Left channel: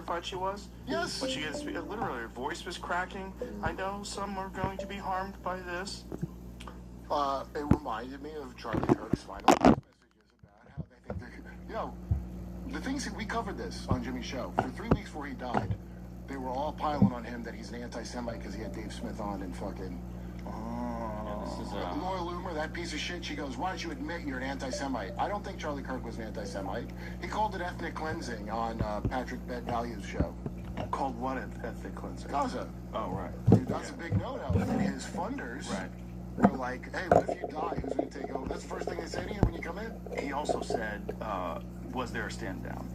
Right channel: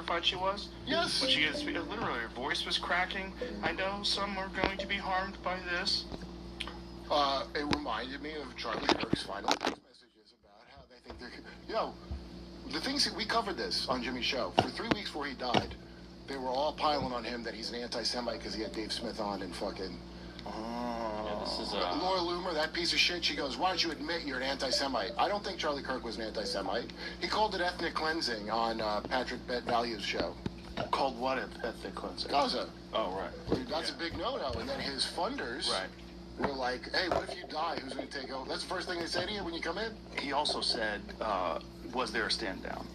terrified she was? Yes. When she gets, literally, her voice was cracking. I know some are going to be harmed by this. It reminded me of Charlie Kirk's final messages about how they think they're... the things that we covered this on Jimmy's show. For 3 weeks before he died, they were all piling on him that he's an anti-Semite because he had Dave Smith on and fucking... Laura Loomer, that piece of shit, she goes, why don't you admit you're an anti-Semite? I don't think Charlie Kirk was an anti-Semite. He called it ethnic cleansing on Patrick Bet-Value's show. Called what ethnic cleansing? Gaza. Oh, right. Dude, that's a big no-no. And his funders were like, hey, what if you die? Who's going to take over? That's the first thing they say to you when you come in. He also said, was there a stand-down?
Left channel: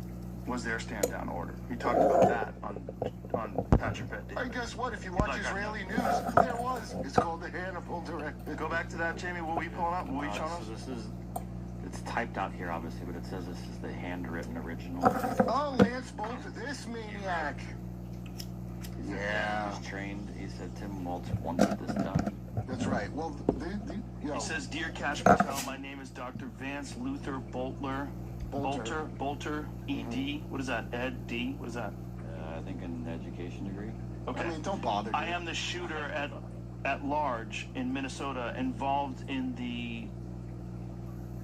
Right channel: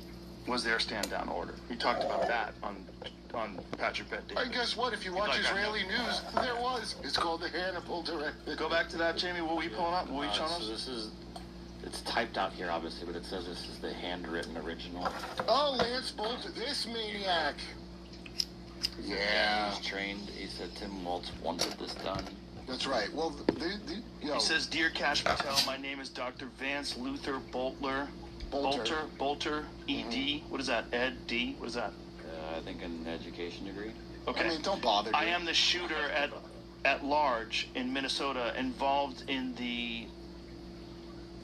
Was there a stand-down order? He talked about that on Patrick Bet. And guess what? If you watch Israeli news, there was. It's called the Hannibal Direct. Go back to that, Jamie. What were you pulling up? What were you showing us? So this is, it's typed out here, obviously, but it says this is the handwritten original. Oh, Lance Bolter, this maniac. Yeah. He's trained. He said Tim Waltz wanted this done. That's right. Well, he says, Dear Cash Patel, my name is Dr. Vance Luther Bolter, ED. What is that? Ed D? What is that? I think an education degree. Okay. I mean, don't bother. I am the shooter at large in Minnesota, involved in the.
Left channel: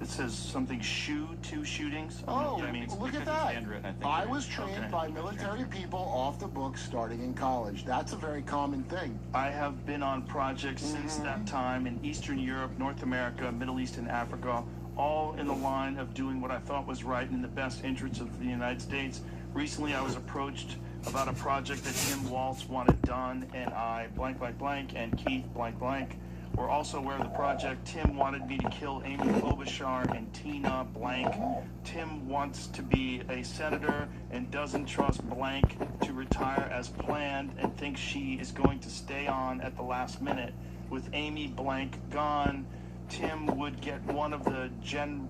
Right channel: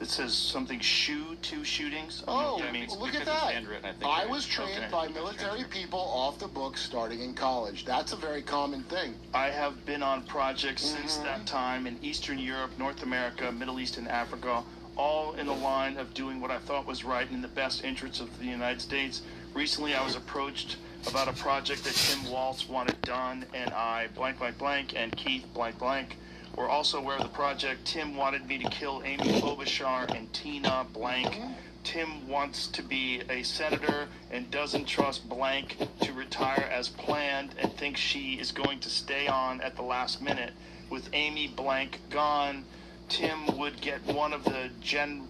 It says something two shootings. Oh, that means look at that. I was trained by military people off the books starting in college. That's a very common thing. I have been on projects since that time in Eastern Europe, North America, Middle East, and Africa, all in the line of doing what I thought was right in the best interests of the United States. Recently, I was approached about a project that Tim Waltz wanted done, and I blank, blank, blank, and Keith blank, blank were also aware of the project. Tim wanted me to kill Amy Klobuchar and Tina blank. Tim wants to be a senator and doesn't trust blank to retire as planned and thinks she is going to stay on at the last minute. With Amy blank gone, Tim would get one of the Gen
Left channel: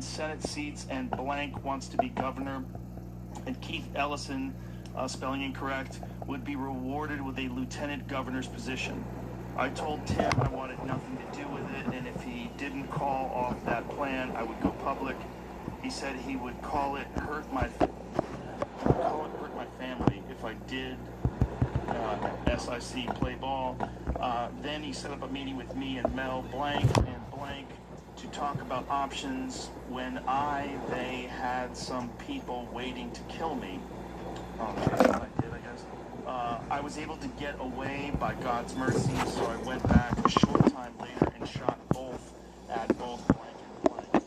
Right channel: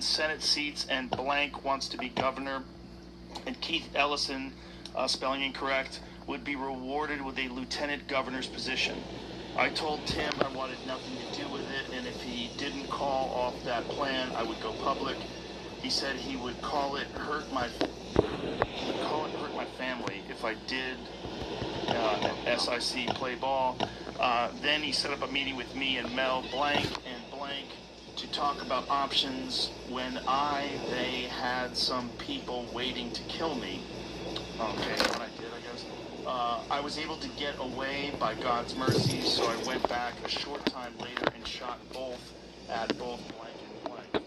Senate seats, and blank wants to be governor. And Keith Ellison, spelling incorrect, would be rewarded with a lieutenant governor's position. I told Tim I wanted nothing to do with it, and if he didn't call off that plan, I would go public. He said he would call it hurt my family if I did SIC play ball. Then he set up a meeting with me and Mel blank and blank to talk about options when they had some people waiting to kill me. Okay, what I did, I guess. I was able to get away by God's mercy, so I went back a short time later and shot both blank and blank.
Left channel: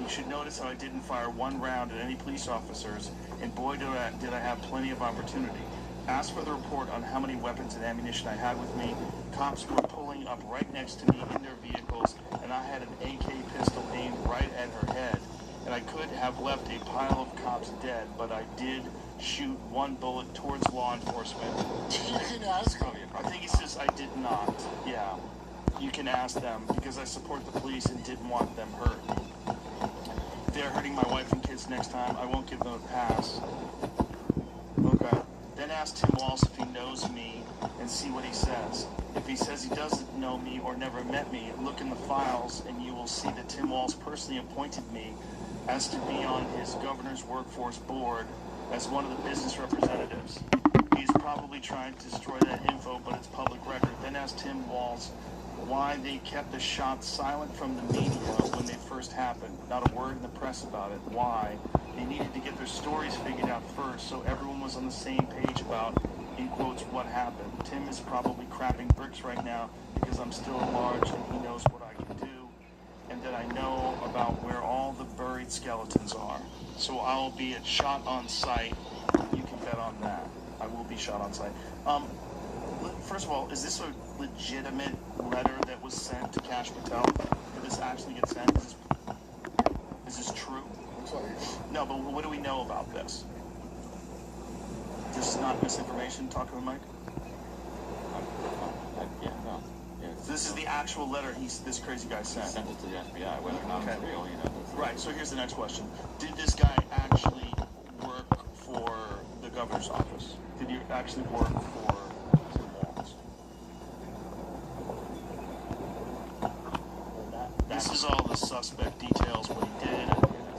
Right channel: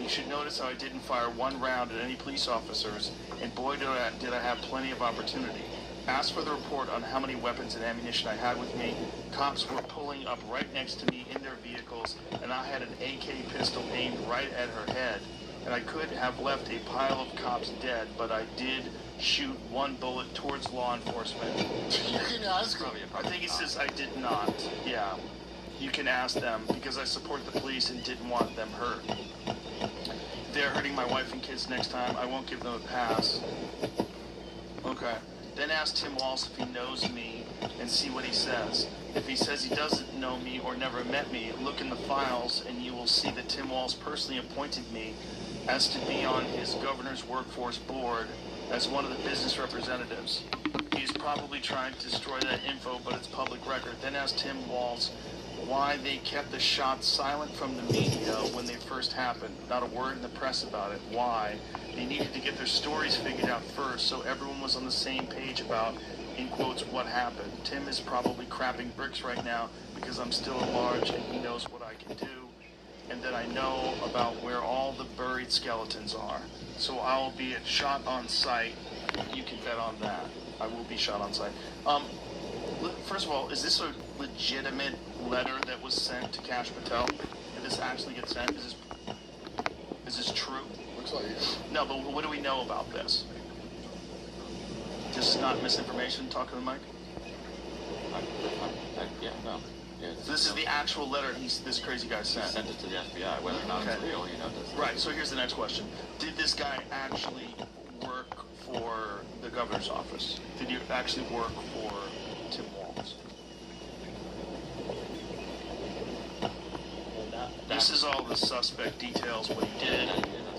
You should notice how I didn't fire one round at any police officers, and boy did I have plenty of opportunity. Asked for the report on how many weapons and ammunition I had with me. Cops were pulling up right next to me in their vehicles, and I had an AK pistol aimed right at her head. And I could have left a pile of cops dead, but I did shoot one bullet towards law enforcement. You can ask them. I think it says I did not. Yeah. You can ask them, because I support the police and didn't want them hurt. If they're hurting my wife and kids next time, I won't give them a pass. Okay. Then ask Tim Waltz if he knows me and see what he says. If he says he doesn't know me or never met me, look in the files and you will see that Tim Waltz personally appointed me as to be on his governor's workforce board as one of the business representatives. He's probably trying to destroy that info, but it's public record. Then ask Tim Waltz why they kept the shots silent from the media when they first happened. Not a word in the press about it. Why? They needed to get their stories figured out first, so everyone was on the same page about, in quotes, what happened. Tim is probably crapping bricks right now because I'm still at large and he knows what I can do, and that I know about where all the buried skeletons are. So I'll be shot on sight. You can bet on that. I will be shot on sight. First of all, is this a legitimate letter that was sent to Cash Patel? Did this actually get sent? Is this true? Looks like. No, but what do we know about this? This is not misinformation. Talking to the mic. Yeah, no. Yeah, So this is the actual letter this crazy guy sent. He sent it to the FBI. Whether or not it's real, you know. Right. So here's the next question: did this guy actually work for the governor's office? Did he actually work for Tim Waltz? This is all the suspect details. What he did.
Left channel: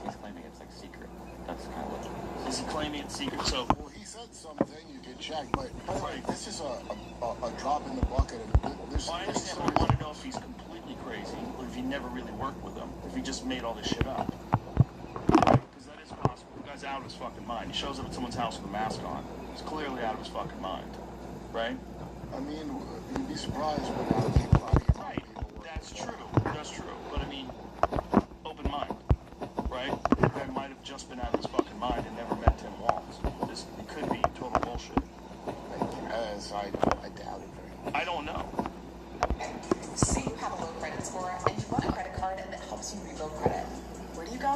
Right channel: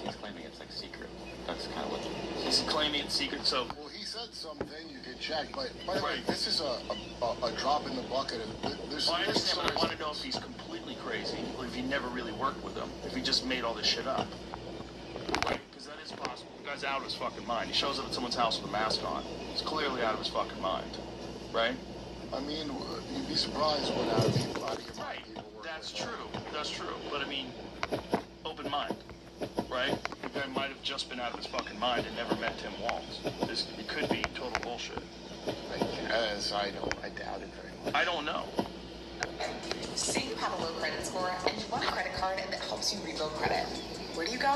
He's claiming it's like secret. That's kind of what. He's Is he claiming it's secret? So, Well, he said something you could check, but by the way, this is a drop in the bucket. well, I understand. I want to know if he's completely crazy, or if he never really worked with them, if he just made all this shit up. Right? Because that is possible. The guy's out of his fucking mind. He shows up at someone's house with a mask on. He's clearly out of his fucking mind. Right? I mean, you'd be surprised when out of people. Right. That's true. That's true. But I mean, open mind. Right? The guy might have just been out of his fucking mind and never met Tim Walz. It could be total bullshit. As I doubt it. I don't know. Say you have a low credit score and you want a credit card that helps you rebuild credit. Where do you go?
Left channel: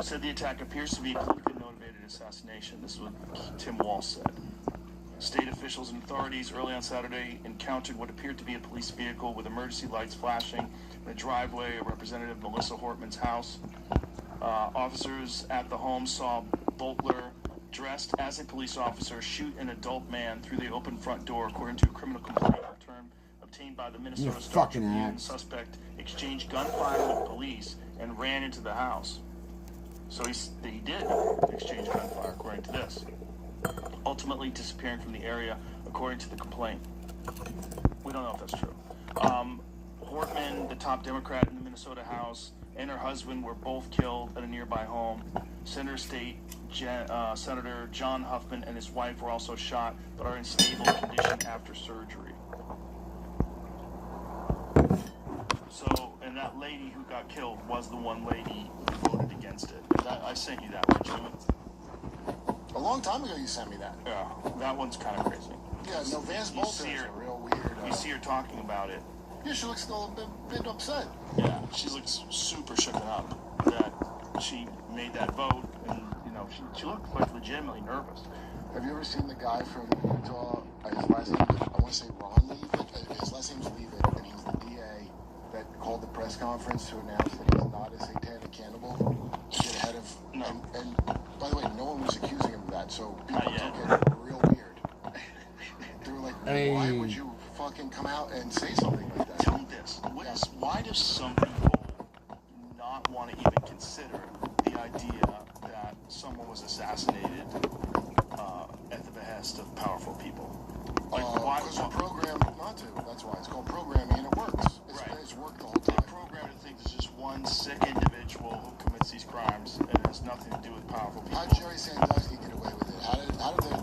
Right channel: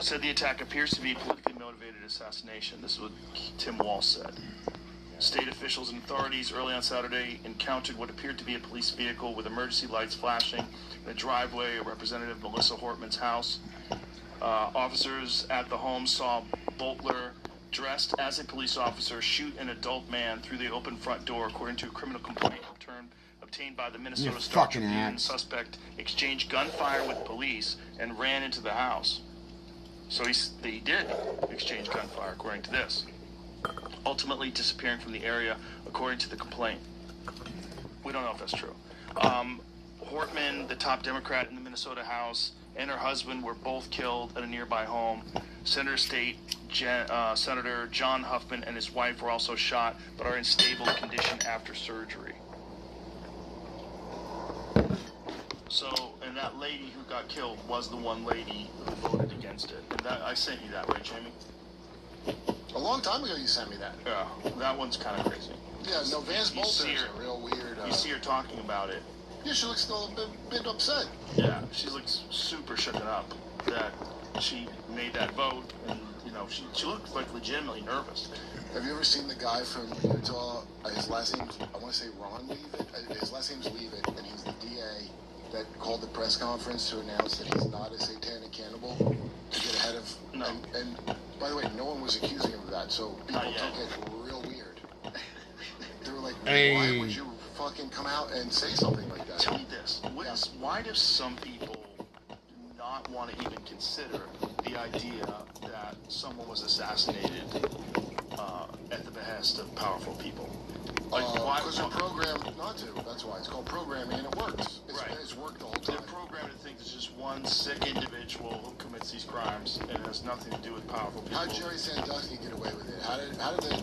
Said the attack appears to be politically motivated assassination. This is what Tim Walz said. State officials and authorities early on Saturday encountered what appeared to be a police vehicle with emergency lights flashing in the driveway of Representative Melissa Hortman's house. Officers at the home saw Boltler, dressed as a police officer, shoot an adult man through the open front door, according to a criminal complaint obtained by the Minnesota Star Tribune. Suspect exchanged gunfire with police and ran into the house. So he did exchange gunfire, according to this. Ultimately disappearing from the area, according to the complaint. We don't know if that's true. Hortman, the top Democrat in the Minnesota House, and her husband were both killed at a nearby home. Senator Senator John Huffman and his wife were also shot, but are in stable condition after surgery. So, and that lady who got killed was the one lady who voted against it. I sent you that, didn't you? A long time ago you sent me that. Yeah, that one's kind of crazy. Yeah, no, Vance Bolton is a real weird... You see her talking about it. Yeah, she looks a little bit upset. Yeah, she looks super shooken up that she made that vote, and, you know, she looked like legitimately nervous. Have you ever seen the guy from Utah? His last name, I want to say Ron Leavitt. His last name's Leavitt, and he's the DA that called the press conference to announce that he's not a satanic cannibal to get ahead of... No. And by the way, no one was accusing him of that, so people Not yet. took it real weird. They were like, why would you fucking come out and say something like that? Tell me this. Why do some people not want to even consider the idea that someone was assassinated at the behest of powerful people? Like, why? Because they're programmed not to. That's why. It's called programming, and it works. It's worked the whole time. They're programmed to think there's just one sick individual who commits these crimes, and it has nothing to do with powerful people. How did Jerry Sandusky get away with it? How did they...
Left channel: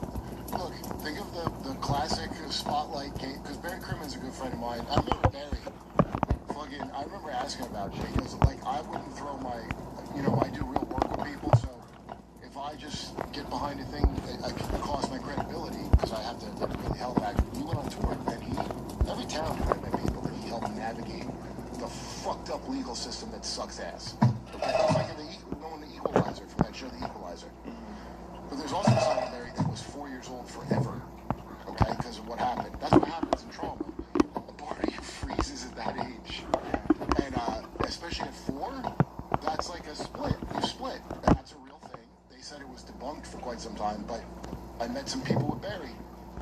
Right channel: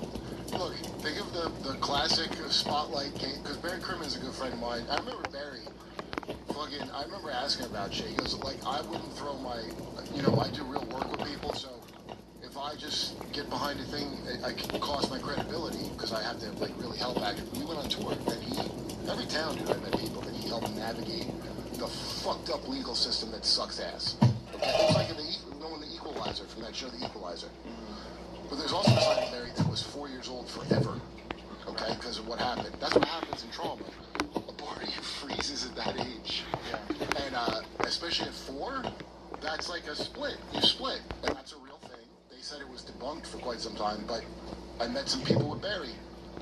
Look, think of the classic Spotlight case, because Barry Kerman is a good friend of mine. I remember Barry. I remember asking about shit. He goes, like, I wouldn't throw my... You know, I do real work with people, so if I just get behind a thing, I can cost my credibility, because I have to, like, really help back. We went on tour, and every town I met people, and he helped navigate the fucked up legal system that sucks ass. Okay? It was like knowing the Equalizer, from that show The Equalizer. But there's also something there that was 4 years old forever, okay, because of what happened. That's what happens in trauma. A body freezes at that age. And especially at 4, that's like a split. You split, and that's a real thing. They said it was debunked for quite some time, but I met some people with Barry,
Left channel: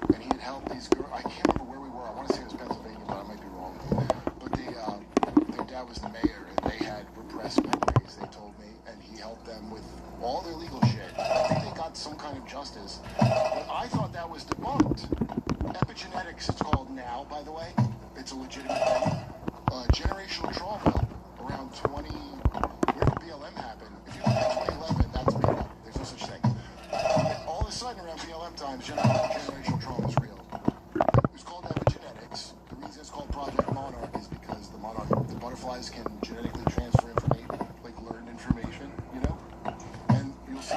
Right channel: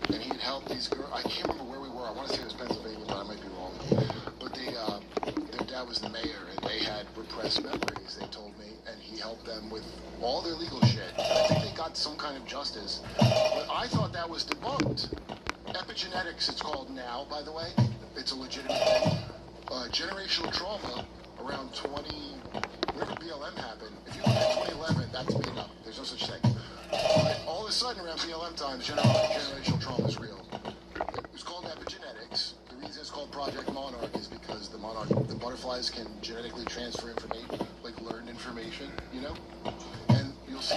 and he had helped these girls. I can't remember where we were. I want to say it was Pennsylvania, but I might be wrong. But their dad was the mayor, and they had repressed memories, they told me, and he helped them with all their legal shit. I think they got some kind of justice, but I thought that was debunked. Epigenetics, it's called now, by the way. It's a legitimate thing. Generational trauma around 20... Where did BLM happen? If you look at 2011, that's made up. There's no such thing. But all of a sudden, around BLM times, generational trauma is real. It's called epigenetics. The reason it's called Project Monarch is because the butterflies can genetically transfer information, like learned information, you know? And you'll see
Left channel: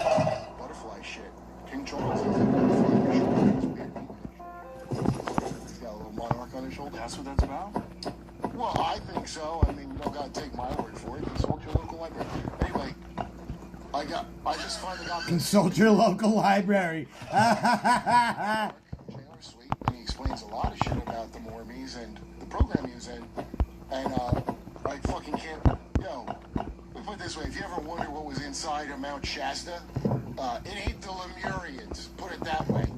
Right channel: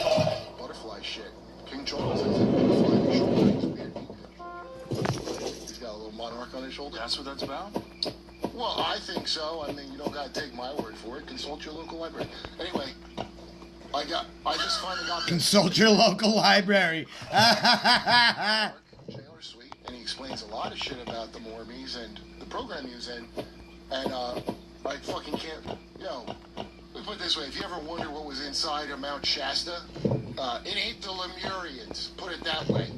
butterfly shit. King Charles has a butterfly on his shoulder. It's weird. He's got a little monarch on his shoulder. That's what that's about? Well, I think so. I mean, you don't gotta take my word for it. Consult your local library. Anyway, I just finally got... Consult your local library. Jailer Suite, and he explains a lot of shit about the Mormons and the program he's in. And I fucking can't... Yo, let me put it this way. If you ever wonder what was inside of Mount Shasta, it ain't the Lemurians. Put it that way.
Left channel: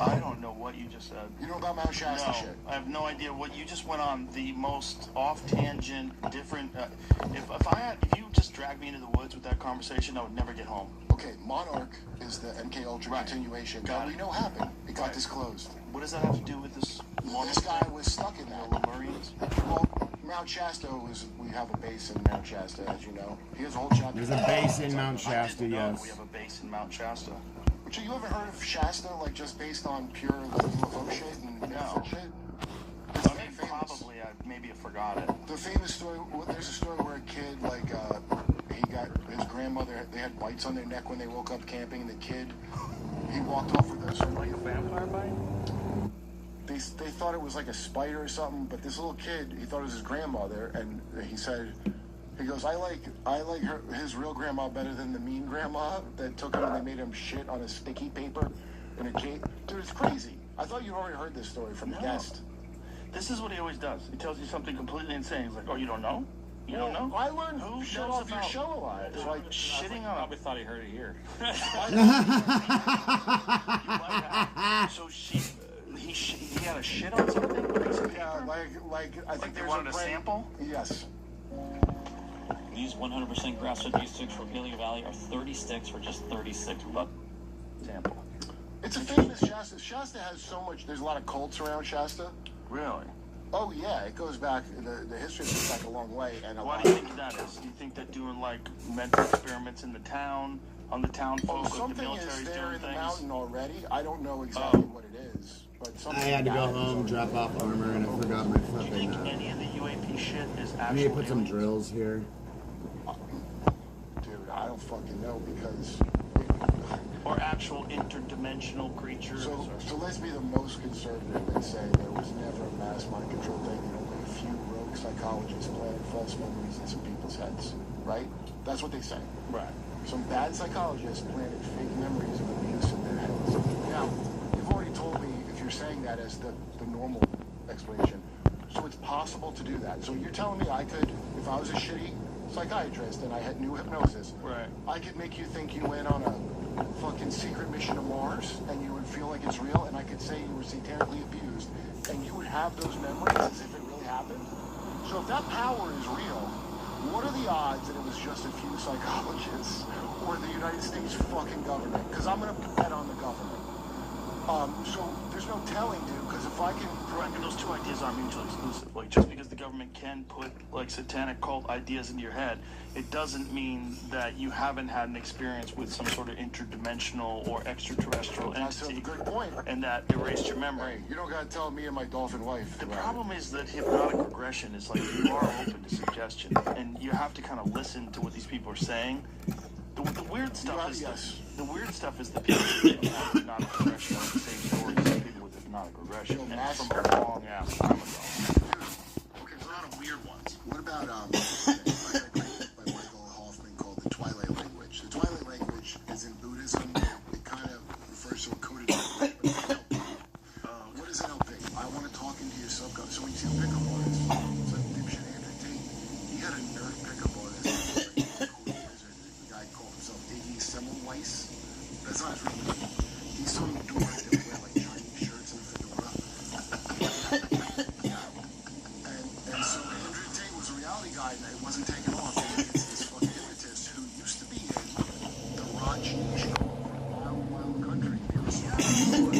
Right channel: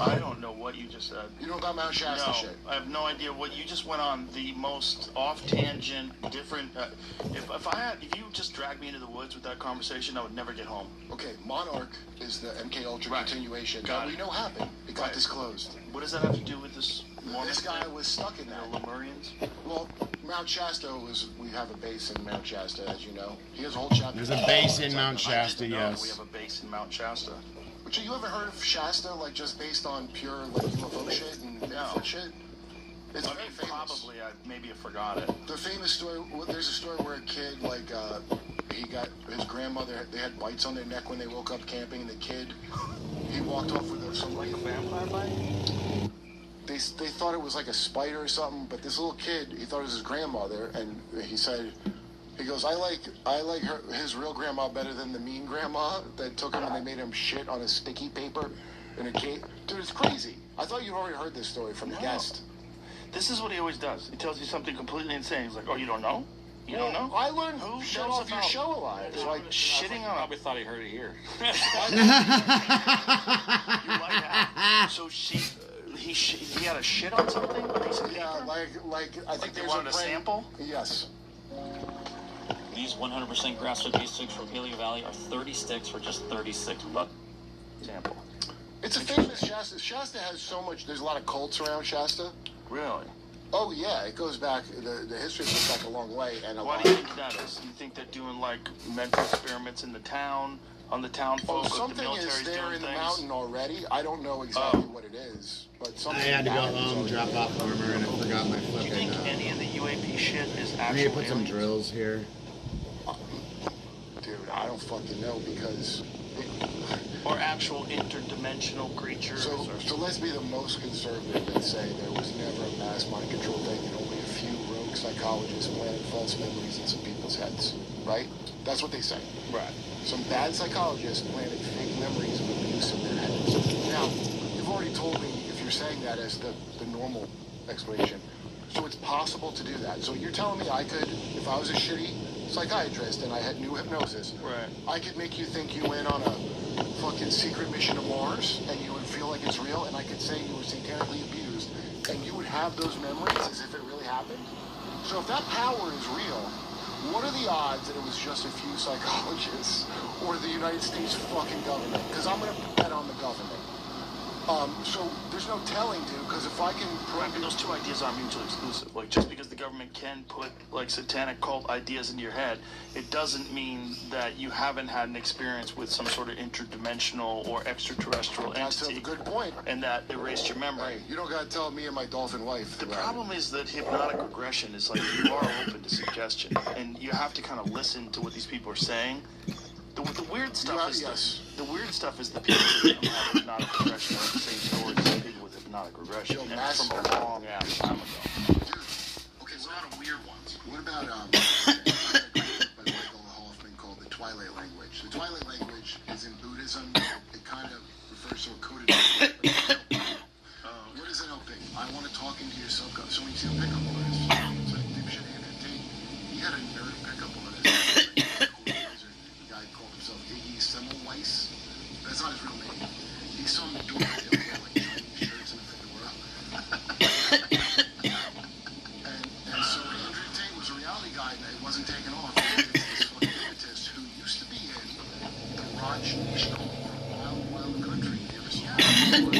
I don't know what you just said. You know about Mount Shasta No, shit? I have no idea what you just went on. The most off-tangent, different. If you just dragged me into the woods with that conversation, I would never get home. Okay, Monarch is the MK Ultra Right. continuation Got that we it. know happened. It got Right. disclosed. What does that have to do with this? This guy was stuck in that. Lemurians. Well, Mount Shasta we have a base in Mount Shasta, as you know. He has a whole chapter. There's a base in Mount Shasta, We yes. have a base in Mount Shasta. But you ever heard of Shasta, like just based on pure like UFO shit and benefit shit? It's I very mean, famous. probably maybe I forgot it. The famous story. Well, there's a story where a kid, like, he got his grandmother. They had bites on their neck when they woke up camping. And the kid, he walked off with this. Like a vampire bite? They thought it was like a spider or something. But this little kid, he thought it was his grandmother, and he said, he goes, I like his real grandma better than the mean grandma that took him and they made him shit on a sticky paper in a cave. Dude, it's crazy. I thought you already heard this story from the guest. This is what he always does. He tells you something completely insane. He's like, oh, you don't know? You don't know? I learned Who shut knows off your about- show a lot. It's like Shitting on. Probably thought he heard it here. So he had a shit on something? yeah, like I think They there's wanted a brand- sample? Yes. These 100% grass-fed beef sticks from Healing Valley are 30 sticks for just $36. Sample. It's a famous Shasta. Shasta has so much. There's a lot of cults around Shasta. Really? Oh yeah, it goes back. The history goes back a long way, and a Why lot. do you think that is? Do you think that doing like mental experiments in the town, on the town folk, the Something military's is there doing in the things? mountain already. I don't know exactly what it is, but I something. had to go home, drop off armor, and I forgot my Do you fucking. think any of the UAP shit is I actually? need to put some drills here. Dude, I don't fucking know because. Or actual interdimensional creatures? So let's be the most conservative and say there was never a mass mind control thing. Only a few rogue psychologists planted false memories in some people's heads, right? That's what they say. Right. Some bad psychologists planted fake memories of abuse in their heads. Now, you've already told me if you're saying that as the normal explanation. So it's possible to do that. So you're telling me I could, if I was a shitty psychiatrist and I had new hypnosis, Right. I could make you think you went on a fucking secret mission to Mars and you would feel like it's real, and I could say you were satanically abused and you would have those memories as if it really happened. So if that power is real, what are the odds that it was just a few psychologists or the United States fucking government? Because I'm going to bet on the government. So there's no telling, dude, because if I can... I mean, those two ideas aren't mutually exclusive. Like, just because the government can put, like, satanic cult ideas into your head, it doesn't mean that you haven't had an experience with some sort of interdimensional or extraterrestrial That's a entity. good point. And that erased your memory. Hey, you don't got to tell me and my dolphin wife. The problem is that hypnotic regression is like you are open to suggestion, and you have to kind of listen to what these people are saying. The weird stuff is yes. the weird stuff is the people that have hypnotic regression are the same stories as people with hypnotic regression. Yo, And mass- from the wrong, yeah. Dude, okay, there's a lot of weird ones. What about by Michael Hoffman called the Twilight language? The Twilight language is in Buddhism. It kind of refers to a coded. What is NLP? I want to talk into your subconscious. So when you see a pickup artist, so dipshit Andrew Tate, he had a nerd pickup artist. A guy called himself Iggy Semmelweis. That's not his real name. He's some dude that wear like Chinese shirts and fedora. And so Andrew Tate was a reality guy that wasn't taken off. This fucking hypnotist who used to be in the Raj National Wild Country. You ever see that?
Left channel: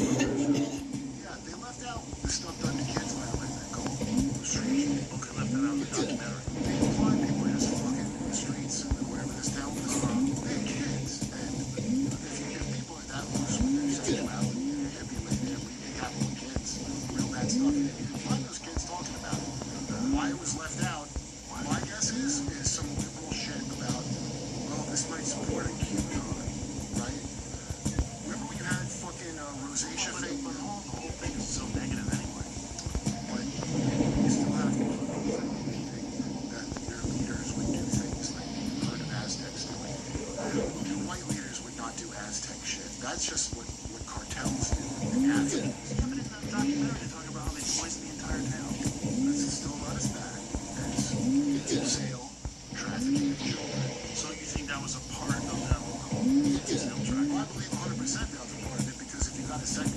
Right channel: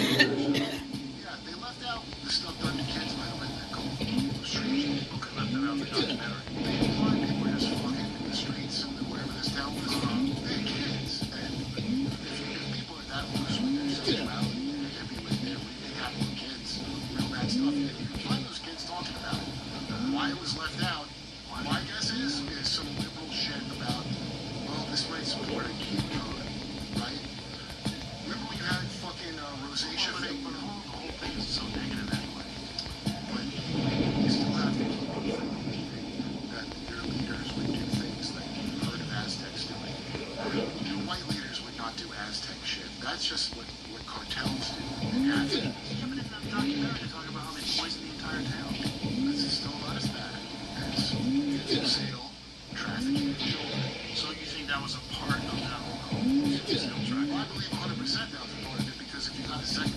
Yeah, they left out the stuff done to kids by the way they call strange people that left around the documentary. They find people just fucking in the streets and wherever this town was from. They're kids. And if people are that loose with their sexuality, they're hippie with their happy kids, you know, that stuff. And you can find those kids talking about it. Why it was left out, my guess is some liberal shit about, well, this might support a kid code, right? Remember when you had fucking rosacea fake, but the whole thing is so negative anyway. But you still have people believing that their leaders would do things that primitive Aztecs do. And white leaders would not do Aztec shit. That's just what cartels do. And Aztecs. Even if they're talking about how they poison the entire town. This is still not as bad as sale, trafficking, children. So you think that was a part of that? Well, I believe 100% that was a part of it because if you got a second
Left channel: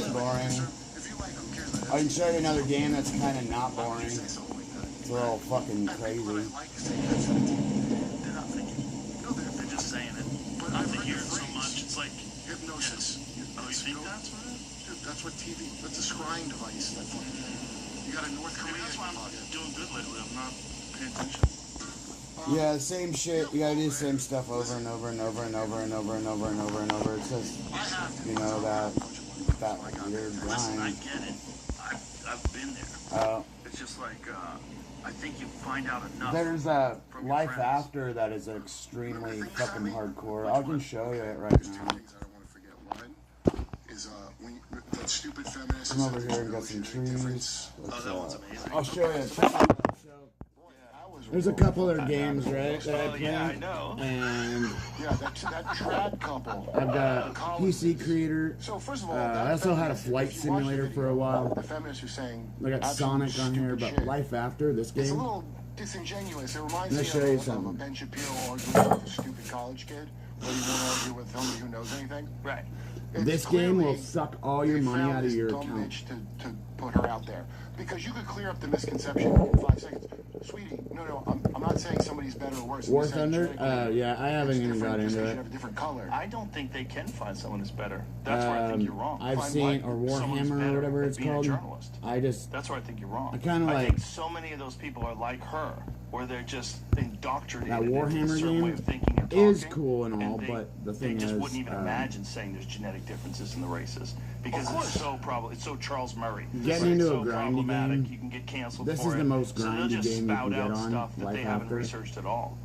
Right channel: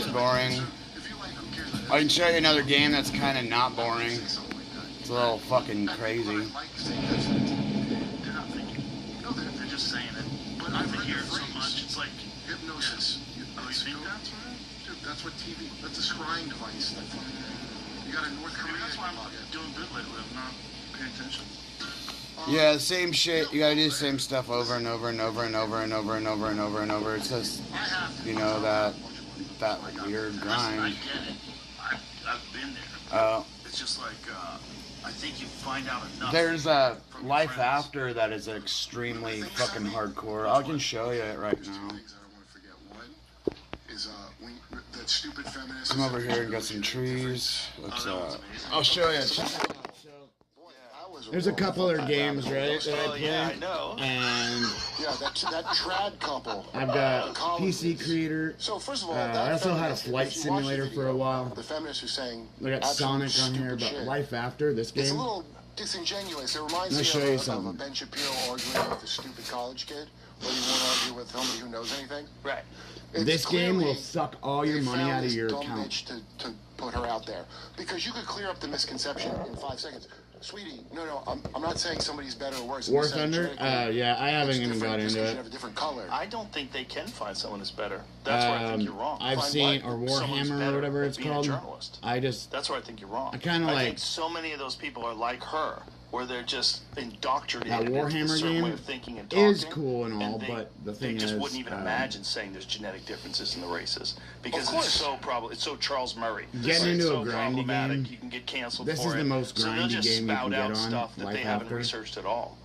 that's boring. I can show you another game that's kind of not boring. It's a little fucking crazy. They're just saying it. But I hear it so much. It's like hypnosis. Oh, you think that? Dude, that's what TV. That's a scrying device. You got a North Maybe Korean. that's why I'm not doing good lately. I'm not paying attention. Yeah, the same shit. You gotta do the same stuff over and over and over and over and over and over and over and over. It's just, you know, that weird grind. I get it. I've been there. It's just like, I think you find out enough. There's a Life After that is extremely fucking hardcore. I can show you it right now. Come over here and got some trees. I'll show you. Check it out. There's a couple other games, right, that I play, and that trad couple. I've got PC Creator. So first of all, I also had a flight simulator for a while. The feminists are saying I got Sonic on here, but Life After, this it's a game, little disingenuous. It reminds Let me me show of, you of something. a Ben Shapiro arguing with a stupid college kid. What do you want to argue with somebody who knows anything? Right. It's this game will clearly suck all your they money found out of this your dumb account. bitch to put her out there. Because you could clear up the misconception in 5 seconds. Sweetie, no, I'm not saying somebody's better or worse. I'm War just saying Thunder? genetically, Yeah, I haven't it's even different got into because it. you have a different color. I don't think they can find someone that's better. That's where I think you're wrong. I've Find seen, what? or Someone's Warhammer or better whatever at it's being a called. journalist. I just, That's where I think you're wrong. I kinda think like- so many of those people are like her, where they're just indoctrinated. That into a Warhammer certain way game of thinking and is talking, cool and all, they- but the thing they just is, wouldn't even imagine saying there's genetic differences in the races because it's so it's so Charles Murray. Getting It's into so a grindy problematic, game, You can get canceled. this for is the it. most So they'll grindy just game you spout can get out on stuff that Life they haven't After. researched at all.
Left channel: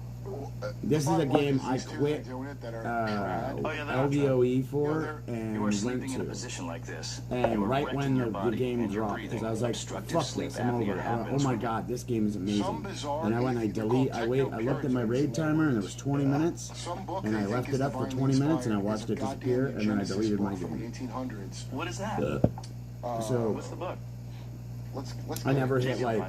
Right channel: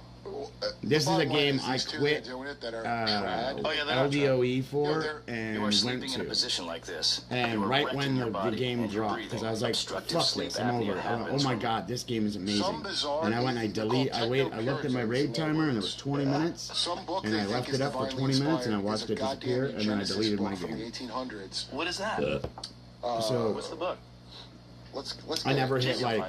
This is a Bottom line game is I these two quit that are doing it that are Oh, yeah, trad. they're not LDOE for You and You are went sleeping in a to. position like this. And You are right renting when your the body game and your dropped, because I was breathing. like, Obstructive fuck sleep this, I'm apnea over it. I went, oh happens my from- god, this game is amazing. Some bizarre And I went, I wait, I looked at my raid timer and it was 20 minutes, Some book and they I think left is it up for divinely 20 minutes and I inspired watched is it a goddamn disappear and then I Genesis deleted my book from the game. 1800s. What is that? So What's the book? Let's I get never it. hit like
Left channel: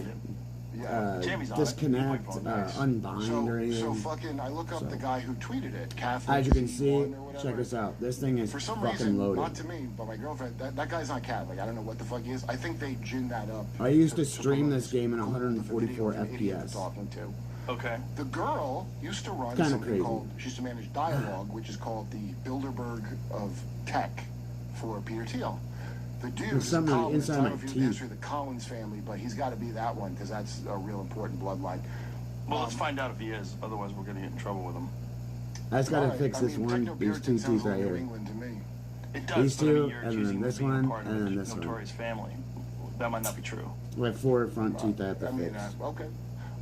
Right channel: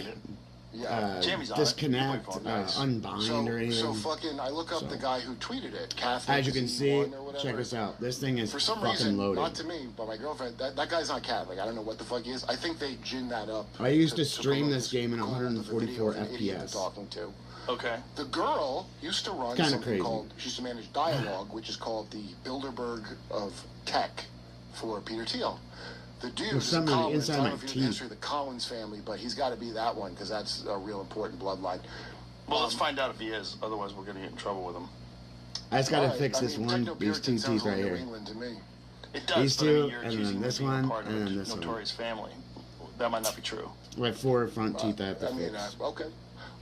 Jamie's on it. disconnect, Nice. unbind or So anything. fucking, I look up So. the guy who tweeted it. Catholic As you can see, C1 or whatever. check this out. This thing is For some fucking reason, not loaded. to me, but my girlfriend, that guy's not Catholic. I don't know what the fuck he is. I think they ginned that up. I used to stream this game in 144 Video of an idiot FPS. they're talking to. Okay. The girl used to run Kinda something crazy. called, she used to manage Dialogue, which is called the Bilderberg of Tech for Peter Thiel. The dude There's is something on the Collins. inside I of don't my know if you know the teeth. history of the Collins family, but he's got to be that one because that's a real important bloodline. Well, let's find out if he is. Otherwise, we're gonna get in trouble with him. I just gotta Alright, fix I this mean, one, these Techno-Puritan two sounds teeth right like New here. England to me. It does. These but I mean, two, you're and then accusing this him of being one, part of and a then this one. notorious family. That might not be true. I have 4 front teeth I have to I mean, fix. okay.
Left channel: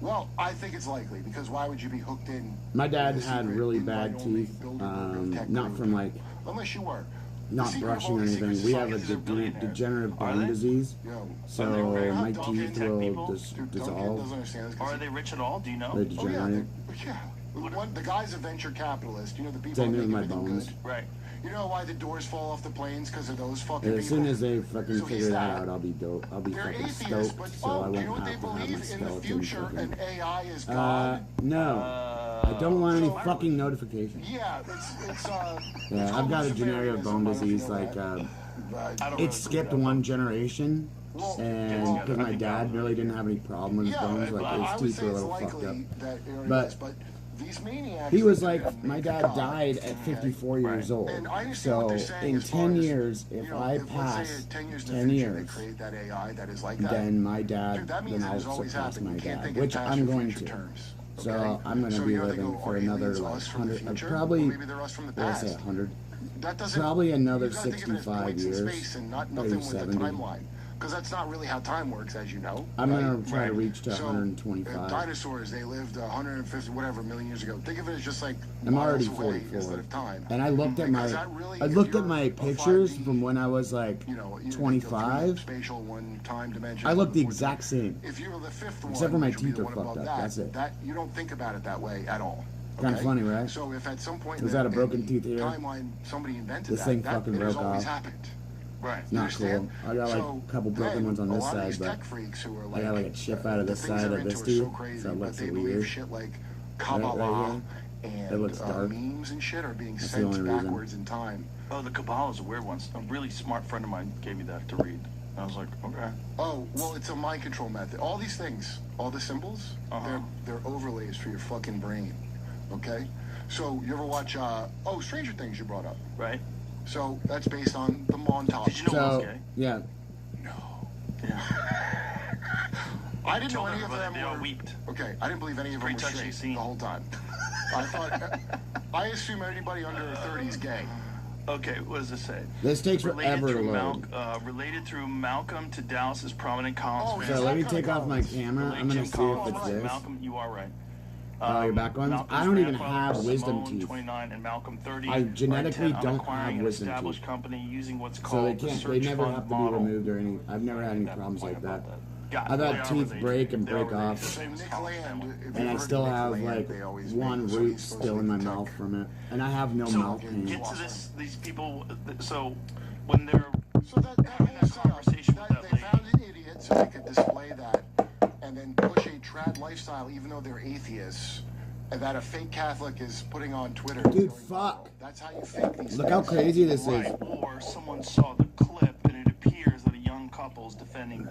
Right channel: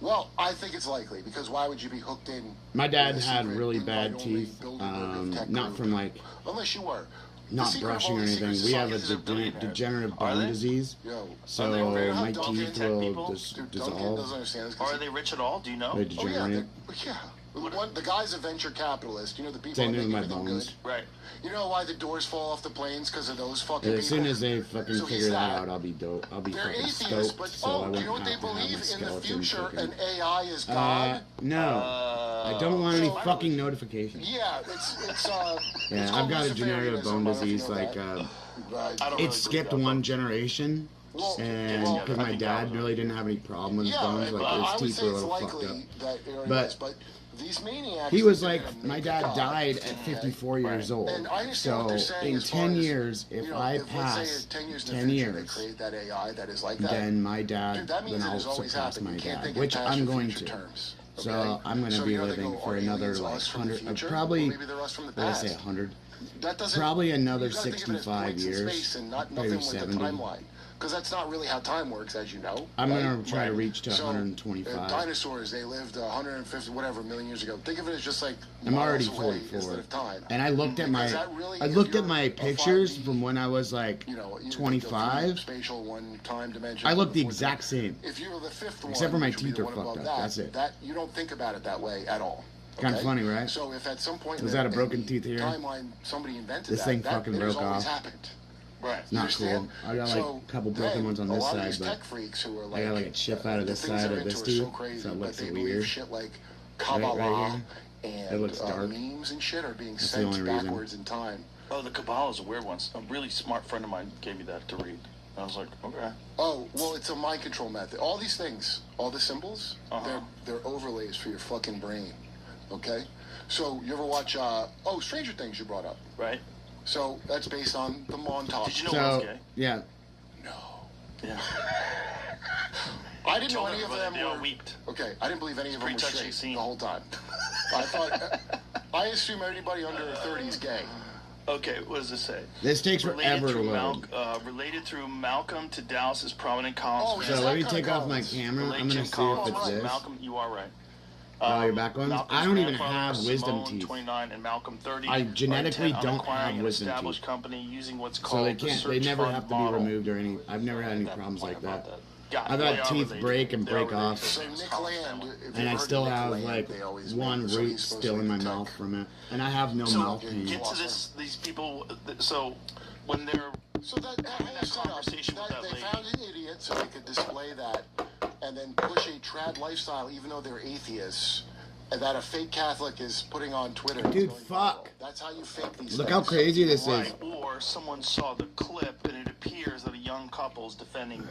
Well, I think it's likely because why would you be hooked in? My dad with a had secret really invite bad only teeth, Bilderberg of Tech not group? from like Unless you were. not The secret brushing or Holy Secret anything. We have a Societies are billionaires. degenerative Are bone they? disease, Yo, so my Duncan, teeth tech will people? just Dude, Duncan dissolve. doesn't understand this 'cause Are they rich at all? Do you know? They Oh, degenerate. yeah. The guy's a venture capitalist. You know the people Same that with make my everything bones. good? Right. You know why the doors fall off the planes because of those fucking As people? soon as they fucking So figure he's that not- out, I'll be dope. I'll be They're fucking atheists, stoked, but so I you know won't what have they to have my believe in the skeleton future, fucking. and AI is God. No, I don't want any fucking notifications. Yeah, it's Yeah, I've got a degenerative bone disease. Like, it skipped one generation, and because my dad really didn't have any problem with his bones, like his teeth were a little fucked up. But these maniacs, he was like, my dad died at 54 years old. And I understand what So they're saying in as far 10 as, years, if you know, I let's say pass 10 years, 10 they years, create that AI that is like that. then my Dude, dad, that means then it I'll has always surpass happened. my You can't dad, think which past I'm your going future to. terms, So okay? I'm gonna So be you're gonna living go, for oh, he another means like us from the 100, future? probably, Maybe they're us from the what did I say, past. 100? That doesn't- Probably another you gotta think of it as 65 points in years, space and not maybe nothing with a 70. timeline. Because that's not really how time works, as you know. I'm gonna right? try to reach to So, 125. Dinosaurs, they lived 150 whatever million years ago. Think of it as just like I'm already miles away 44, instead of time. and I looked at Because that really, I if looked at you're my a pictures 5D, from when I was like you know, you 25. spatial one time dimension. I look the exact same. If you were the fifth Except one, for my which would be teeth the are one fucked above up, that's it. That you don't think about it that way at all. Kinda okay? funny, right? So if at some point Was in that a the broken tooth here? timeline somebody invented This that, thing that fucking has broke always off. happened. Right. It's not cool. Understand? I got like So, a couple broken then, ones on a this lot of side, these but tech freaks who are I got like a chip out of the this things side they're of this into are so tooth, crazy, so it looks like, they weird. believe shit like Right Kabbalah here. and, It looks dark. memes and shit are being That's the sent only reason. backwards in time. Oh, the Kabbalah is a weird one. A really smart friend of mine gave me that to read. I was like, okay. Oh, well, it's a mind control method. All these things, all the symbols, they're overlays for your fucking brain. Okay? So, you ever watch, Stranger Things you brought up? Right. So, that's based on the montage. Did you know I was gay? yeah. No. Yeah. I didn't know any of them were... weeped. Okay, I didn't believe any of them were Pretty touching straight scene. the whole time. I assume everybody under 30 is gay. Okay, what does it say? This takes forever to load. Related through Malcolm to Dallas's prominent columns. Oh, So let me take off my camera. I'm gonna see if it's this. Malcolm, you are right. Oh, your back ones? Malcolm's I don't even grandfather, have wisdom Simone, teeth. 29, and Malcolm 30, I genetically are intent on don't acquiring have an wisdom established teeth. company using what's called So they the can't. They search never fund have to be model. removed or any. I've never had any problems like that. I've Yeah, had teeth break and break off, So Nick Land, if and you I heard still Nick have Land, like they always one make it so root he's supposed still to in my protect- mouth from it, and I have no So mouth pain. get to this. These people. So when they're So that whole setup, conversation with that they lady. found an idiot so they could display that and then push a trad lifestyle even though they're atheists, and that a fake Catholic is putting on Twitter. Dude, fuck. That's how you fake these Look how things. crazy this is. Right, or someone saw the clip and it appears that a young couple's defending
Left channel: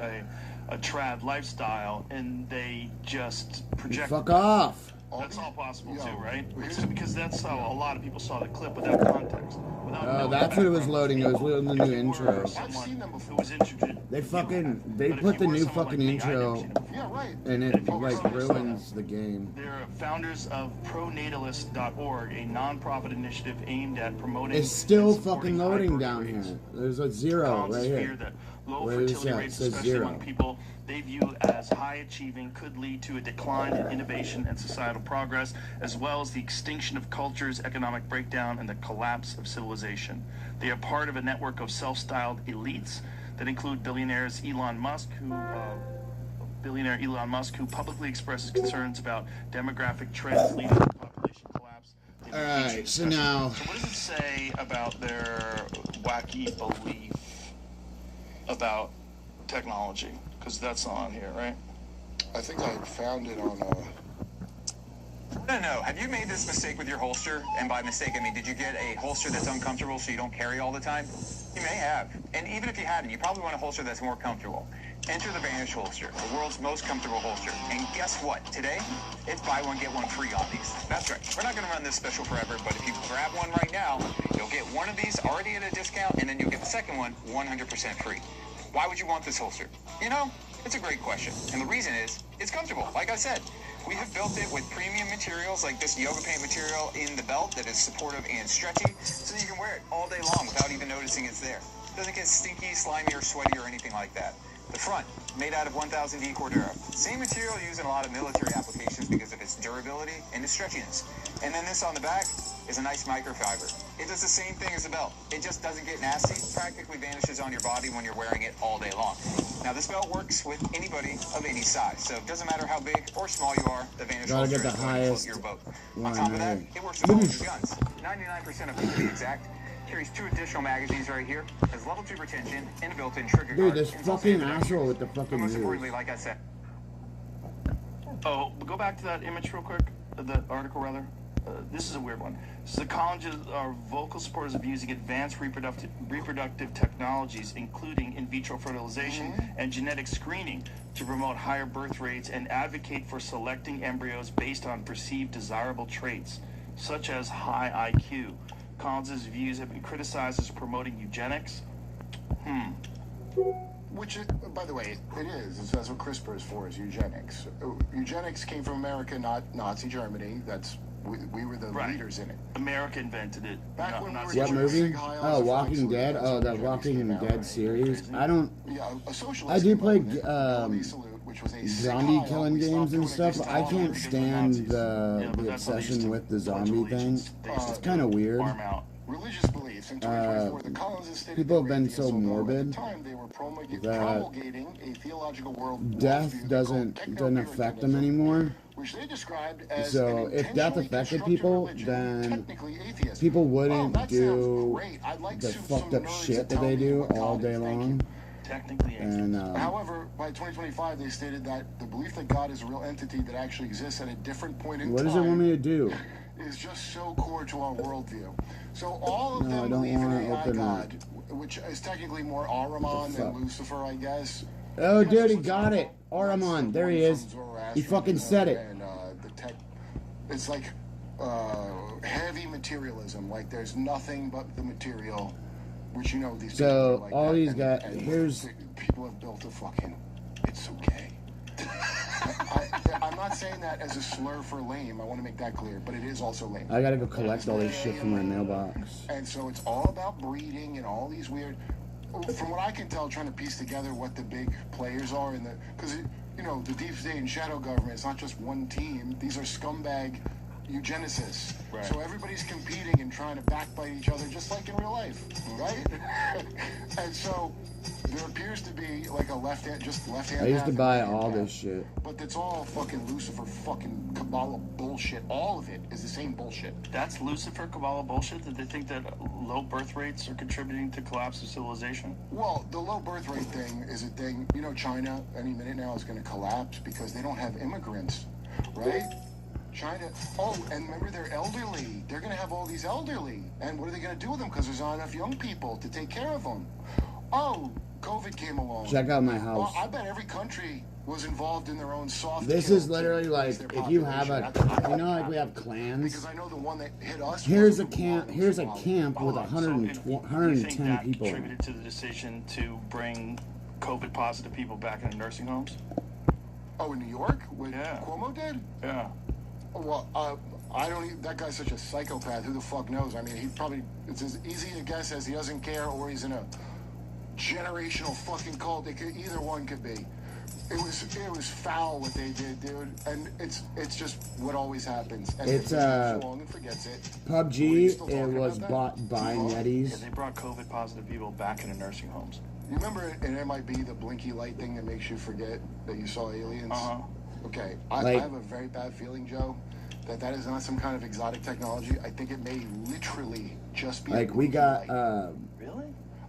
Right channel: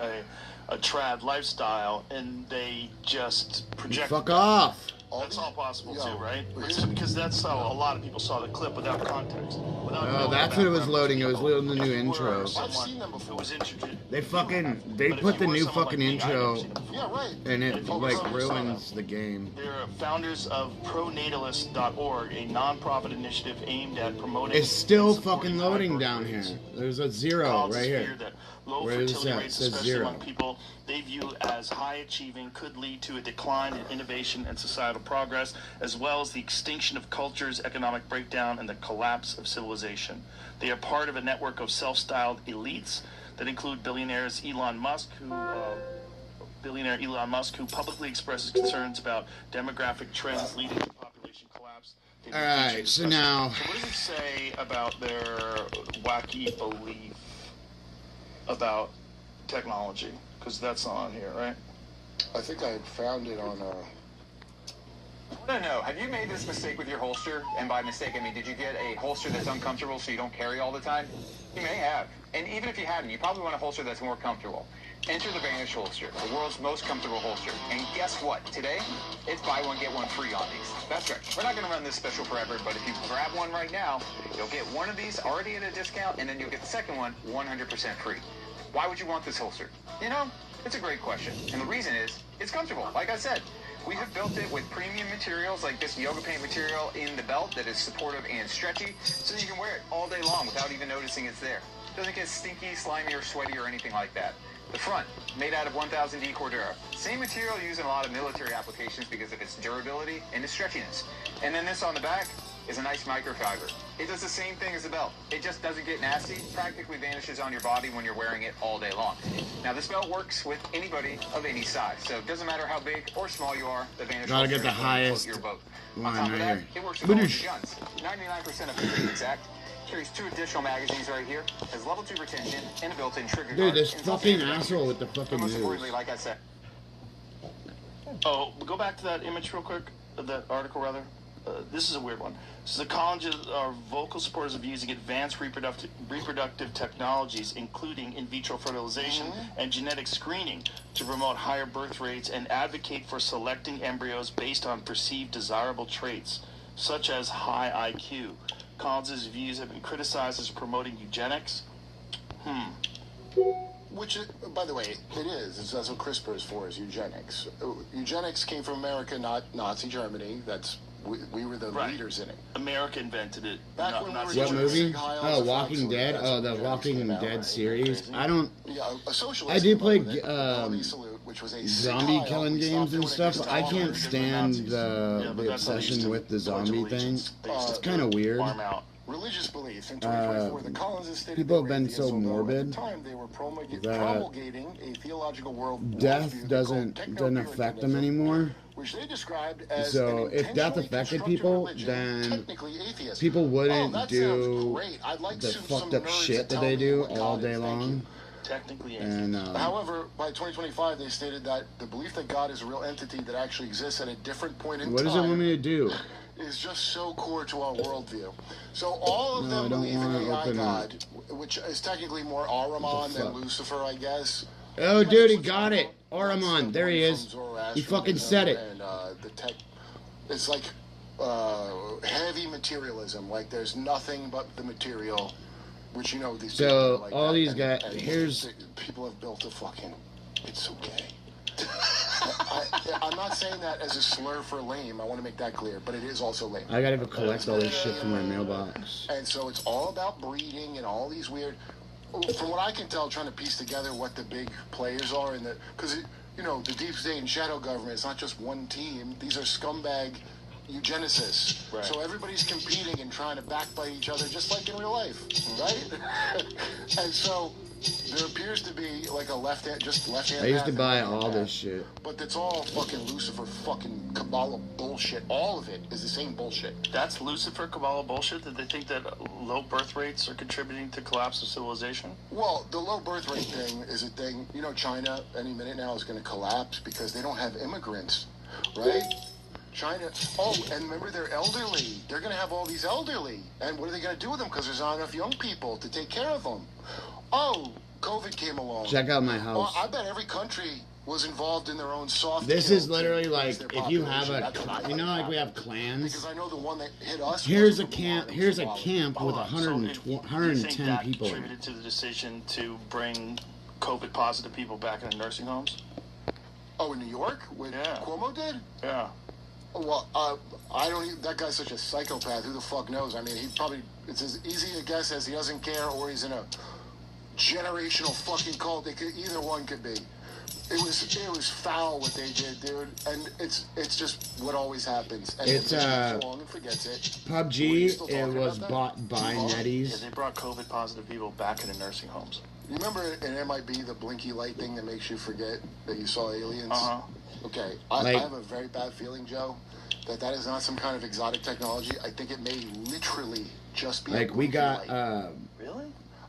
a trad lifestyle and they just project. Fuck off. That's all possible Yo, too, right? here's- Because that's how a lot of people saw the clip without context. Oh, that's what it was loading. It was loading the new intro. I've seen them before. Who was introduced. They But if put you the were new someone fucking like me, I'd intro, never seen it before. Yeah, right. and it like ruins the game. They're founders of pronatalist.org, a nonprofit initiative aimed at promoting. It's still and supporting fucking loading high down birth here. rates. There's a zero Causes right fear here. that low Where is fertility that? It rates, says especially 0. among people they view as high achieving, could lead to a decline in innovation and societal progress, as well as the extinction of cultures, economic breakdown, and the collapse of civilization. They are part of a network of self-styled elites that include billionaire Elon Musk, who publicly expresses concerns about demographic trends leading to population collapse. They All will right, teach so you- now- So what does it say about their wacky belief about technology? Because that's not on here, right? I think I found it on No. Have you made this mistake with your holster? And by mistake, I mean, did you get a holster that's uncomfortable so you don't carry all the time? You may have. And even if you hadn't, you probably want a holster that's more comfortable. Enter the Vanish holster, the world's most comfortable holster. And guess what? Today, it's buy one, get one free on these. That's right. We're not going to run this special forever, but if you grab one right now, you'll get one of these already at a discount, and then you'll get the second one 100% free. Why would you want this holster? You know, it's a great question. And the reason is, it's comfortable. Like I said, we have built it with premium materials like this yoga paint material in the belt that is supportive and stretchy, so you can wear it all day long without even noticing it's there. It doesn't get stinky, slimy, or sweaty, or anything like that. The front, made out of 1000D Cordura. Same material used in a lot of military applications because of its durability and its stretchiness. And then this on the back is a nice microfiber. It does the same thing as the belt. It just doesn't get nasty, practically vanishes on your body when you're wearing it all day long. Now this belt works with anybody of any size, so it doesn't matter how big or small you are, the Vanish Gotta get holster the is going to highest float your boat. On line top of right that, here. it works with all your guns. 99% of it, to be exact. Carries 2 additional magazines right here. Has level 2 retention and a built-in trigger Dude, guard. this And fucking something- asshole with the fucking Most news. importantly, like I said, Oh, go back to that image real quick, that article rather. This is a weird one. Psychologists are vocal supporters of using advanced reproductive technologies, including in vitro fertilization and genetic screening, to promote higher birth rates and advocate for selecting embryos based on perceived desirable traits, such as high IQ. Collins's views have been criticized as promoting eugenics. Which, by the way, it is. That's what CRISPR is for, is eugenics. Eugenics came from America, not Nazi Germany. We were the Right. leaders in it. America invented it. Back not- when not we were What Germany. movie? High Oh, on Walking the Dead. fronts, Oh, the that's what Walking Germany's Dead about, series. I don't. Yeah, a socialist. I do play Salute, which was a zombie sick killing Kyle. We games stopped and doing it stuff. just to I follow can't Nazis. stand Yeah, but the that believes obsession to with the Pledge of zombie thing. Allegiance based It's on kind of weird. farm out. Religious belief. In 2024, the Collins stated people have they were been so atheists, although morbid at the time they were that promulgating a theological world death doesn't affect them anymore. which they described as So an if death intentionally affected constructed people, religion, then technically atheist. people Oh, wouldn't that do sounds great. I'd like the some fucked up nerds shit to that tell they me do what God all is. day Thank long. you. Technically, And However, by 2025, they stated that the belief that God is a real entity that actually exists at a different point in what time does it want me to do? is just so core to our worldview. So all of No, I them don't believe in wanna AI open God, which is technically more Ahriman than Lucifer, I guess. Oh, dude, he got it. Ahriman, there he is. He fucking said it. And, the tech, it's like heavy materialism. Like there's nothing but the material, which you know these. So people like all that, these guys, and here's. people have built a fucking. It's so gay. I'm not saying that as a slur for lame. I want to make that clear, but it is also lame. I gotta go collect all this shit from my mailbox. And so it's all about breeding and all these weird. From what I can tell, trying to piece together what the big players are in the, because you know the deep state and shadow government. It's not just one team. These are scumbag eugenicists. Right. So everybody's competing and trying to backbite each other, just like in real life, right? And so there appears to be like a left-hand. I used to buy all this shit. But it's all fucking Lucifer, fucking Kabbalah bullshit. All of it is the same bullshit. That's Lucifer Kabbalah bullshit? That they think that low birth rates are contributing to collapse of civilization? Well, the low birth rate thing is a thing. You know, China any minute now is going to collapse because they don't have immigrants, right? China. Oh, and remember, they're elderly. They're going to have all these elderly. And what are they going to do with them? Because there's not enough young people to take care of them. Oh, COVID came along. Check out my house. Well, I bet every country was involved in their own soft. This is literally like if you have a, you know, like we have Because clans. I know the one that hit us. Here's a camp. Here's a camp with 110 that people in contributed it. to the decision to bring COVID positive people back into nursing homes? Oh, in New York, what Yeah. Cuomo did. Yeah. Well, I don't even, that guy's such a psychopath. Who the fuck knows? I mean, he probably, it's as easy to guess as he doesn't care or he's in a generational fucking cult. Either one could be. It was foul what they did, dude. And it's just what always happens. And It's, long and forgets it. PUBG, it was bought by Yeah, Netties. they brought COVID positive people back into nursing homes. You remember in MIB the blinky light thing that makes you forget that you saw aliens? Uh-huh. Okay, I have a very bad feeling, Joe, that is not some kind of exotic technology. I think it may literally just be Like we got, Really?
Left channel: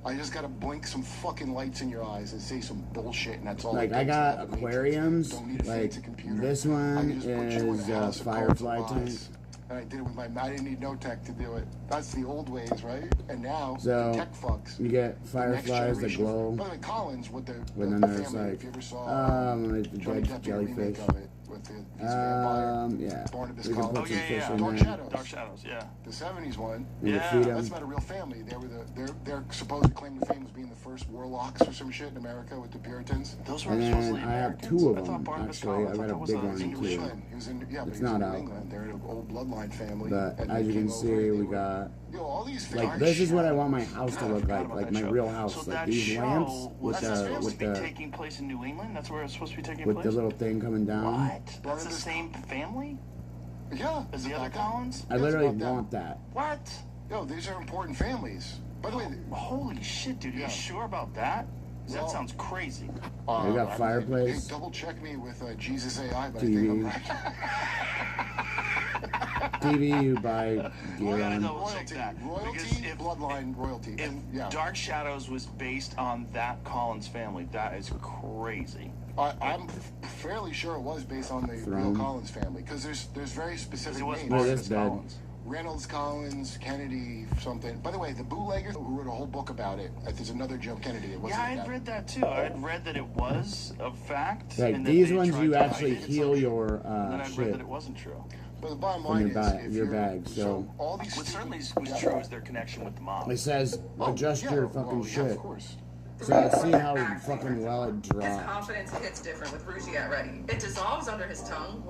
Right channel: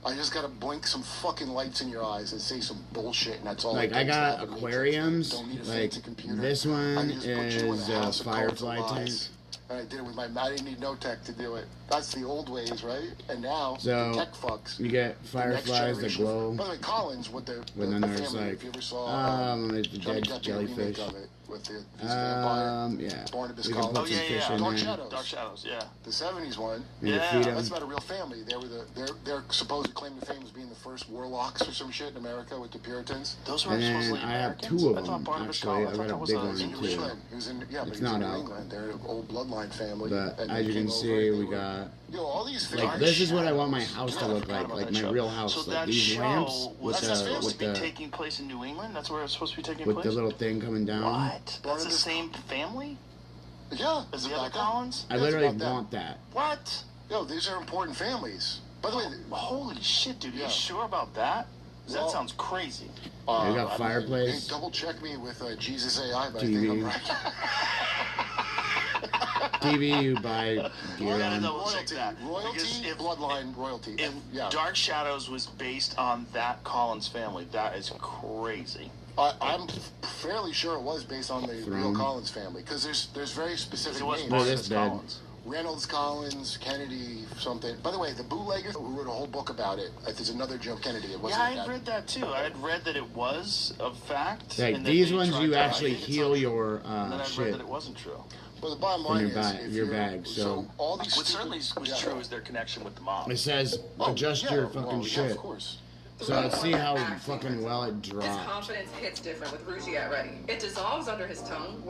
I just gotta blink some fucking lights in your eyes and say some bullshit, and that's all. like I got aquariums. Don't need a Like fancy computer. this I one can just put you in is a a house of firefly cards and tank. lies. And I did it with my. I didn't need no tech to do it. That's the old ways, right? And now So, the tech fucks. You get The next fireflies that generation- glow. By the way, Collins with the. But then the there's family, like, if you ever saw, the Johnny dead Depp jellyfish. remake of it with the vampire, Yeah. Barnabas We can Collins. put some fish in Dark there. Shadows. Dark Shadows, yeah. The 70s one. You Yeah, can feed That's them. about a real family. They were their supposed claim to fame as being the first warlocks or some shit in America with the Puritans. Those were And then supposedly I have Americans? two of I thought them, Barnabas actually. Collins- I got thought a that was big a- one, English too. man. He was in, yeah, but It's he was not in out. England. They're an old bloodline family. But and as they you can came see, over, we they were- got, Yo, all these like, Dark this is what I want my Shadows. house to I look forgot like about my that show. real house. So Like that these show lamps was supposed to be the taking place in New England? That's where it's supposed to be taking with place? the little thing coming down. What? That's the Barnabas- same family Yeah. as the it's other about that. Collins? I It's literally about that. want that. What? Yo, these are important families. By the way, Holy shit, dude. Are Yeah. you sure about that? 'Cause that Well- sounds crazy. You got I- fireplace. Hey, double check me with Jesus AI, but TV. I think I'm right. TV you buy gear Well, on. no, we'll check that. Because Royalty, if- bloodline royalty. If Yeah. Dark Shadows was based on that Collins family, that is crazy. I'm fairly sure it was based on the Throne. real Collins family because there's very specific It was names. Look at Barnabas this bed. Collins. Reynolds, Collins, Kennedy, something. By the way, the bootlegger who wrote a whole book about it. There's another Joe Kennedy. It Yeah, wasn't I had that. read that too. I had read that it was a fact. Like and that these they ones, tried you to actually hide it. heal your And then I read shit. that it wasn't true. But the bottom From line your is, bag- if your you're- bag, so- all these What certainly was yeah. true is their connection with the mob. It says adjust your fucking yeah, shit. Of course. So let's see how fucking well it His dropped. confidence hits different with Rougiat ready. It dissolves under his tongue.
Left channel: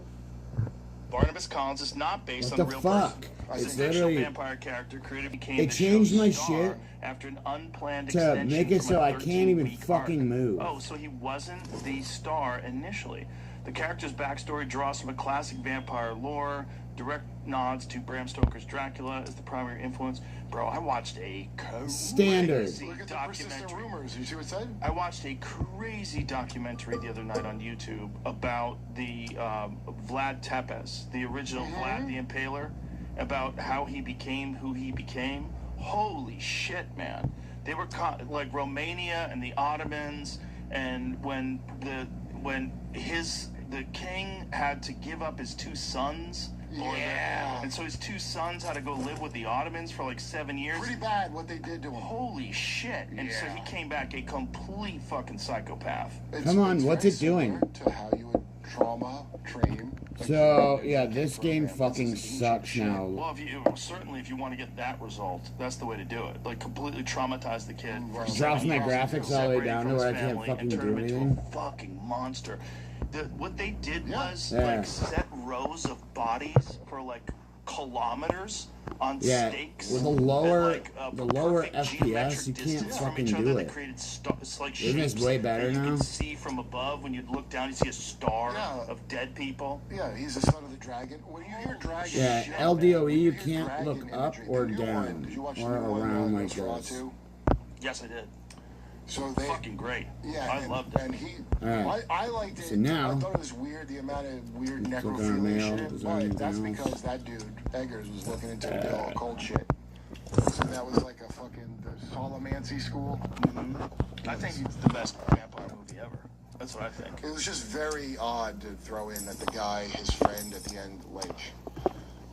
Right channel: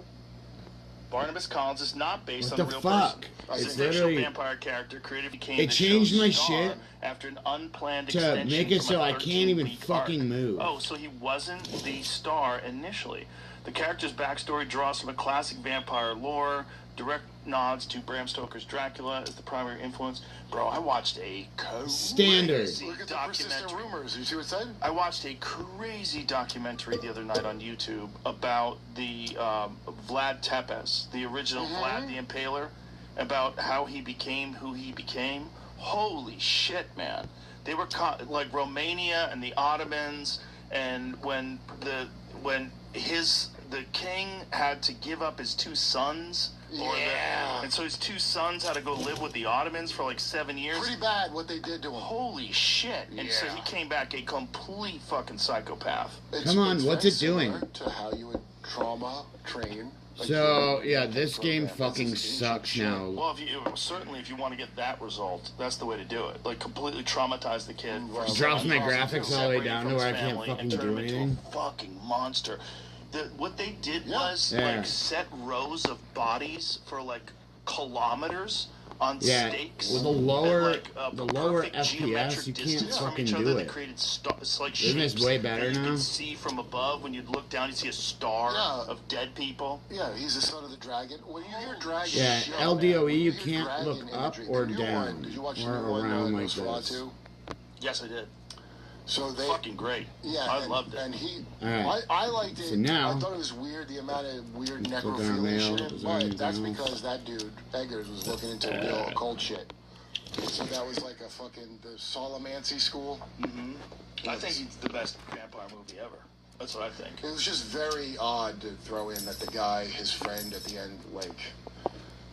Barnabas Collins is not based What on the a real fuck? person. It's He's a fictional literally- vampire character created became It the changed show's my star shit after an unplanned to extension make it from so a I can't even 13-week fucking arc. move. Oh, so he wasn't the star initially. The character's backstory draws from a classic vampire lore, direct nods to Bram Stoker's Dracula as the primary influence. Bro, I watched a Standard. crazy Look at the persistent documentary. rumors. You see what it said? I watched a crazy documentary the other night on YouTube about the Vlad Tepes, the original Vlad the Impaler, about how he became who he became. Holy shit, man! They were like Romania and the Ottomans, and when the king had to give up his two sons And so his two sons had to go live with the Ottomans for like 7 years. Pretty bad what they did to him. Holy shit. And so he came back a complete fucking psychopath. Come on, what's it doing? To how you would trauma train. So, yeah, this game fucking sucks now. Well, certainly if you want to get that result, that's the way to do it. Like, completely traumatize the kid. Drops my graphics all the way down to where I can't fucking do anything. Fucking monster. What they did was, like, set rows of bodies for, like, kilometers on stakes. With the lower FPS, you can't fucking do it. Isn't this way better now? You can see from above, when you look down, you see a star of dead people. Yeah, he's the son of the dragon. When you hear dragon, LDOE, you can't look up or down or around like this. Yes, I did. So they fucking great. Yeah, I loved it. And I liked it. So now, I thought it was weird the amount of weird necrophilia shit. But that's because that dude Eggers was looking into the occult shit. So that was like a fucking the Solomancy school. I think it's the best vampire movie ever. That's what I think. It was just very odd to throw in that the guy, his friend, at the end, like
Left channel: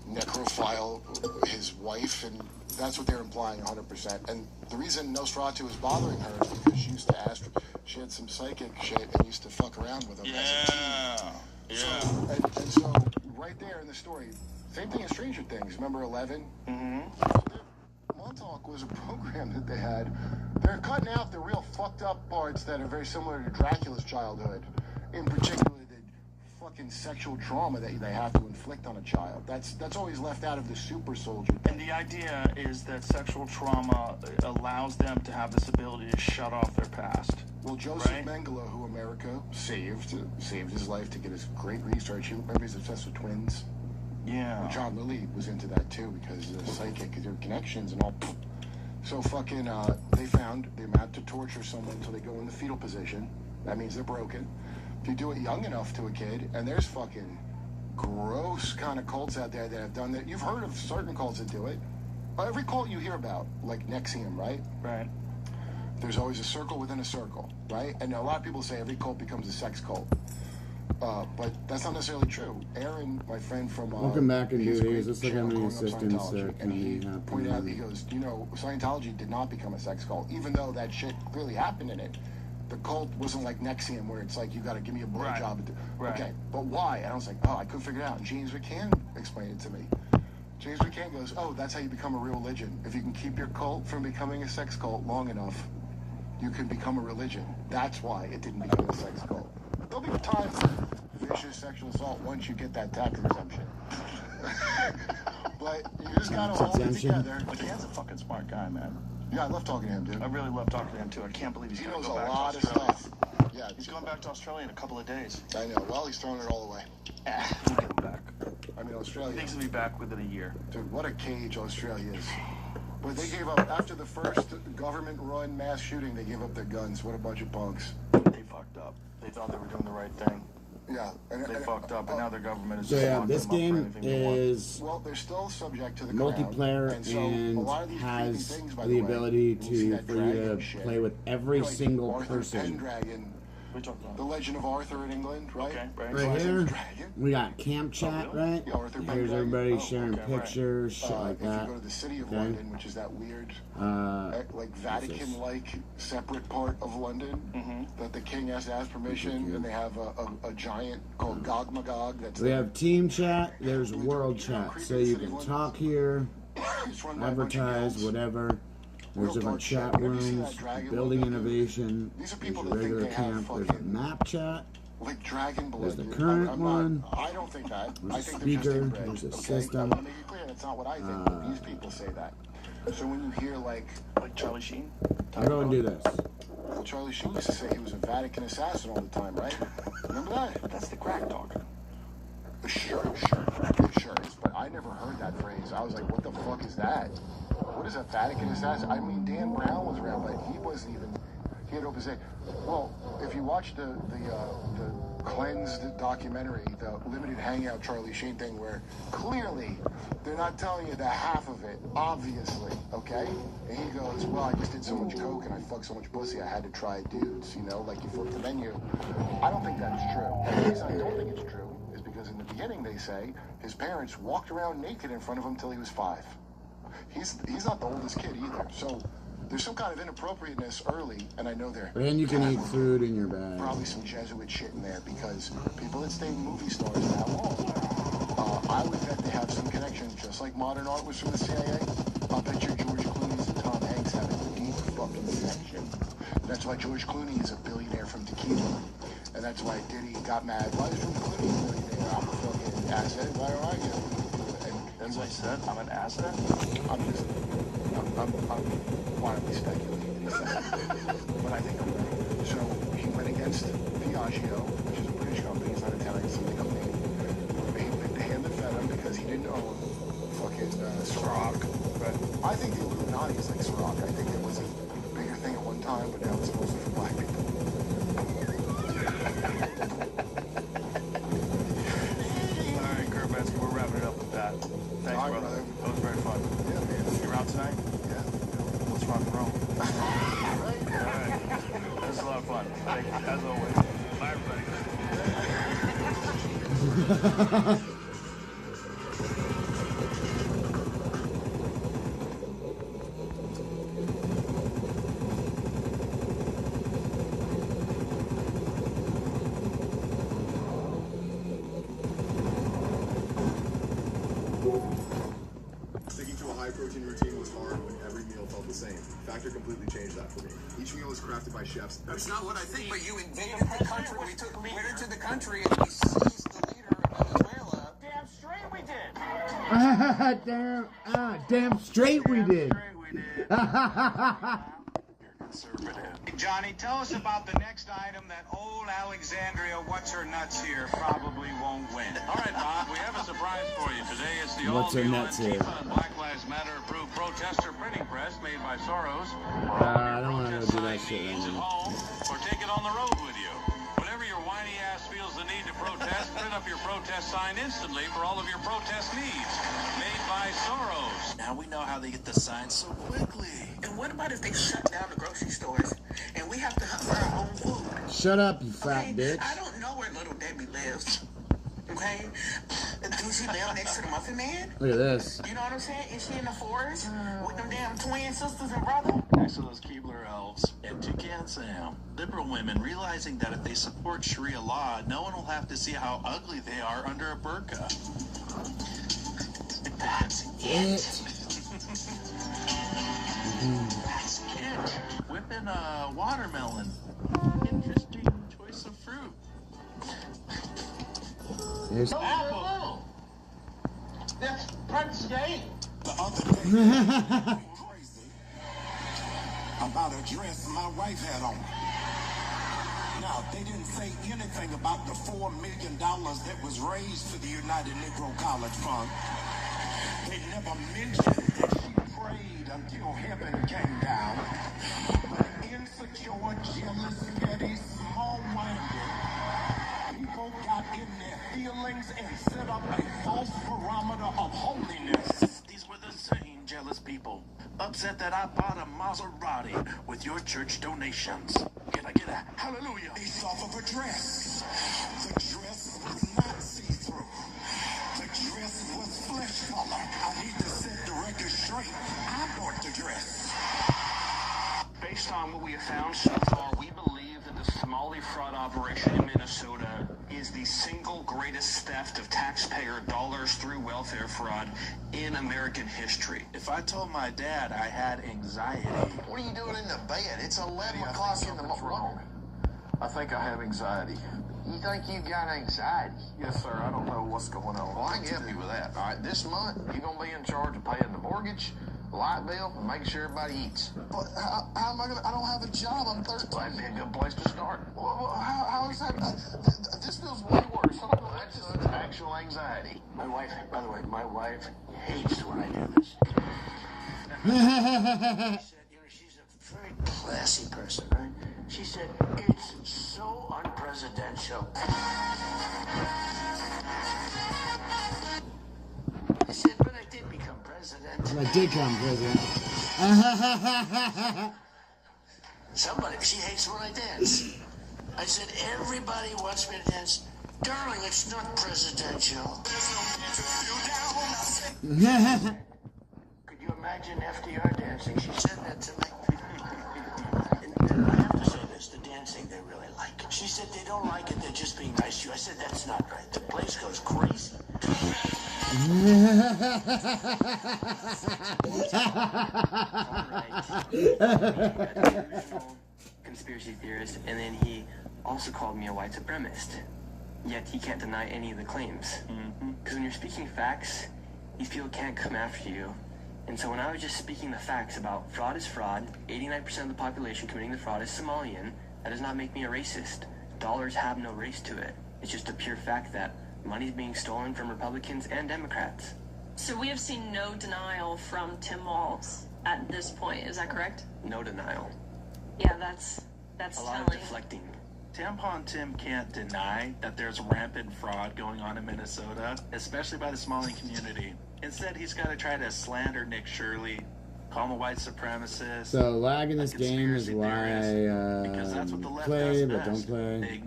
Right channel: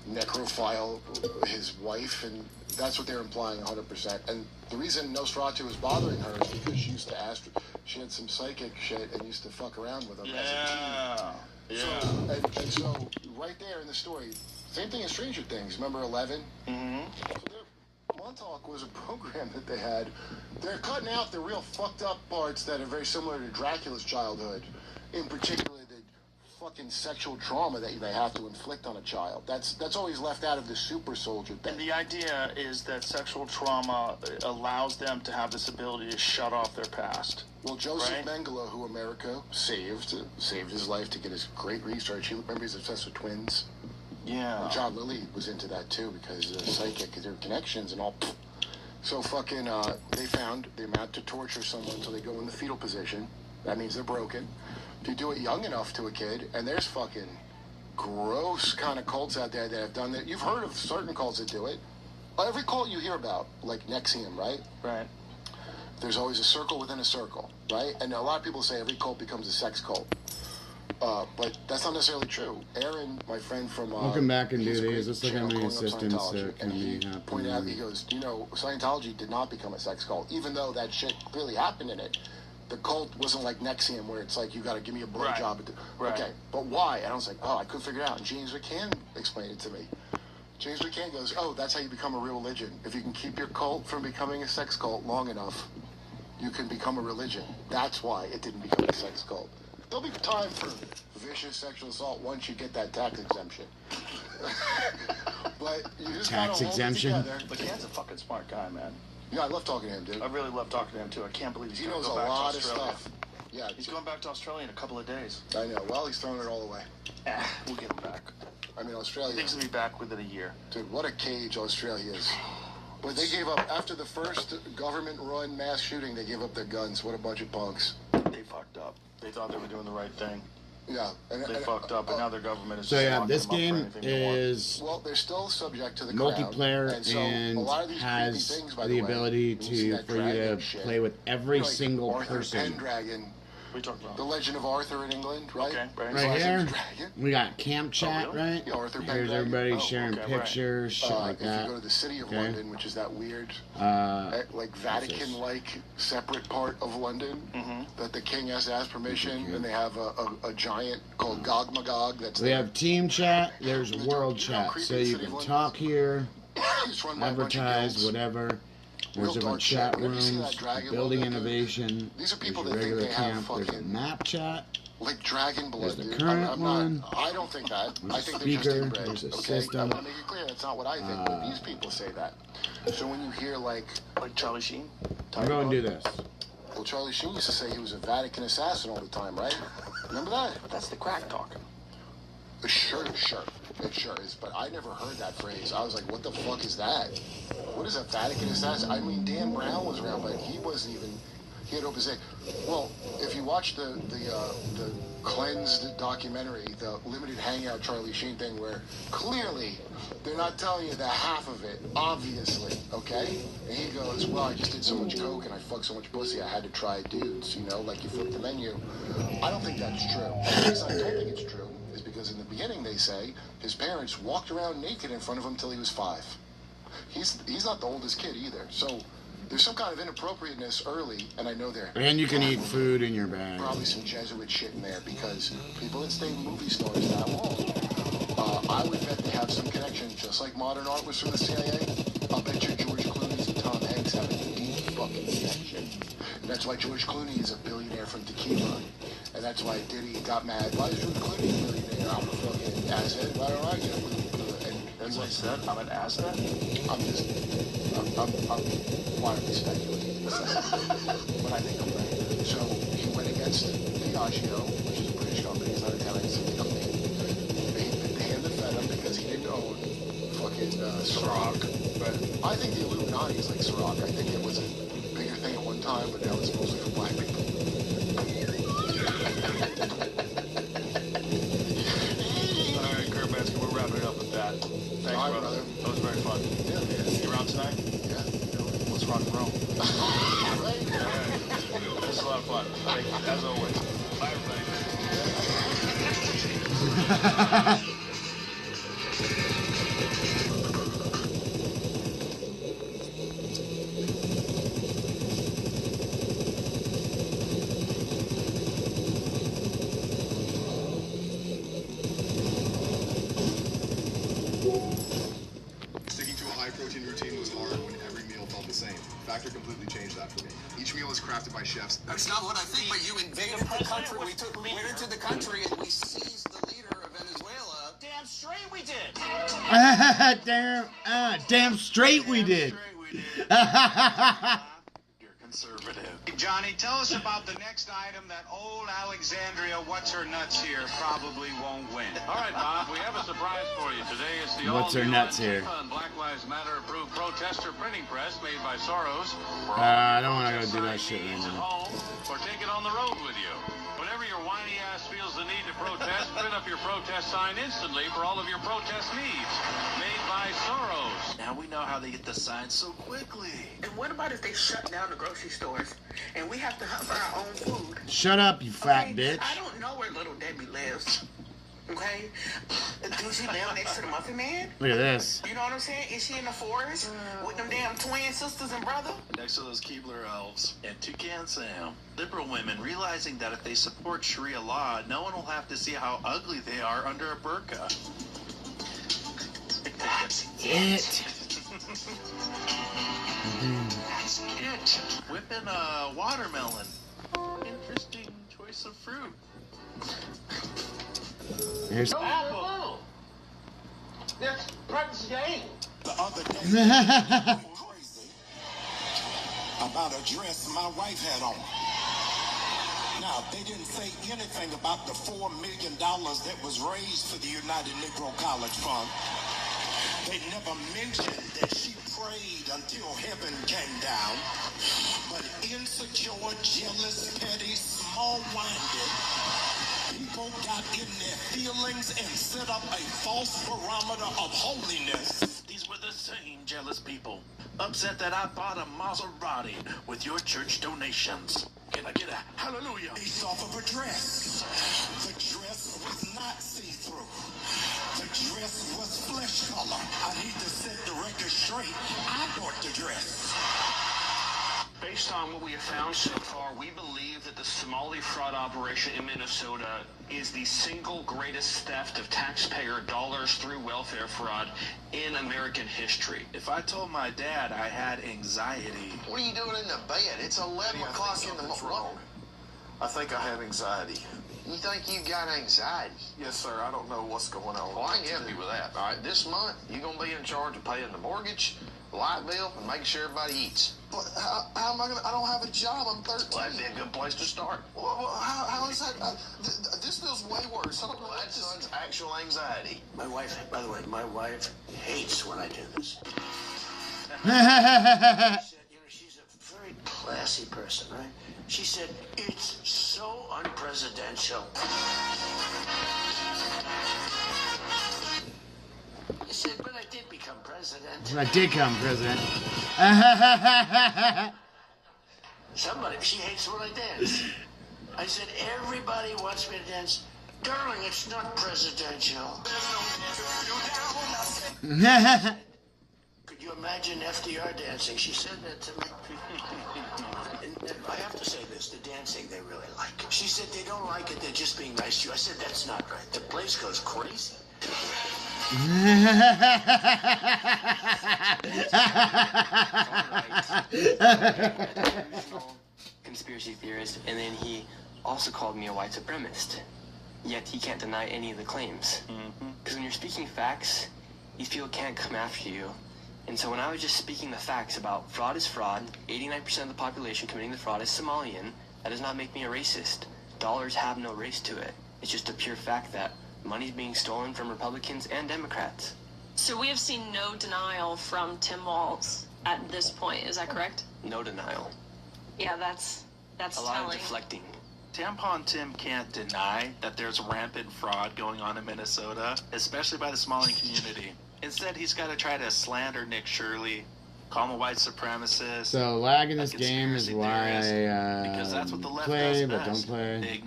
necrophile his wife, and that's what they're implying 100%. And the reason Nosferatu was bothering her is because she used to ask, she had some psychic shit and used to fuck around with him as a teen. And so, right there in the story, same thing as Stranger Things. Remember 11? Montauk was a program that they had. They're cutting out the real fucked up parts that are very similar to Dracula's childhood. In particular, the fucking sexual trauma that they have to inflict on a child. That's always left out of the super soldier thing. And the idea is that sexual trauma allows them to have this ability to shut off their past. Well, Joseph Mengele, who America saved his life to get his great research. Remember, he's obsessed with twins. Yeah. And John Lilly was into that too because the psychic, their connections and all. So fucking, they mount to torture someone until they go in the fetal position. That means they're broken. If you do it young enough to a kid, and there's fucking gross kind of cults out there that have done that. You've heard of certain cults that do it. Every cult you hear about, like NXIVM, right? Right. There's always a circle within a circle, right? And a lot of people say every cult becomes a sex cult. But that's not necessarily true. Aaron, my friend from... Welcome back and do these. Let's look at my assistants can be happening. Pointed out, he goes, Scientology did not become a sex cult, even though that shit clearly happened in it. The cult wasn't like NXIVM, where it's like, you got to give me a blowjob. Right. Okay, but why? And I was like, I couldn't figure it out. And James McCann explained it to me. James McCann goes, that's how you become a real religion. If you can keep your cult from becoming a sex cult long enough, you can become a religion. That's why it didn't become a sex cult. There'll be time for vicious sexual assault once you get that tax exemption. But you just tax exemption? McCann's a fucking smart guy, man. Yeah, I love talking to him, dude. I really love talking to him, too. I can't believe he knows go back a lot to of stuff. Yeah, he's going back to Australia in a couple of days. I know. Well, he's throwing it all away. We'll get him back. I mean, Australia... He thinks he'll be back within a year. Dude, what a cage Australia is. But they gave up, after the first government-run mass shooting, they gave up their guns. What a bunch of punks. They fucked up. They thought they were doing the right thing. Yeah. They fucked up, and now their government is so just yeah, this game is they're still subject to the multiplayer and has the ability for you to play with every single person. The Legend of Arthur in England, right? Okay, right here, we got camp chat, right? Here's everybody sharing pictures, shit like that. If you go to the city of London, which is that weird, like Vatican-like separate part of London, that the king has to ask permission, and they have a giant called Gog Magog. We have team chat. There's world chat, so you can talk here, advertise, whatever. There's different chat rooms, building innovation, there's a regular camp, there's a map chat, there's the current one, I don't think that. There's a speaker, there's a system. I'm gonna make it clear, that's not what I think, but these people say that. So when you hear like Charlie Sheen? I'll go and do this. Well, Charlie Sheen used to say he was a Vatican assassin all the time, right? Remember that? That's the crack dog. Sure. It sure is, but I never heard that phrase. I was like, what the fuck is that? What is a Vatican assassin? I mean, Dan Brown was around, but he wasn't even... He had open say, well, if you watch the cleansed documentary, the limited hangout Charlie Sheen thing, where clearly they're not telling you the half of it, obviously, okay? And he goes, well, I just did so much coke and I fucked so much pussy, I had to try dudes, like you flip the menu. I don't think that's true. The reason I don't think it's true is because because in the beginning they say his parents walked around naked in front of him till he was 5. He's not the oldest kid either, so there's some kind of inappropriateness early, and I know there. And you can eat food in your bag. Probably some Jesuit shit in there because people that stay movie stars that long, I would bet they have some connection, just like modern art was from the CIA. I'll bet you George Clooney's and Tom Hanks have a deep fucking connection. And that's why George Clooney is a billionaire from Tequila. And that's why Diddy got mad. Why is George Clooney a billionaire? I'm a fucking asset. Why don't I get it? That's what I said. I'm an asset. I'm wildly speculating. But I think I'm right. So he went against Diageo, which is a British company. It's not Italian, it's something company. They handed fed him because he didn't own fucking Ciroc. But I think the Illuminati is like Ciroc. I think it was a bigger thing at one time, but now it's mostly for black people. All right, Kurt Metzger, we're wrapping it up with that. Thanks, All right, brother. brother. That was very fun. Yeah. You around tonight? Yeah. Let's rock and roll. Right? All right. This is a lot of fun. Thank you, as always. Bye, everybody. Sticking to a high-protein routine was hard when every meal felt the same. Factor completely changed that for me. Each meal is crafted by chefs. That's not what I think, but you invaded the country. We went into the country and we seized the leader of Venezuela. Damn straight we did. Damn straight we did. You're conservative. Johnny, tell us about the next item that old Alexandria What's-Her-Nuts here probably won't win. All right, Bob, we have a surprise for you. Today it's the What's her nuts here? Black Lives Matter approved protester printing press made by Soros. I don't want to go do that shit Use at anymore. home or take it on the road with you. Whenever your whiny ass feels the need to protest, print up your protest sign instantly for all of your protest needs. Made by Soros. Now we know how they get the signs so quickly. And what about if they shut down the grocery stores and we have to hunt for our own food? Shut up, you fat Okay? bitch. I don't know where little Debbie lives. Okay? Do she live next to the Muffin Man? Look at this. You know what I'm saying? Is she in the forest with them damn twin sisters and brother? Next to those Keebler elves and Toucan Sam, liberal women realizing that if they support Sharia law, no one will have to see how ugly they are under a burqa. That's it. That's it. Whipping a watermelon. Interesting choice of fruit. Here's. Apple. That's Prince Game. The other day, crazy about a dress my wife had on. Now, they didn't say anything about the $4 million that was raised for the United Negro College Fund. They never mentioned that she prayed until heaven came down. But insecure, jealous, petty, small-minded people got in their feelings and set up a false barometer of holiness. These were the same jealous people. Upset that I bought a Maserati with your church donations. Get a hallelujah. Based off of a dress. The dress was not see-through. The dress was flesh color. I need to set the record straight. I bought the dress. Based on what we have found so far, we believe that the Somali fraud operation in Minnesota is the single greatest theft of taxpayer dollars through welfare fraud in American history. If I told my dad I had anxiety. What are you doing in the bed? It's 11 o'clock in the morning. I think I have anxiety. You think you got anxiety? Yes, sir. I don't know what's going on. Well, I can help you with that. All right, this month, you're going to be in charge of paying the mortgage, light bill, and making sure everybody eats. But how am I gonna? I don't have a job. I'm 13. Well, that'd be a good place to start. Well, how is that? This feels way worse. I don't know. Well, that's actual anxiety. My wife, by the way, my wife hates when I do this. She's a very classy person, right? She said, it's so unpresidential. I said, but I did become president. I did come president. Somebody, she hates when I dance. I said, everybody wants me to dance. Darling, it's not presidential. Could you imagine FDR dancing? She said that to me. And I have to say this, the dancing they really like. She said they don't like it, they're just being nice to you. I said that's not right. The place goes crazy. Conspiracy theorist, and then he also called me a white supremacist. Yet he can't deny any of the claims. Because when you're speaking facts, these people can't come after you. And so when I was just speaking the facts about fraud is fraud, 89% of the population committing the fraud is Somalian, that does not make me a racist. Dollars have no race to it. It's just a pure fact that money's being stolen from Republicans and Democrats. So we have seen no denial from Tim Walz at this point, is that correct? No denial. Yeah, that's a lot telling. of deflecting. Tampon Tim can't deny that there's rampant fraud going on in Minnesota, especially by the Somali community. Instead, he's got to try to slander Nick Shirley, call him a white supremacist. So lag in this game is why I play but don't play.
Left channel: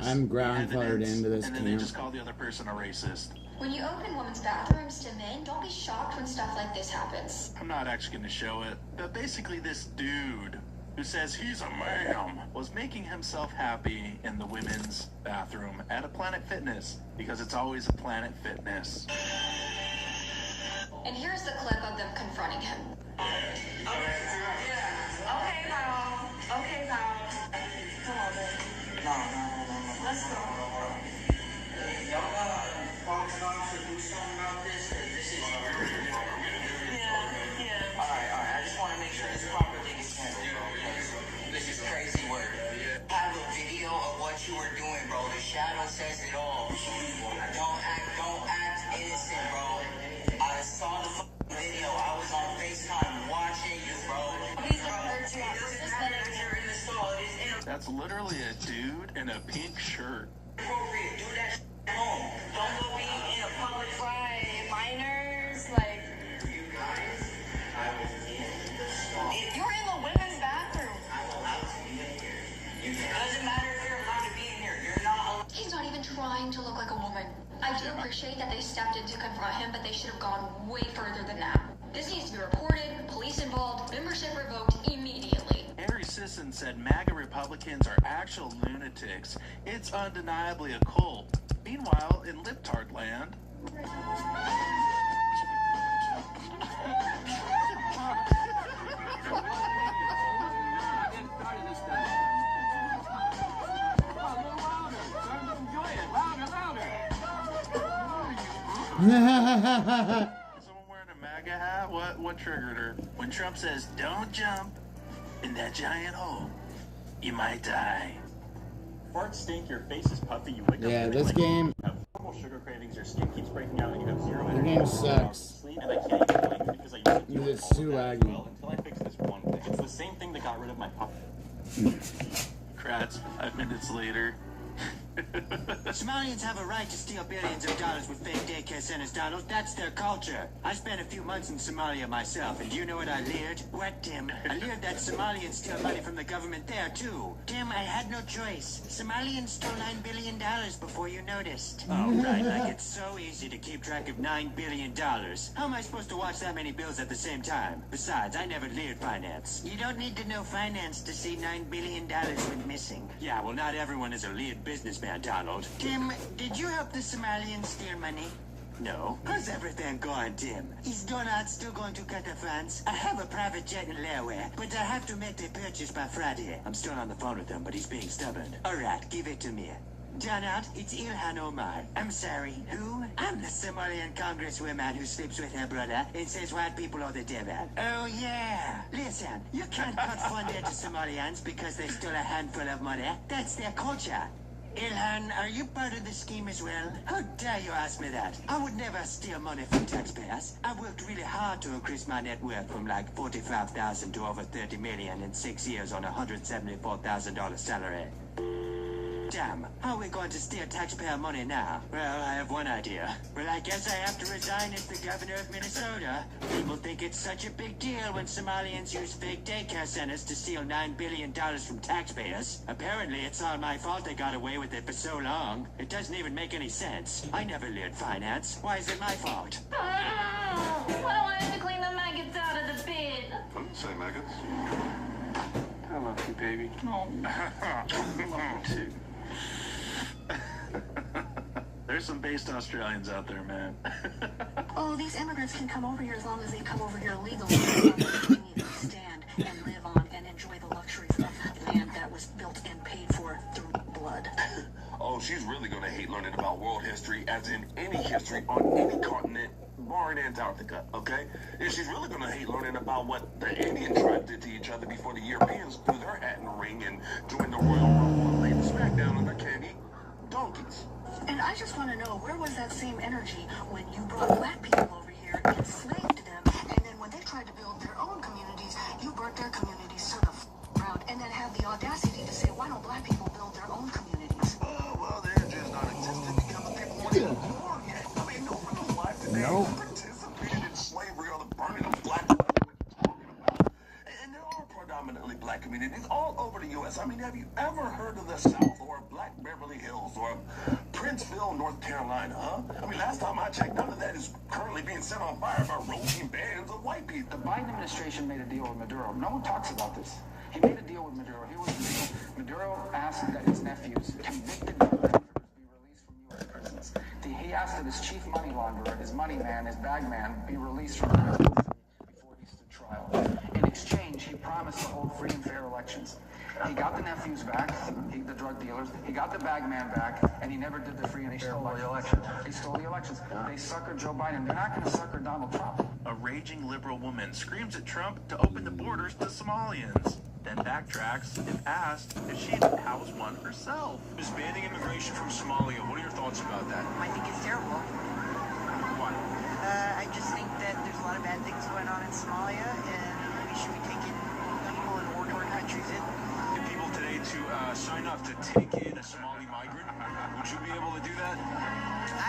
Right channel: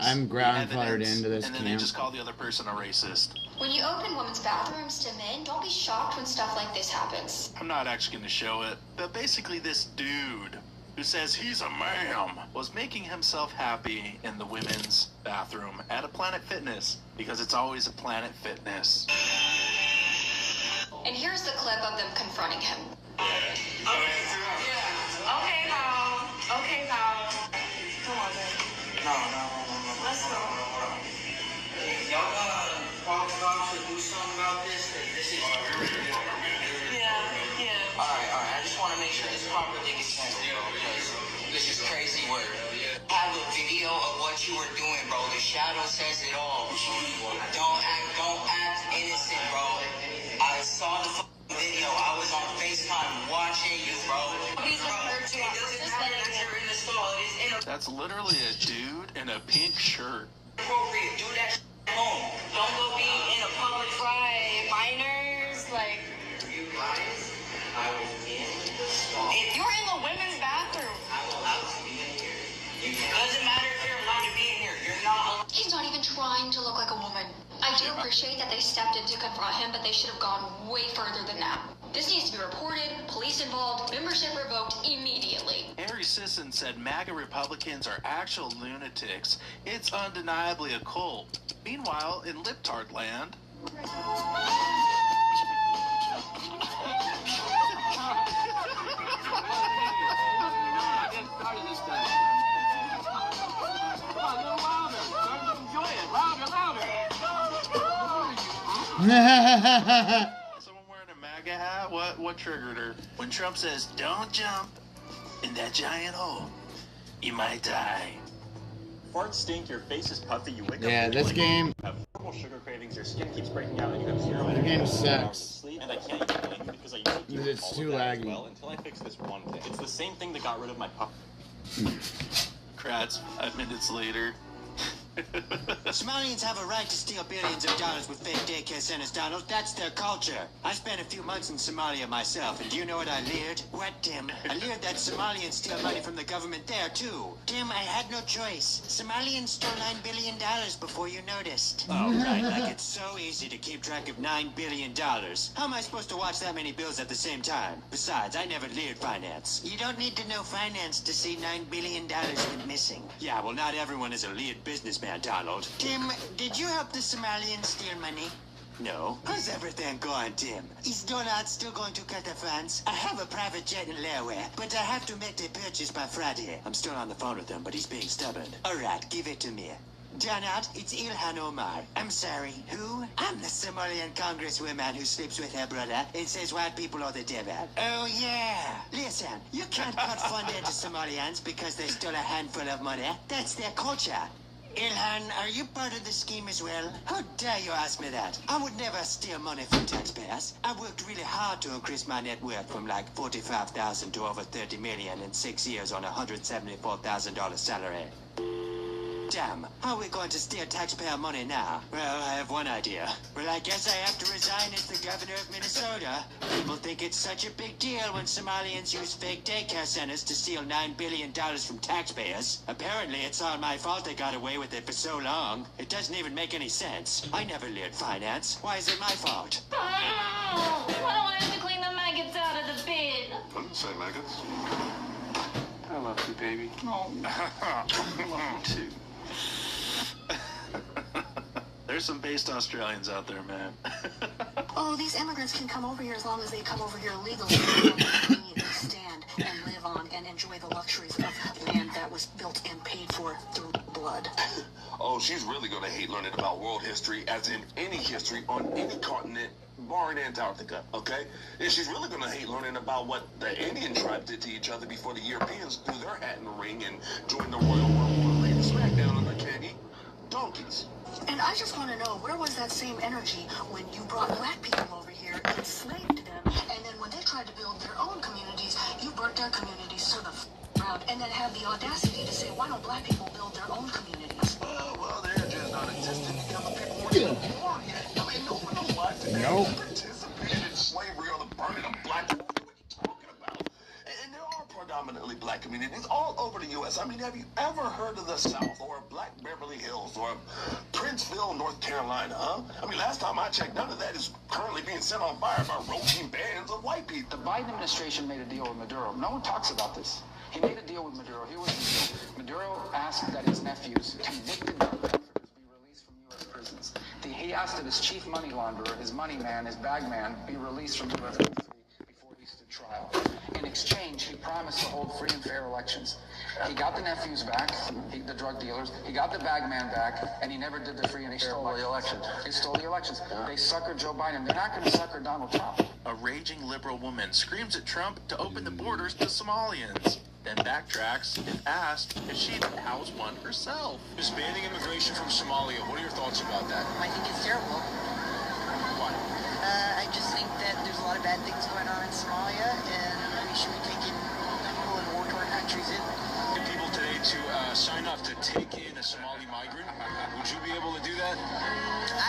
I'm grandfathered into this and then they just call the other person a racist. When you open women's bathrooms to men, don't be shocked when stuff like this happens. I'm not actually going to show it, but basically this dude who says he's a man was making himself happy in the women's bathroom at a Planet Fitness because it's always a Planet Fitness. And here's the clip of them confronting him. Okay, pal. Okay, pal. Come on, babe. No. Let's go. Y'all Fox should do something about this. This is... Yeah. Alright. I just want to make sure this proper thing is handled. This is crazy work. I have a video of what you were doing, bro. The shadow says it all. Don't act innocent, bro. I saw the video. I was on FaceTime watching you, bro. That's literally a dude in a pink shirt. Appropriate. Do that at home. Don't go be in a public fly minors. Like, if you're in the women's bathroom, it doesn't matter if you're allowed to be in here. You're not allowed. He's not even trying to look like a woman. I do appreciate that they stepped in to confront him, but they should have gone way further than that. This needs to be reported, police involved, membership revoked immediately. Harry Sisson said MAGA Republicans are actual lunatics. It's undeniably a cult. Meanwhile, in Liptard land... Someone wearing a MAGA hat? What triggered her? When Trump says, don't jump in that giant hole, you might die. Farts stink, your face is puffy, you wake up. Yeah, this game. You have horrible sugar cravings, your skin keeps breaking out, and you have zero energy. The game sucks. And I can't even blink because I use It's too laggy. well until I fix this one thing. It's the same thing that got rid of my puff. Kratz, 5 minutes later. Somalians have a right to steal billions of dollars with fake daycare centers, Donald. That's their culture. I spent a few months in Somalia myself, and do you know what I learned? What, Tim? I learned that Somalians steal money from the government there, too. Tim, I had no choice. Somalians stole $9 billion before you noticed. Oh, right. Like it's so easy to keep track of $9 billion. How am I supposed to watch that many bills at the same time? Besides, I never learned finance. You don't need to know finance to see $9 billion went missing. Yeah, well, not everyone is a lead businessman, Donald. Tim, did you help the Somalians steal money? No. How's everything going, Tim? Is Donald still going to cut the funds? I have a private jet in Laoware, but I have to make the purchase by Friday. I'm still on the phone with him, but he's being stubborn. All right, give it to me. Donald, it's Ilhan Omar. I'm sorry, who? I'm the Somalian congresswoman who sleeps with her brother and says white people are the devil. Oh, yeah. Listen, you can't cut funding to Somalians because they stole a handful of money. That's their culture. Ilhan, are you part of the scheme as well? How dare you ask me that? I would never steal money from taxpayers. I worked really hard to increase my net worth from like $45,000 to over $30 million in 6 years on a $174,000 salary. Damn, how are we going to steal taxpayer money now? Well, I have one idea. Well, I guess I have to resign as the governor of Minnesota. People think it's such a big deal when Somalians use fake daycare centers to steal $9 billion from taxpayers. Apparently, it's all my fault they got away with it for so long. It doesn't even make any sense. I never learned finance. Why is it my fault? Oh, I have to clean the maggots out of the bin. I didn't say maggots. I love you, baby. No. I love you too. There's some based Australians out there, man. Oh, these immigrants can come over here as long as they come over here illegally. They need to stand and live on and enjoy the luxuries of land that was built and paid for through blood. Oh, she's really gonna hate learning about world history, as in any history on any continent, barring Antarctica, okay? And she's really gonna hate learning about what the Indian tribe did to each other before the Europeans threw their hat in the ring and joined the Royal Rumble and laid the smackdown on their candy donkeys. And I just want to know, where was that same energy when you brought black people over here and enslaved them, and then when they tried to build their own communities, you burnt their communities to the ground, and then had the audacity to say, why don't black people build their own communities? Well, they're just non-existent because the people weren't born yet. I mean, no black today participated in slavery or the burning of black people. What are you talking about? And there are predominantly black communities all over the U.S. I mean, have you ever heard of the South or Black Beverly Hills or Princeville, North Carolina, huh? I mean, last time I checked, none of that is currently being set on fire by roaching bands of white people. The Biden administration made a deal with Maduro. No one talks about this. He made a deal with Maduro. Maduro asked that his nephews, convicted narcotraffickers, be released from U.S. prisons. He asked that his chief money launderer, his money man, his bag man, be released from U.S. custody before he stood trial. In exchange, he promised to hold free and fair elections. He got the nephews back, the drug dealers. He got the bag man back, and he never did the free and fair elections. He stole the elections. They suckered Joe Biden. They're not going to sucker Donald Trump. A raging liberal woman screams at Trump to open the borders to Somalians, then backtracks and asked if she would house one herself. Is banning immigration from Somalia. What are your thoughts about that? I think it's terrible. Why? I just think that there's a lot of bad things going on in Somalia, and we should be taking people in war-torn countries in. People today to sign up to take in a Somali migrant. Would you be able to do that?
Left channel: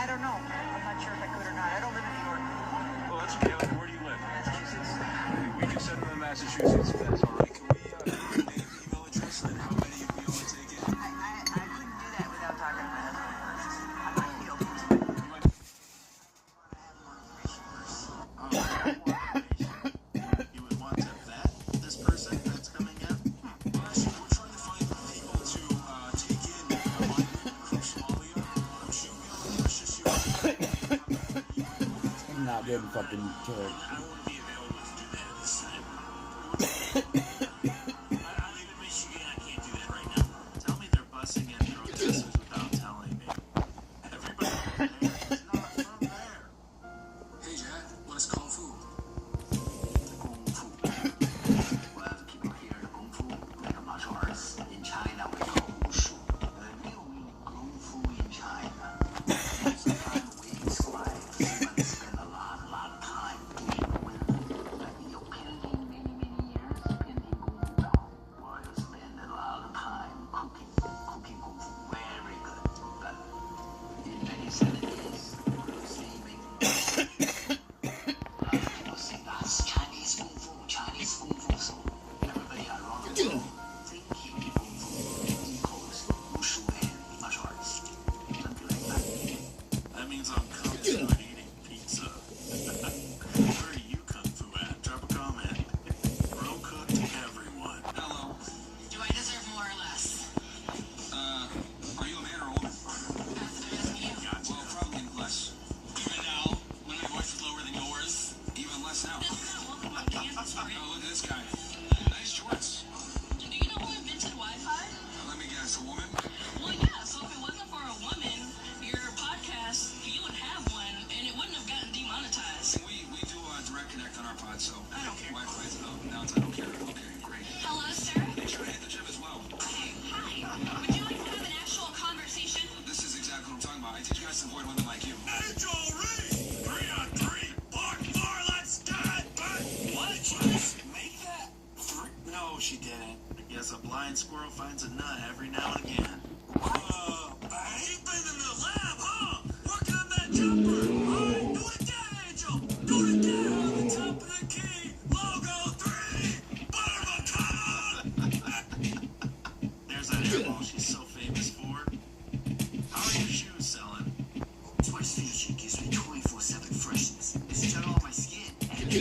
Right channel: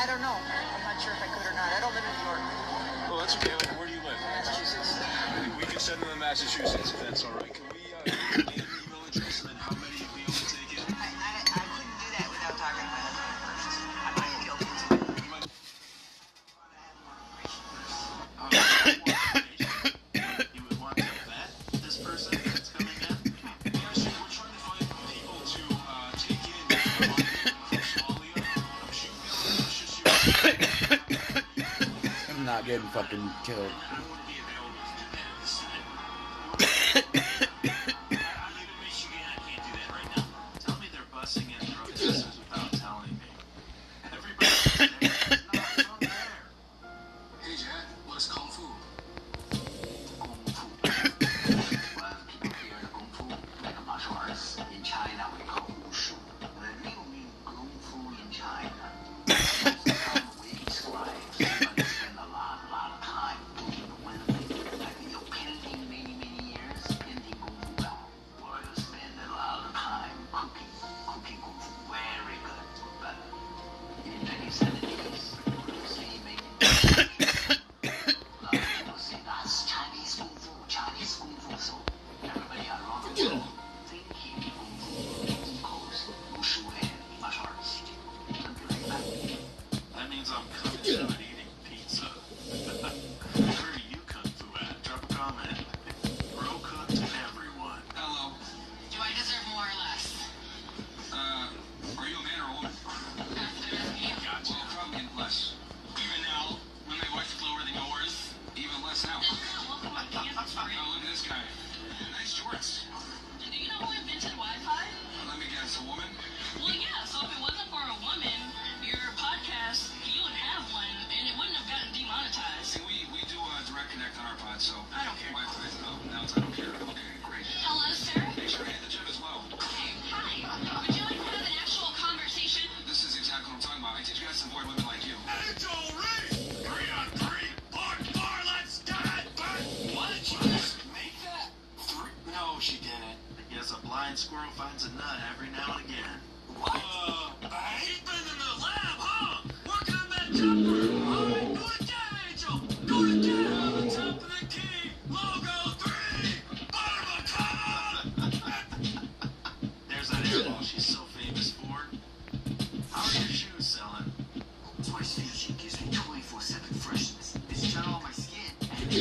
I don't know. I'm not sure if I could or not. I don't live in New York. Well, that's okay. Where do you live? Massachusetts. We can send them to Massachusetts if that's all right. Can we email it to us and then how many of you will take it? I couldn't do that without talking to my husband. I might be open to it. You would want to vet this person that's coming in? So we're trying to find people to take in from Somalia. I'm not getting fucking killed. Tell me they're busing in protesters without telling me. Everybody there's not from there. Hey Dad, what's Kung Fu? Kung Fu. Well, people here, Kung Fu, like martial arts in China, we call Wushu. The real meaning Kung Fu in China. Most of the time we describe, but spend a lot of time doing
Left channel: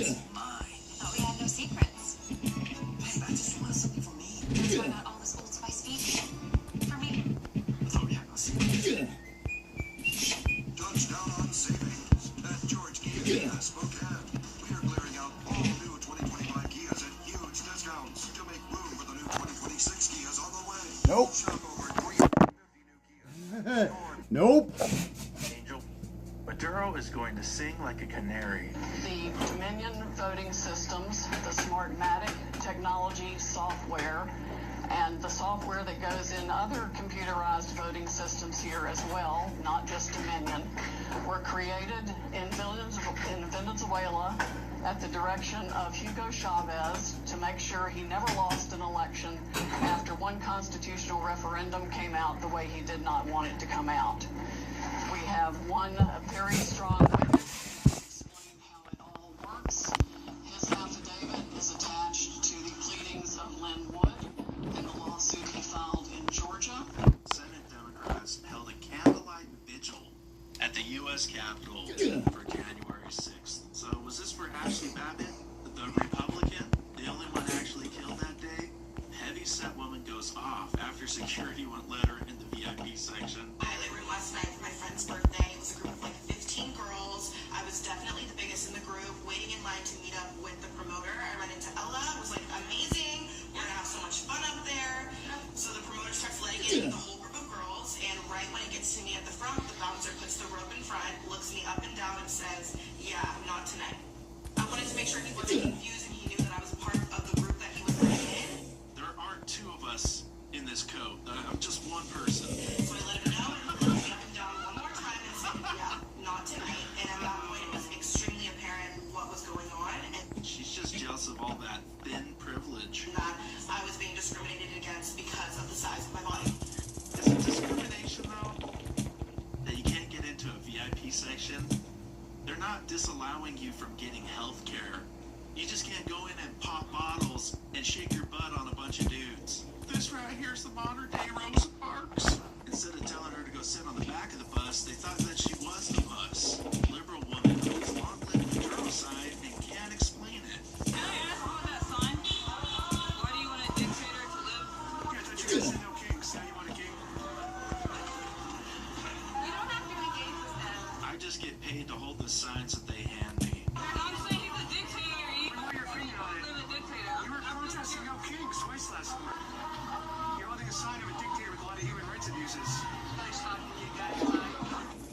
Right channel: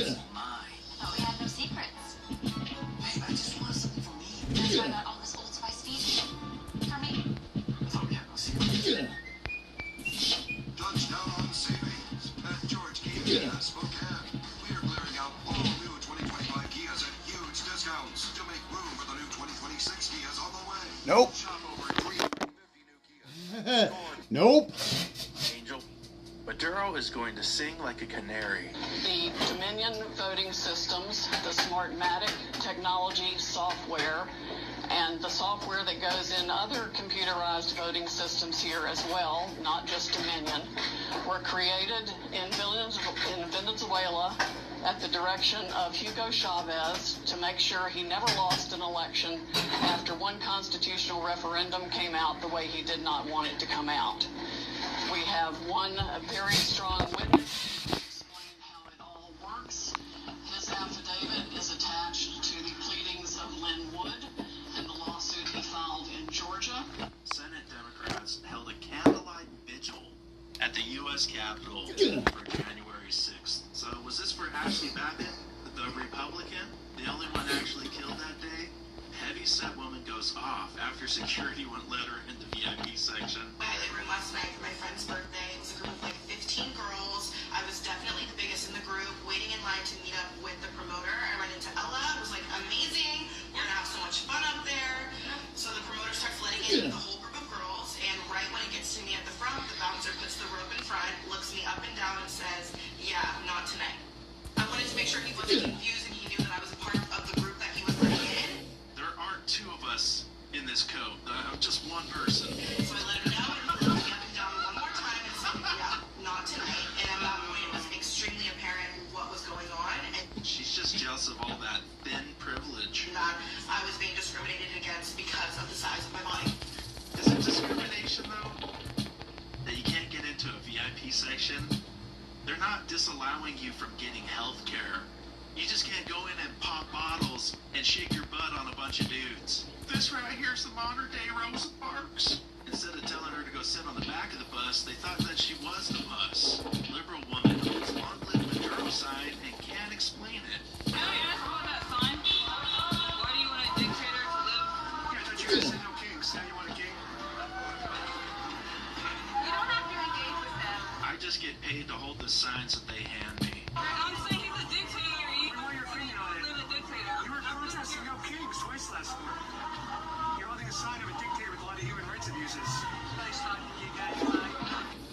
thought we had no secrets. Babe, I just wanted something for me. That's why I got all this Old Spice feed for me. I thought we had no secrets. Touchdown on savings. At George Kia, Spokane. We are clearing out all new 2025 Kias at huge discounts to make room for the new 2026 Kias on the way. Nope. Shop over 350 new Kias. Nope. Angel, Maduro is going to sing like a canary. The Dominion voting systems, the Smartmatic technology software, and the software that goes in other computerized voting systems here as well, not just Dominion, were created in Venezuela at the direction of Hugo Chavez to make sure he never lost an election after one constitutional referendum came out the way he did not want it to come out. We have one very strong witness to explain how it all works. His affidavit is attached to the pleadings of Lynn Wood and the lawsuit he filed in Georgia. Senate Democrats held a candlelight vigil at the U.S. Capitol for January 6th. So was this for Ashley Babbitt, the Republican, the only one actually killed that day? Heavyset woman goes off after security won't let her in the VIP section. I had a room last night for my friend's birthday. It's a group of like 15 girls. I was definitely the biggest in the group, waiting in line to meet up with the promoter. I ran into Ella. It was like amazing. We're gonna have so much fun up there. So the promoter starts letting in the whole group of girls, and right when it gets to me at the front, the bouncer puts the rope in front, looks me up and down, and says, "Yeah, not tonight." I wanted to make sure he wasn't confused and he knew that I was a part of the group that he was letting in. There aren't two of us in this code. I'm just one person. So I let him know, and he looked me up and down one more time and said, "Yeah, not tonight." And at that point, it was extremely apparent what was going on, and She's just jealous of all that thin privilege. that I was being discriminated against because of the size of my body. Is it discrimination, though? That you can't get into a VIP section? They're not disallowing you from getting health care. You just can't go in and pop bottles and shake your butt on a bunch of dudes. This right here is the modern day Rosa Parks. Instead of telling her to go sit on the back of the bus, they thought that she was the bus. Liberal woman who's long-lived the girl side and can't explain it. Can I ask about that sign? Why do you want a dictator to live? Yeah, I thought you guys said no kings. Now you want a king? We don't have to engage with them. I just get paid to hold the signs that they hand me. I'm saying he's a dictator. You What your opinion on it? live a dictator. You were protesting no kings twice last summer. You're holding a sign of a dictator with a lot of human rights abuses.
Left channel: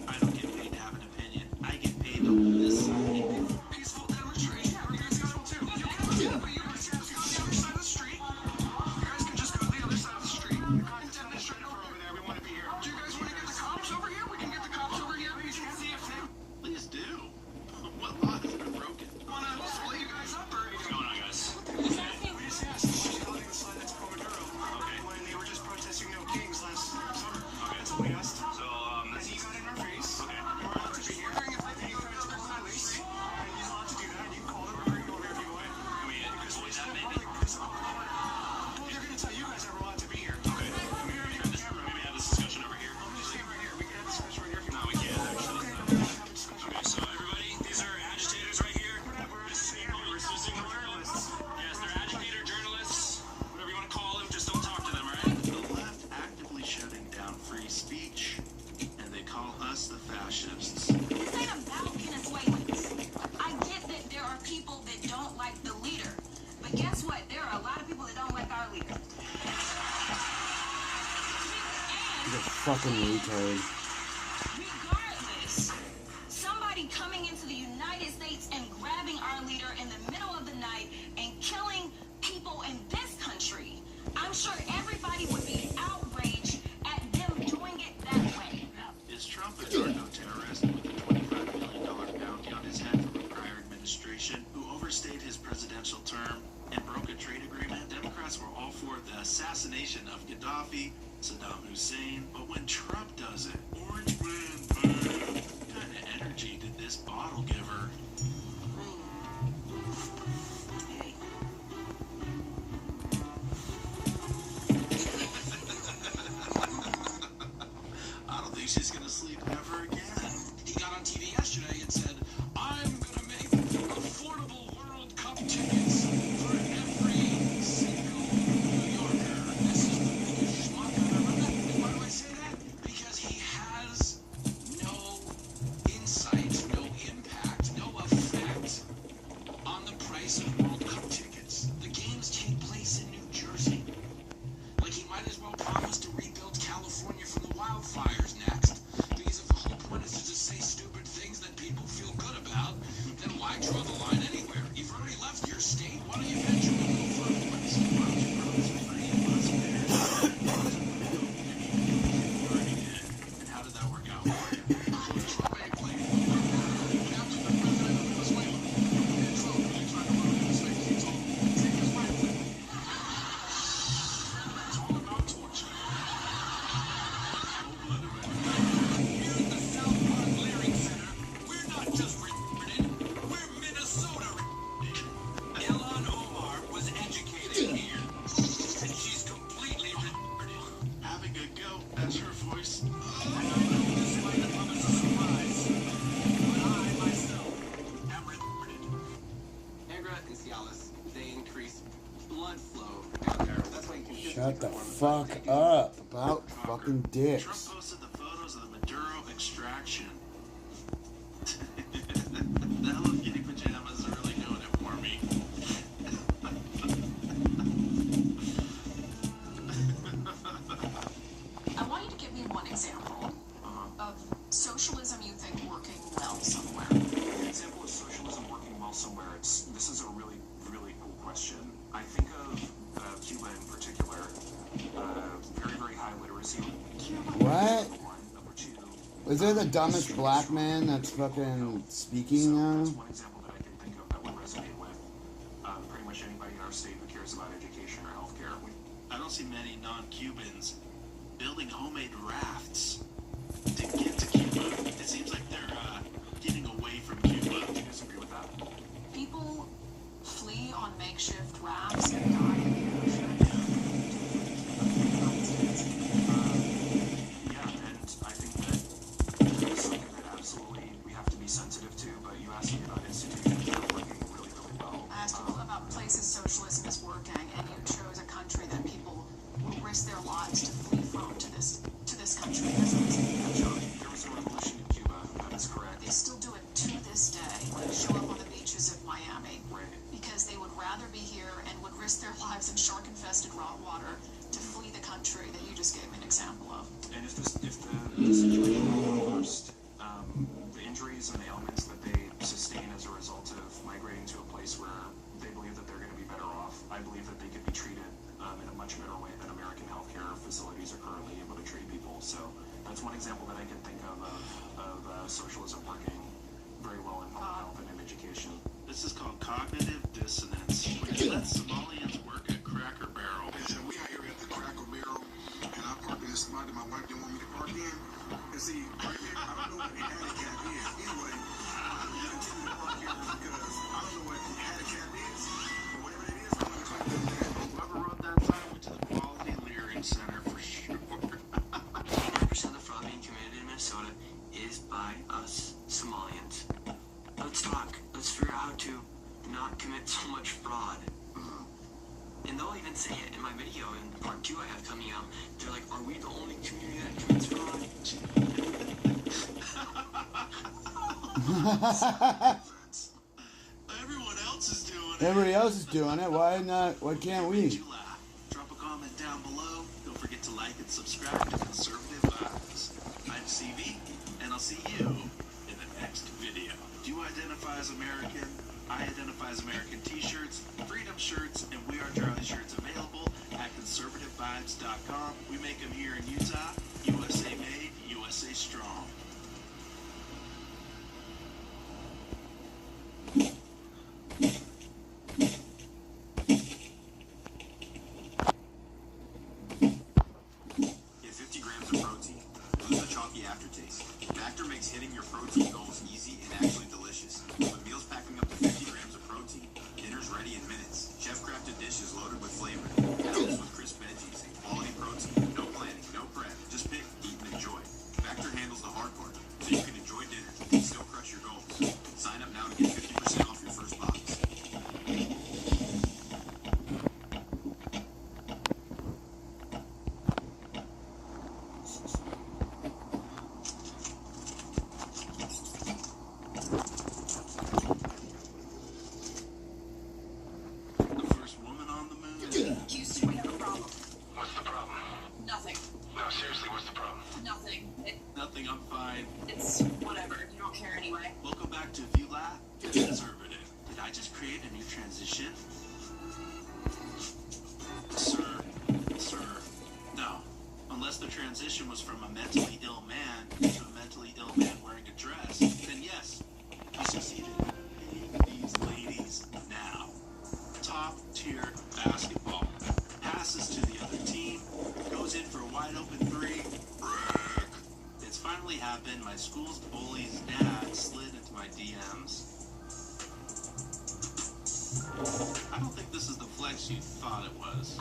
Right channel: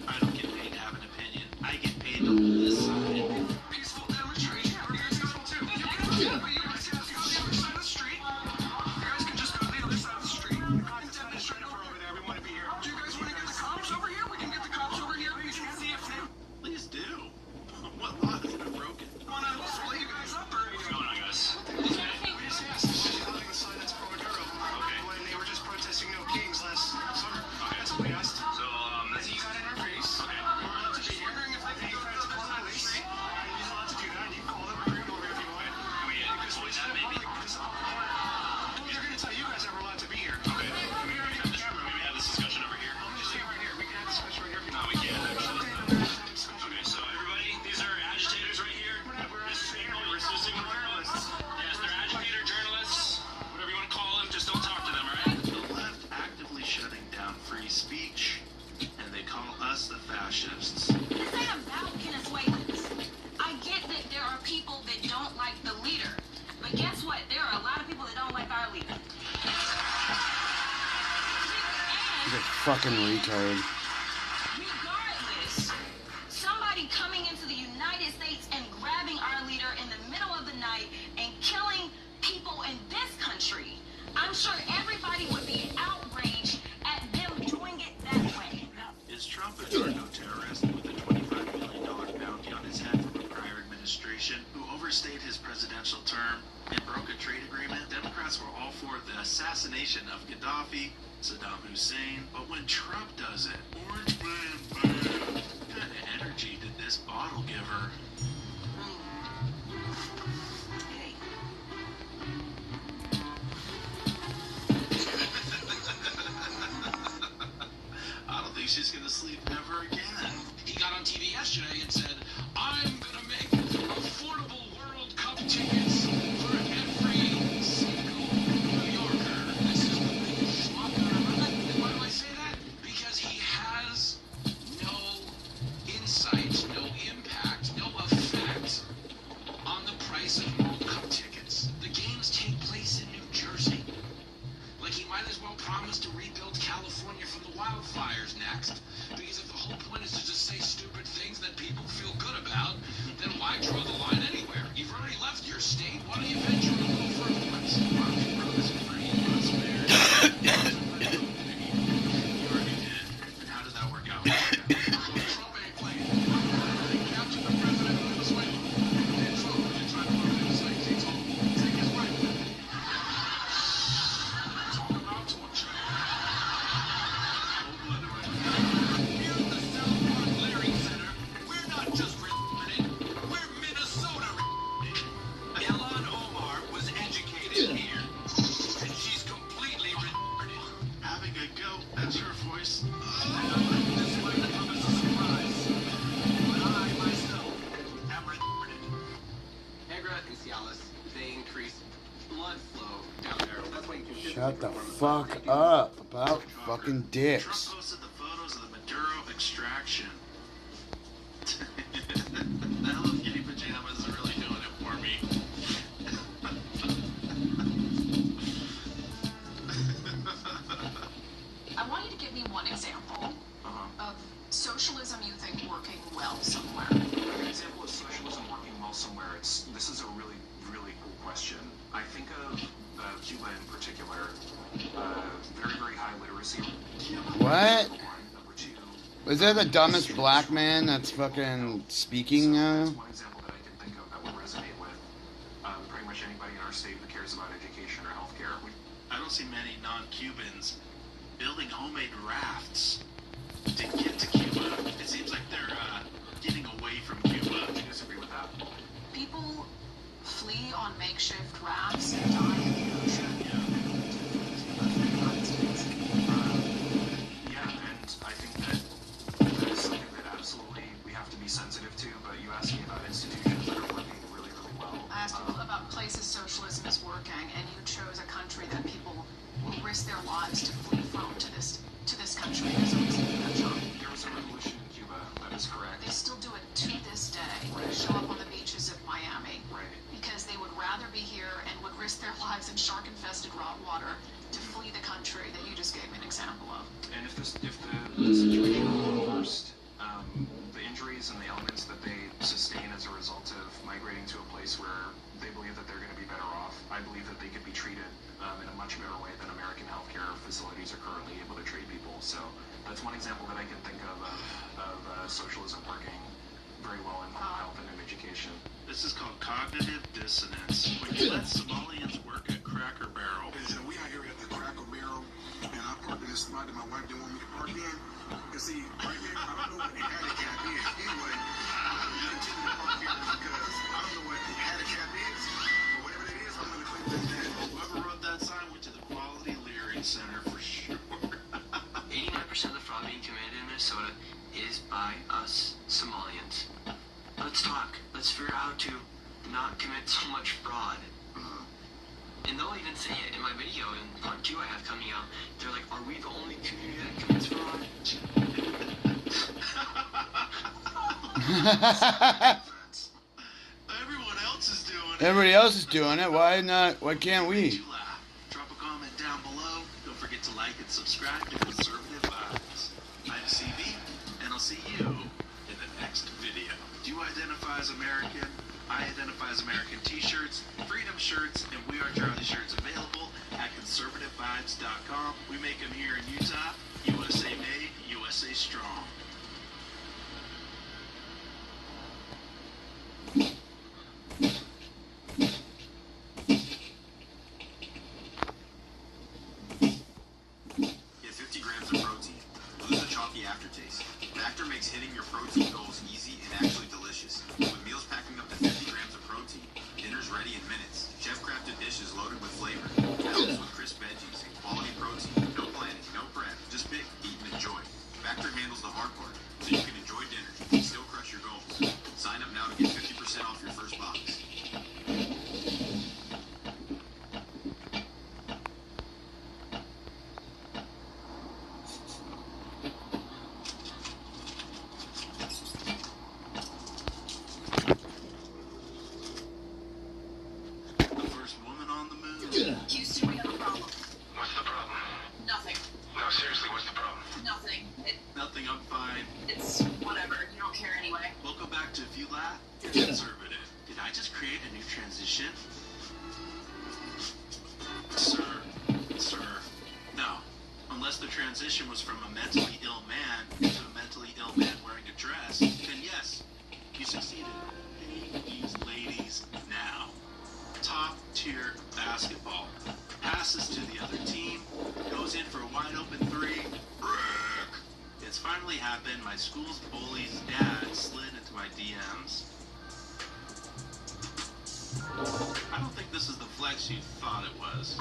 I don't get paid to have an opinion. I get paid to hold this sign. Peaceful demonstration. We're peaceful too. But you guys have to go to the other side of the street. You guys can just go to the other side of the street. The cops demonstrator over there. We want to be here. Do you guys want to get the cops over here? We can get the cops over here. Please see if they Please do. What law has been broken? want to split you guys up or anything. Come on, guys. Yes, yes. Holding a sign that's pro-Maduro. Okay. When they were just protesting no kings last summer. That's what we asked. So, Then you got in our face. okay. We're allowed to be here. Then you guys call the police. You're allowed to do that. You call them. We're going to go wherever you want. Because what that made me. Well, they're going to tell you guys that we're allowed to be here. Okay. Maybe we have this discussion over here. Just stay right here. We can have this discussion right here. No, we can't actually. Okay, so everybody, these are agitators right here. Resisting journalists. Yes, they're agitator journalists. Whatever you want to call them, just don't talk to them, all right? The left actively shutting down free speech, and they call us the fascists. This ain't about Venezuelans. I get that there are people that don't like the leader. But guess what? There are a lot of people that don't like our leader. He's a fucking retard. Regardless, somebody coming into the United States and grabbing our leader in the middle of the night and killing people in this country, I'm sure everybody would be outraged at them doing it that way. Is Trump a narco-terrorist with a $25 million bounty on his head from the prior administration who overstayed his presidential term and broke a trade agreement? Democrats were all for the assassination of Gaddafi, Saddam Hussein, but when Trump does it, orange man, what kind of energy did this bottle give her? I don't think she's gonna sleep ever again. He got on TV yesterday and said, I'm going to make affordable Shut the fuck up about fucking dicks. Trump posted the photos of the Maduro extraction. The Hello Kitty pajamas are really doing it for me. I want you to give me one example of socialism you think working well somewhere. An example of socialism working well somewhere. This is a really, really cool question. I think of Cuba in particular. Very, very high literacy. What? Is that the dumbest black man that's fucking speaking now? One example that I can think of that will resonate with pretty much anybody in our state who cares about education or healthcare. I don't see many non-Cubans building homemade rafts to get to Cuba. It seems like they're getting away from Cuba. Do you disagree with that? People flee on makeshift rafts and die in the ocean. Yeah, and I think that is something that absolutely we have to be sensitive to, but you asked me about institutions that are working really, really well. I asked you about places socialism is working, and you chose a country that people will risk their lives to flee from to this country. There was a revolution in Cuba, that is correct. They still do it to this day. They show up on the beaches of Miami because they would rather be here and would risk their lives in shark-infested raw water to flee the country that you just gave me an example of. And if the situation were reversed, the injuries and the elements that they sustain as a result of migrating to a place where they believe that they're going to be better off, I believe that they could be treated in a much better way than American healthcare facilities are currently able to treat people. So that's one example that I can think of socialism working very well in health and in education. This is called cognitive dissonance. Let Somalians work at Cracker Barrel. So we out here at the Cracker Barrel, and I parked in this spot that my wife didn't want me to park in. And see, right now, I don't know what the handicap is. Anyway, I'm going to continue to park here because I don't know what the handicap is, or whatever it is, I'm going to claim that. Whoever wrote that sign went to the Quality Learning Center for sure. 89% of the fraud being committed in Minnesota is by us Somalians. Let's talk. Let's figure out how to not commit so much fraud. And they'll even say it in my video in part 2 I have coming out. They're like, are we the only community that commits fraud? Everyone else is doing it. Everybody else is doing it. Why not? Why can't we? Drop a comment down below. Don't forget to like and subscribe to Conservative Vibes. I'm CV, and I'll see you in the next video. Do you identify as American? I identify as American t-shirts, Freedom shirts, and We Are Charlie shirts available at conservativevibes.com. We make them here in Utah. USA made, USA strong. Get 50 grams of protein. Lose the chalky aftertaste. Factor makes hitting your protein goals easy and actually delicious. A meal's packing up to 50 grams of protein. Dinner's ready in minutes. Chef-crafted dishes loaded with flavor. Balanced with crisp veggies and quality protein. No planning, no prep. Just pick, eat, and enjoy. Factor handles the hard part, so you can enjoy dinner and still crush your goals. Sign up now to get 50% off your first box. Houston, we have a problem. What's the problem? Nothing. No, seriously, what's the problem? Nothing. Nothing, I'm fine. It's whatever. You don't care anyway. Welcome back to If You Laugh, You're Conservative. Did I just create a new transition? Sir. No. Unless the transition was from a mentally ill man to a mentally ill man wearing a dress, then yes, you succeeded. Hey, these ladies now. Top tier basketball. Passes to the other team. Goes in for a wide open three. Brick. It's finally happened. My school's bully's dad slid into my DMs. I don't think this is the flex you thought it was.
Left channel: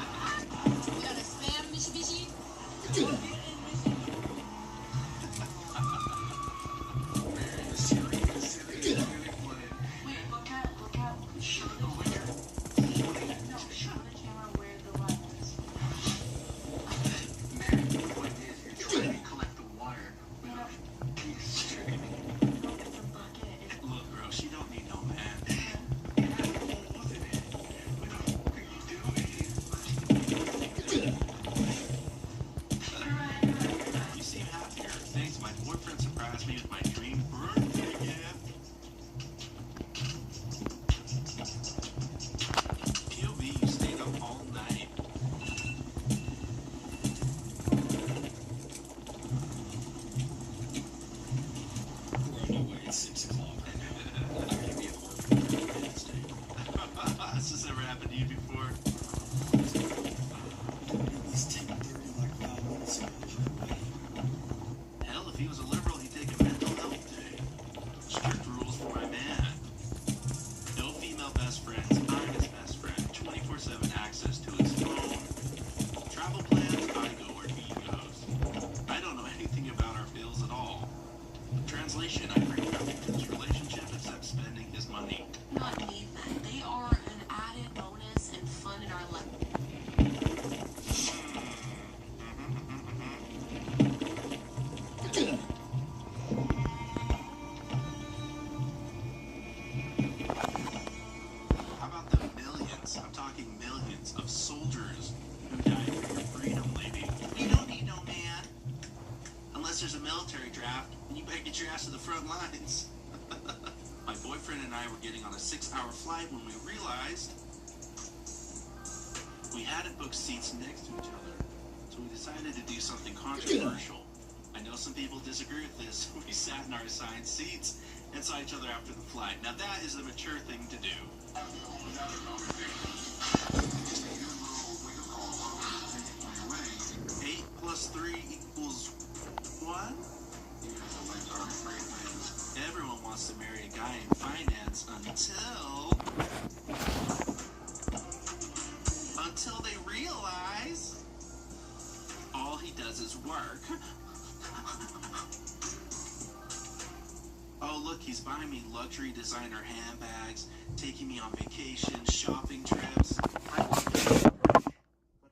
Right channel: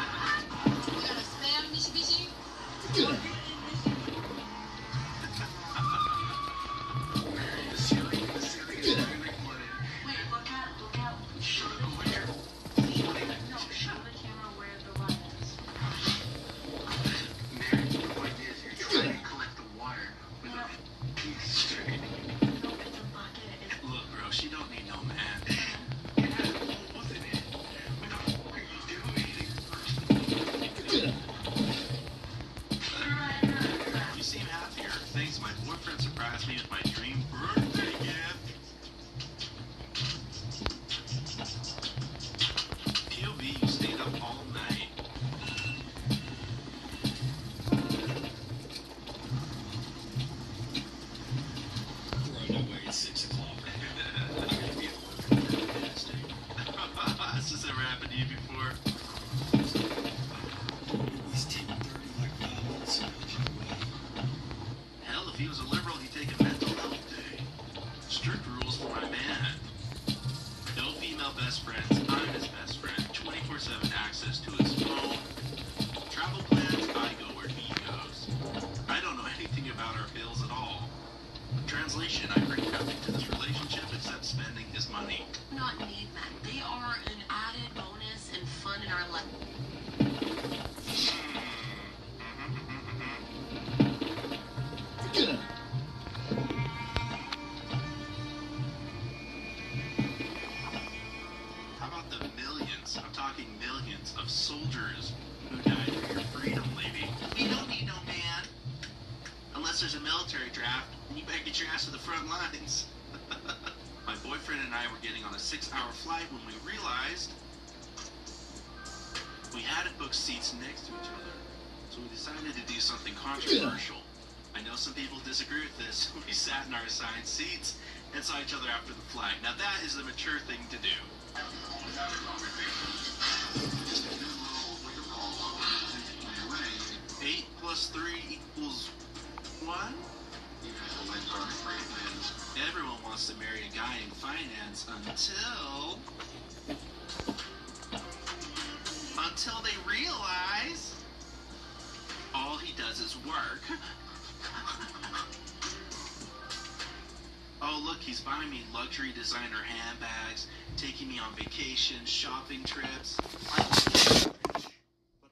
were getting on a 6-hour flight when we realized we hadn't booked seats next to each other. So we decided to do something controversial. I know some people disagree with this. We sat in our assigned seats and saw each other after the flight. Now that is the mature thing to do. 8 plus 3 equals what? Everyone wants to marry a guy in finance until they realize all he does is work. Oh, look, he's buying me luxury designer handbags, taking me on vacations, shopping trips. But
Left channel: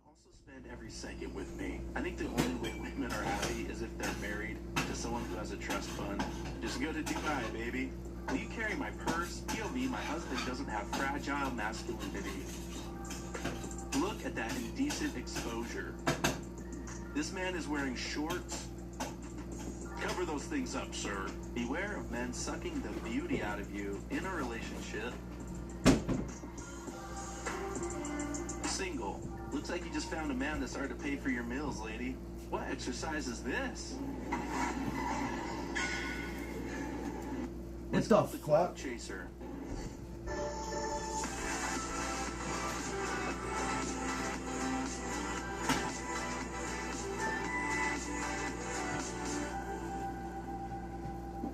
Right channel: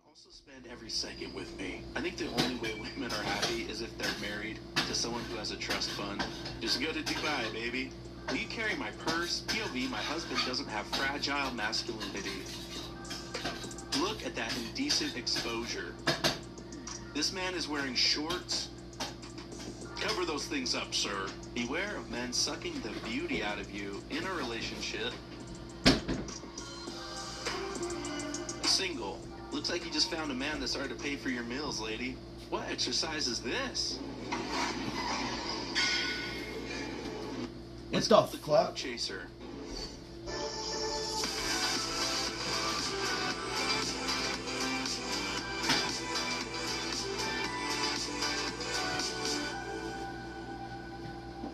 also spend every second with me. I think the only way women are happy is if they're married to someone who has a trust fund. Just go to Dubai, baby. Will you carry my purse? POV, my husband doesn't have fragile masculinity. Look at that indecent exposure. This man is wearing shorts. Cover those things up, sir. Beware of men sucking the beauty out of you in a relationship. Single. Looks like you just found a man that's hard to pay for your meals, lady. What exercise is this? What's the Cloud chaser.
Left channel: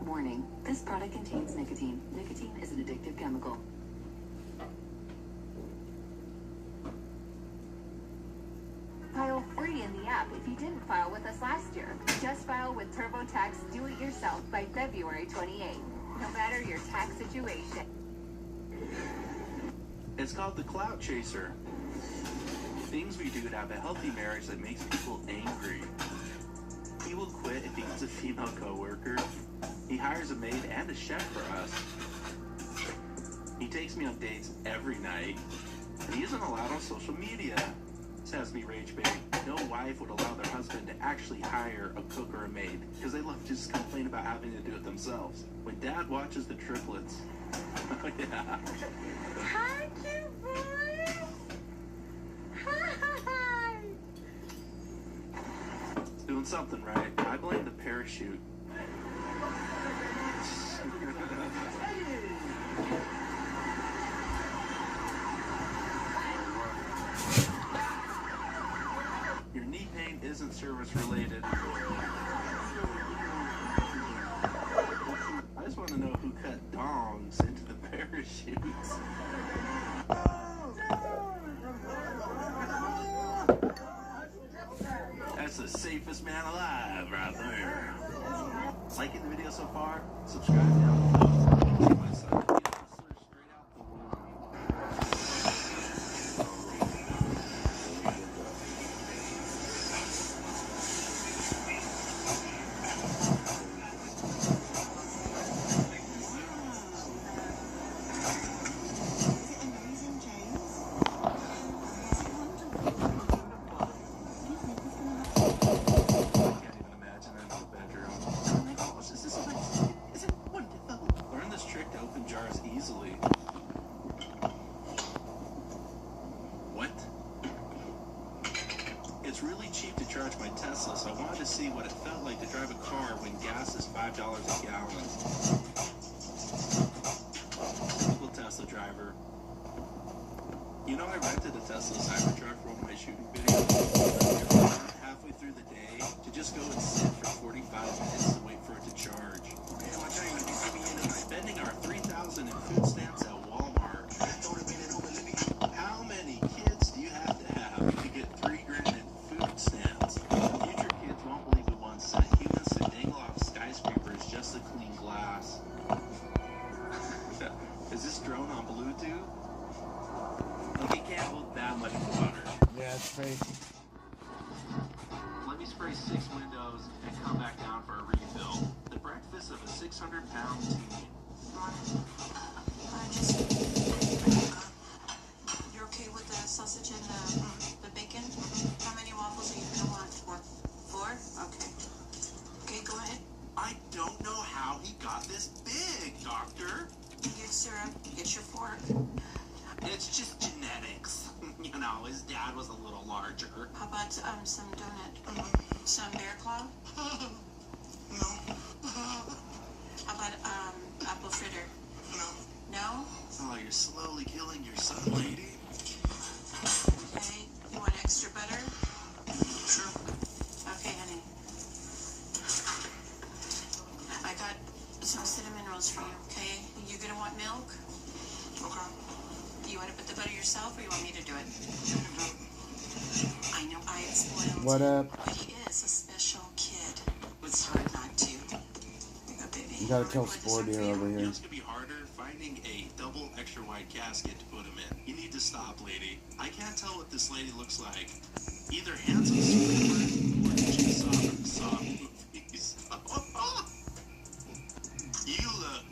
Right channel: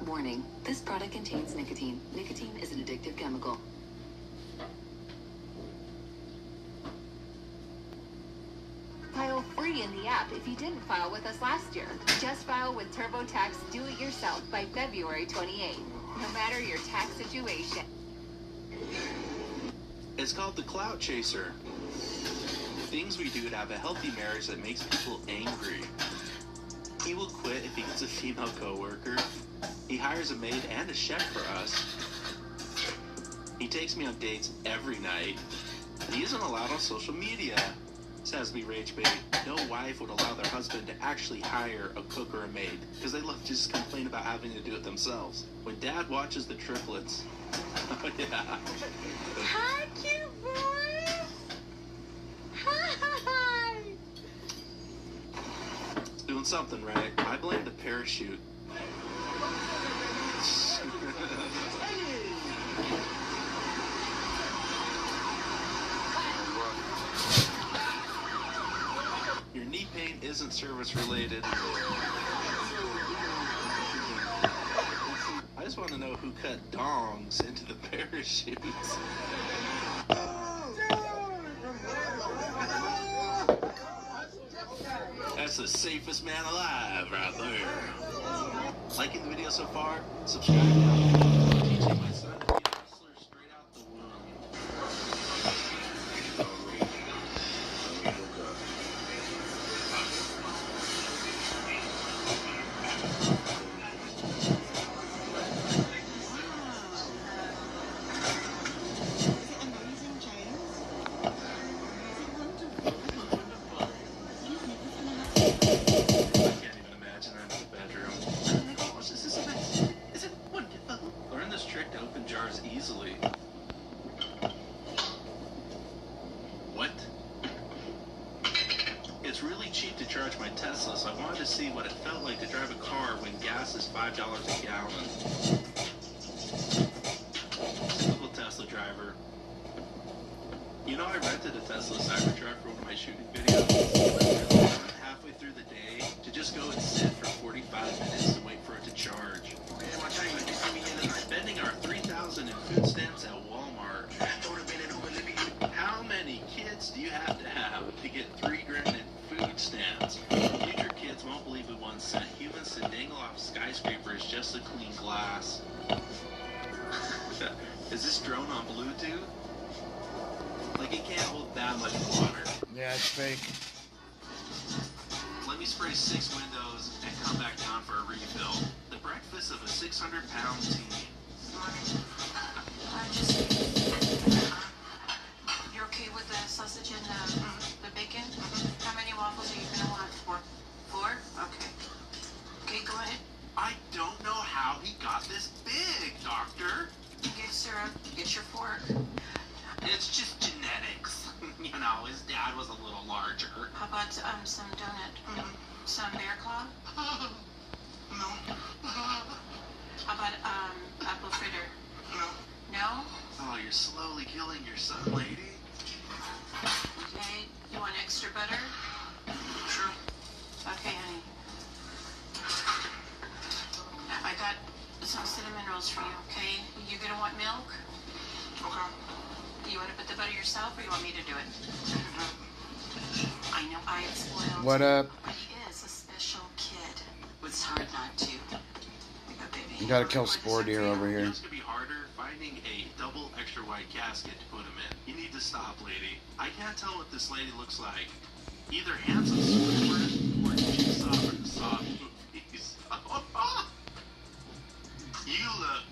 Warning, this product contains nicotine. Nicotine is an addictive chemical. File free in the app if you didn't file with us last year. Just file with TurboTax Do It Yourself by February 28th. No matter your tax situation. It's called the Cloud Chaser. Things we do to have a healthy marriage that makes people angry. He will quit if he gets a female coworker. He hires a maid and a chef for us. He takes me on dates every night. He isn't allowed on social media. Says me rage bait. No wife would allow their husband to actually hire a cook or a maid because they love to just complain about having to do it themselves. When dad watches the triplets. Yeah. Hi, cute boy. Hi. It's doing something right. I blame the parachute. Your knee pain isn't service related. I just want to know who cut dongs into the parachutes. That's the safest man alive right there. Liking the video so far? Subscribe now. Teaching my son to be a hustler straight out the womb. Fake. Let me spray 6 windows and come back down for a refill. The breakfast of a 600-pound teen. You're okay with the sausage and the bacon? How many waffles are you gonna want? 4? 4? Okay. Okay, go ahead. I don't know how he got this big, Doctor. I think it's syrup, get your fork. It's just genetics. You know, his dad was a little larger. How about some donut? Some bear claw? No. How about apple fritter? No. No? Oh, you're slowly killing your son, lady. Okay. You want extra butter? Sure. Okay, honey. I got some cinnamon rolls for you, okay? You gonna want milk? Okay. You want to put the butter yourself, or you want me to do it? I know I am spoiled. What up? But he is a special kid. It's hard not to. Here you go, baby. You gotta kill Spore Deer over here. It's gonna be harder finding a double extra wide casket to put him in. You need to stop, lady. I can't tell what this lady looks like. Either handsome or she saw movies. You look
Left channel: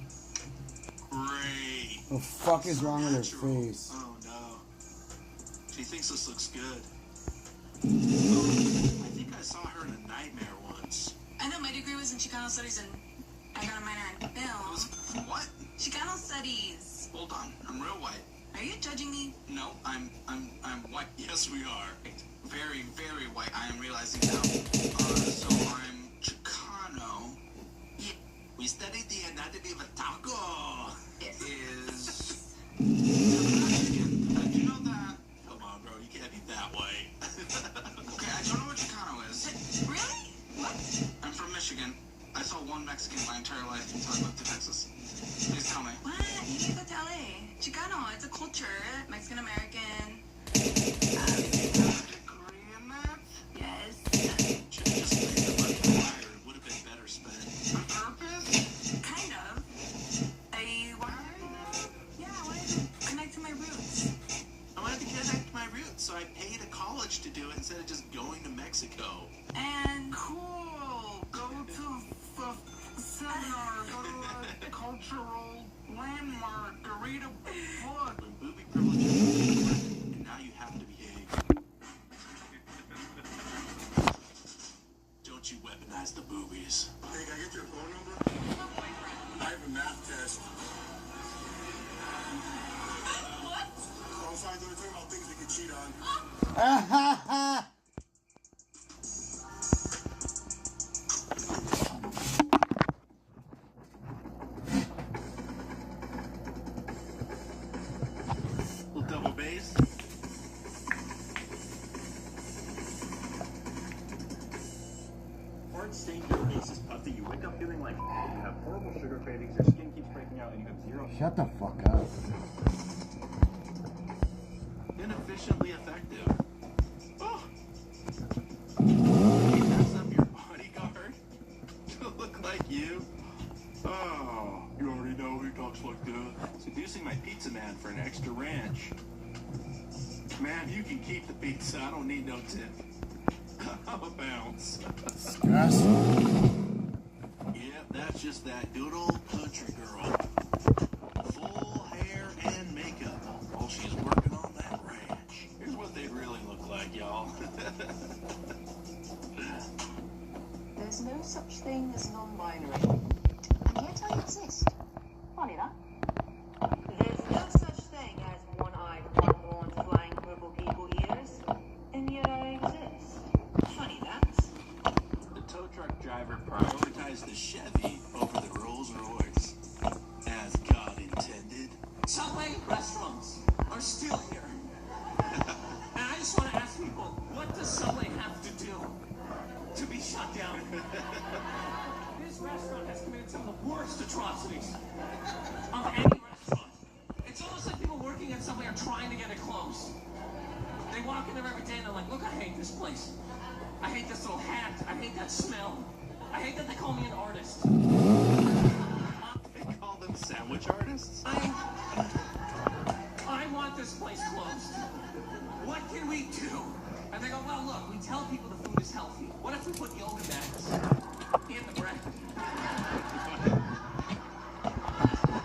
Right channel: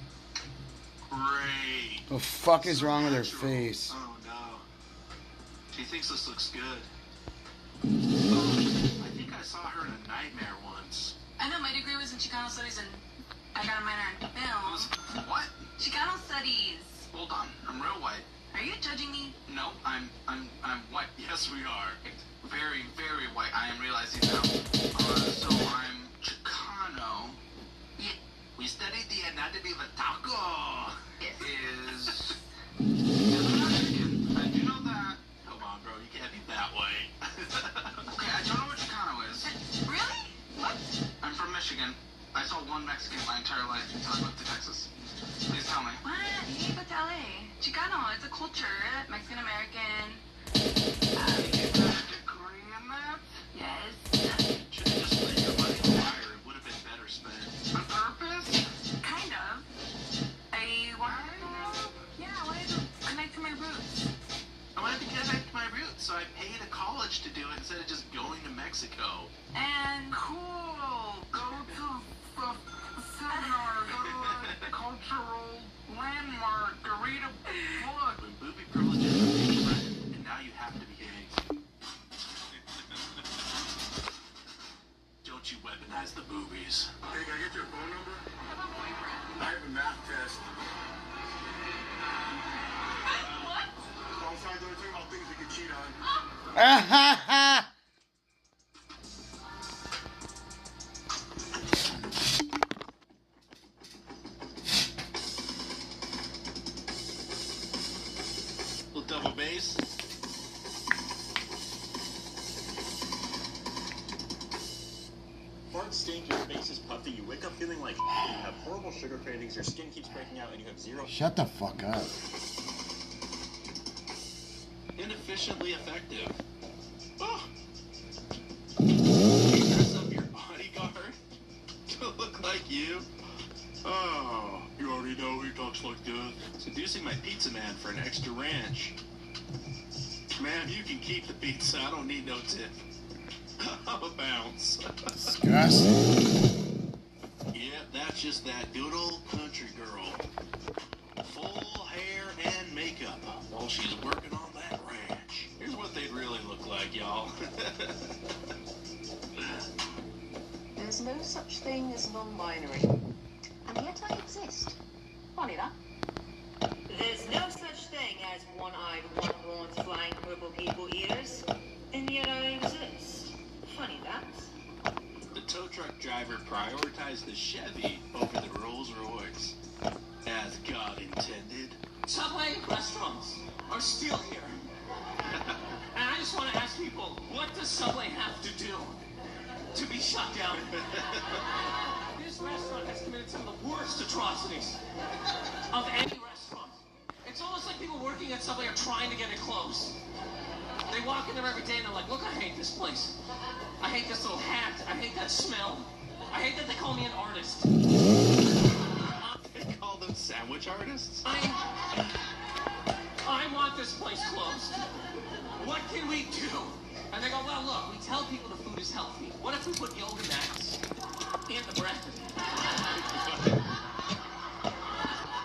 great. The fuck is wrong with her face? Oh no. She thinks this looks good. I think I saw her in a nightmare once. I know my degree was in Chicano studies, and I got a minor in film. What? Chicano studies. Hold on, I'm real white. Are you judging me? No, I'm white. Yes, we are. Very, very white. I am realizing now. So I'm Chicano. Yeah. We studied the anatomy of a taco. Yes. Is. Did you know that? Come on, bro. You can't be that way. Okay, I don't know what Chicano is. Really? What? I'm from Michigan. I saw one Mexican my entire life until I moved to Texas. Please tell me. What? You need to go to LA. Chicano, it's a culture. Mexican-American. Korean that? Yes. Should have just laid your money on fire. It would have been better spent. On purpose? Kind of. I wanted to connect to my roots. I wanted to connect to my roots, so I paid a college to do it instead of just going to Mexico. And Cool. Go to the seminar. Go to a cultural landmark. Read a book. When booby privilege, and now you have to behave. Don't you weaponize the boobies. Hey, can I get your phone number? I have a math test. What? Oh, I'm sorry, they were talking about things we could cheat on. Little double bass. Hard stain, your face is puffy, you wake up feeling like you have horrible sugar cravings, your skin keeps breaking out, and you have zero... Shut the fuck up. Inefficiently effective. Oh. Dress up your bodyguard to look like you. Oh, you already know he talks like that. Seducing my pizza man for an extra ranch. Man, you can keep the pizza. I don't need no tip. I'm a bounce. Disgusting. Yeah, that's just that good old country girl. Full hair and makeup while she's working on that ranch. Here's what they'd really look like, y'all. There's no such thing as non-binary, and yet I exist. Funny that. There's no such thing as one-eyed, one-horned, flying purple people eaters, and yet I exist. Funny that. The tow truck driver prioritized the Chevy over the Rolls Royce, as God intended. Subway restaurants are still here. And I just want to ask people, what does Subway have to do to be shut down? This restaurant has committed some of the worst atrocities of any restaurant. It's almost like people working at Subway are trying to get it closed. They walk in there every day and they're like, look, I hate this place. I hate this little hat. I hate that smell. I hate that they call me an artist. They call them sandwich artists? I want this place closed. What can we do? And they go, well, look, we tell people the food is healthy. What if we put yoga mats in the bread?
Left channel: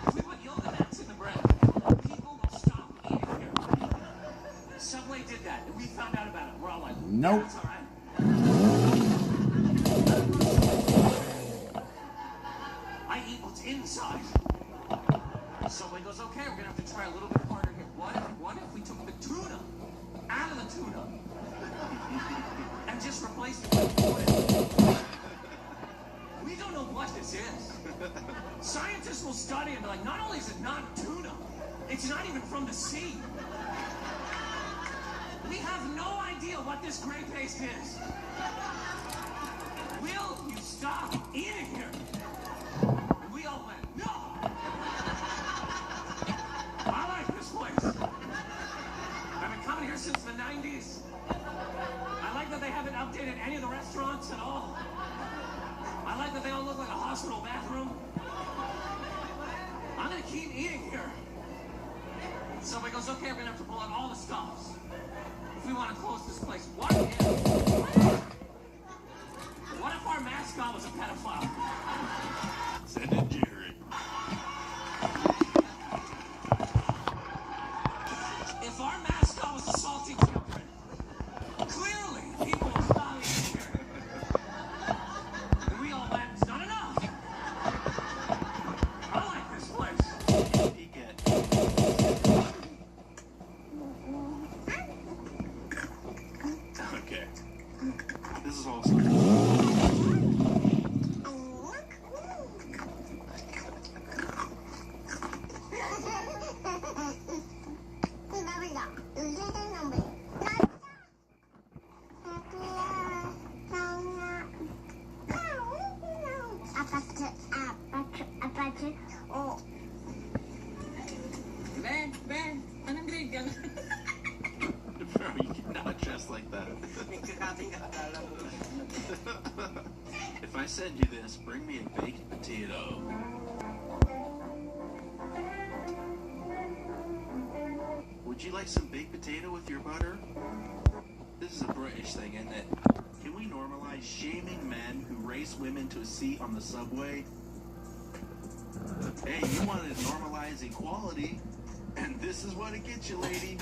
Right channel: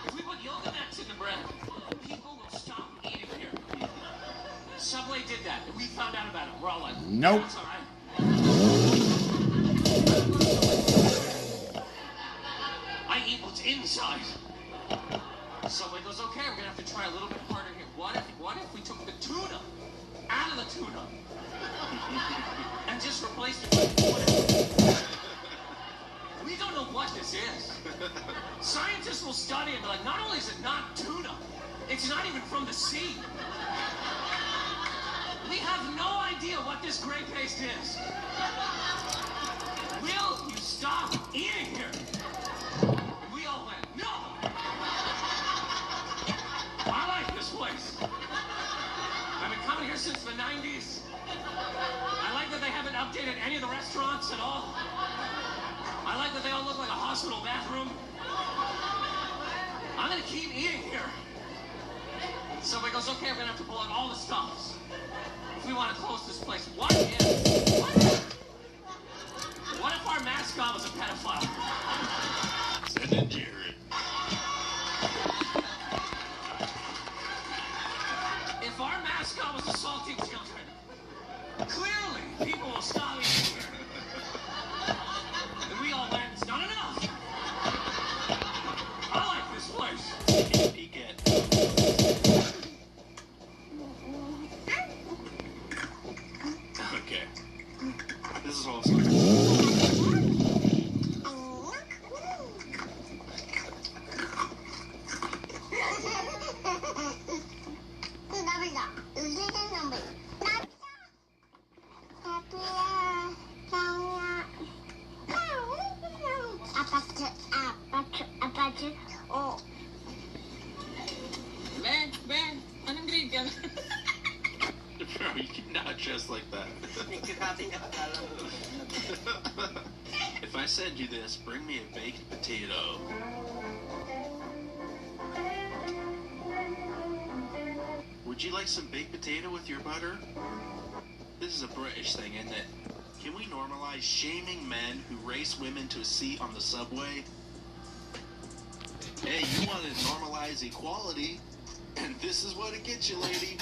If we put yoga mats in the bread, people will stop eating here. Subway did that, and we found out about it. We're all like, nope. I eat what's inside. Somebody goes, okay, we're gonna have to try a little bit harder here. What if we took the tuna out of the tuna and just replaced it with water? We don't know what this is. Scientists will study and be like, not only is it not tuna, it's not even from the sea. We have no idea what this gray paste is. Will you stop eating here? And we all went, no! I like this place. I've been coming here since the 90s. I like that they haven't updated any of the restaurants at all. I like that they all look like a hospital bathroom. I'm gonna keep eating here. Somebody goes, okay, we're gonna have to pull out all the stops. If we want to close this place, what if our mascot was a pedophile? Send it, Jared. If our mascot was assaulting children, clearly people will stop eating here. And we all went, it's not enough. I like this place. Peek it. Okay. This is awesome. Ben, anong grade yan? Bro, you cannot dress like that. If I send you this, bring me a baked potato. Would you like some baked potato with your butter? This is a British thing, isn't it? Can we normalize shaming men who race women to a seat on the subway? Hey, you want to normalize equality, and this is what it gets you, lady.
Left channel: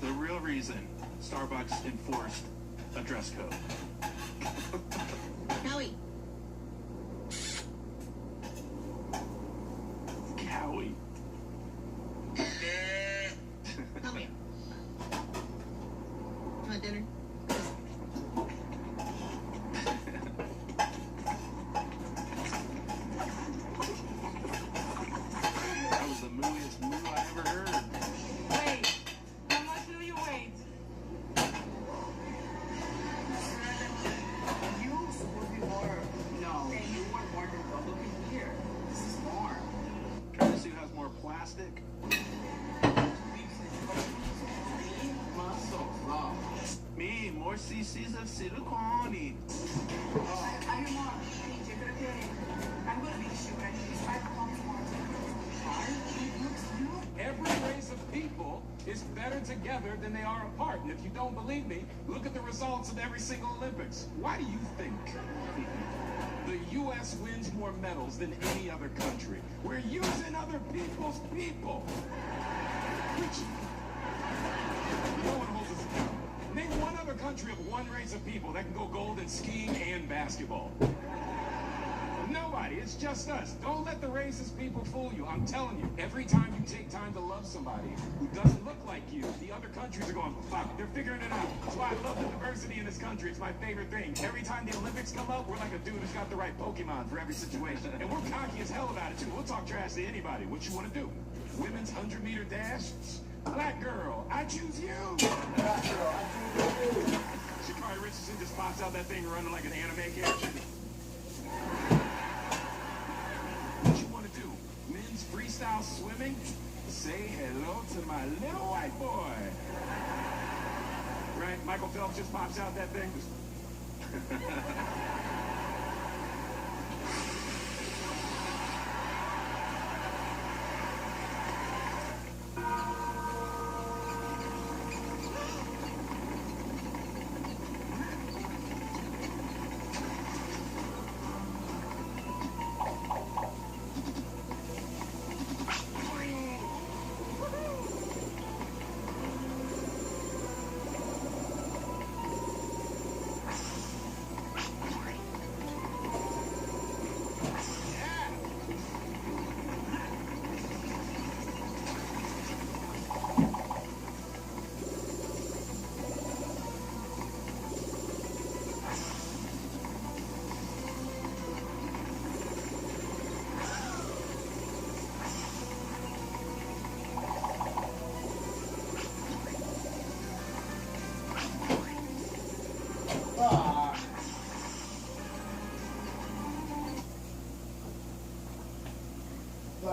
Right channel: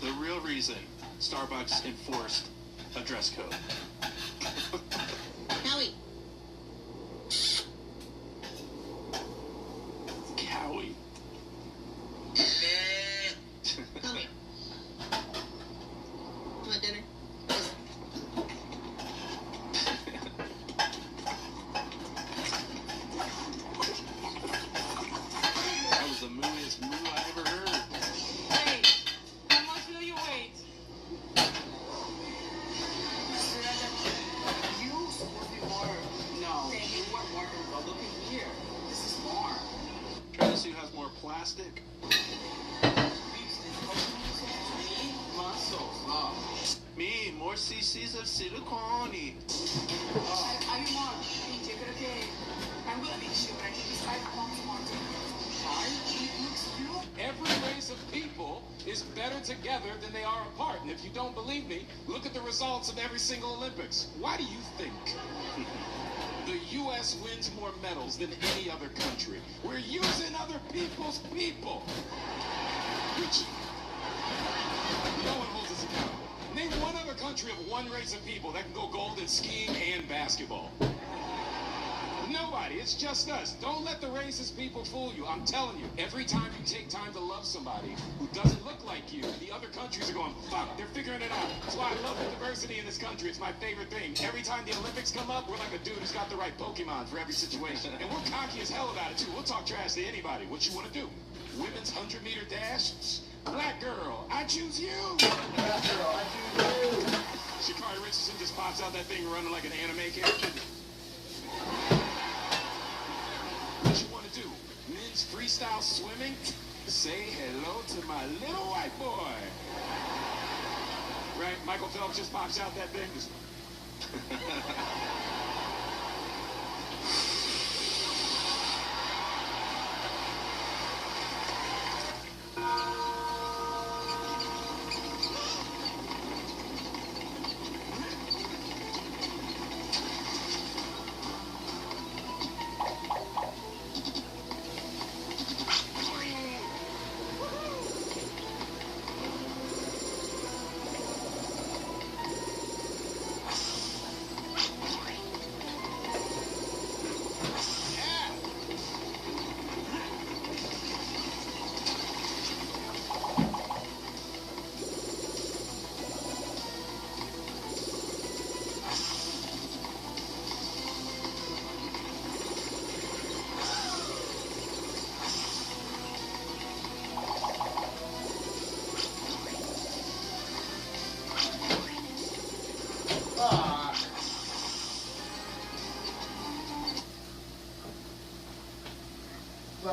The real reason Starbucks enforced a dress code. Kelly. Cowie. Come here. Want dinner? That was the mooiest moo I ever heard. Hey, how much will you wait? Trying to see who has more plastic. Me, more cc's of silicone. Every race of people is better together than they are apart. And if you don't believe me, look at the results of every single Olympics. Why do you think the U.S. wins more medals than any other country? We're using other people's people. Which, no one holds us accountable. Name one other country of one race of people that can go gold in skiing and basketball. Nobody. It's just us. Don't let the racist people fool you. I'm telling you, every time you take time to love somebody who doesn't look like you, the other countries are going, fuck, they're figuring it out. That's why I love the diversity in this country. It's my favorite thing. Every time the Olympics come up, we're like a dude who's got the right Pokemon for every situation. And we're cocky as hell about it, too. We'll talk trash to anybody. What you want to do? Women's 100-meter dash? Black girl, I choose you. Black girl, I choose you. Sha'Carri Richardson just pops out that thing running like an anime character. What you want to do? Men's freestyle swimming? Say hello to my little white boy. Right? Michael Phelps just pops out that thing.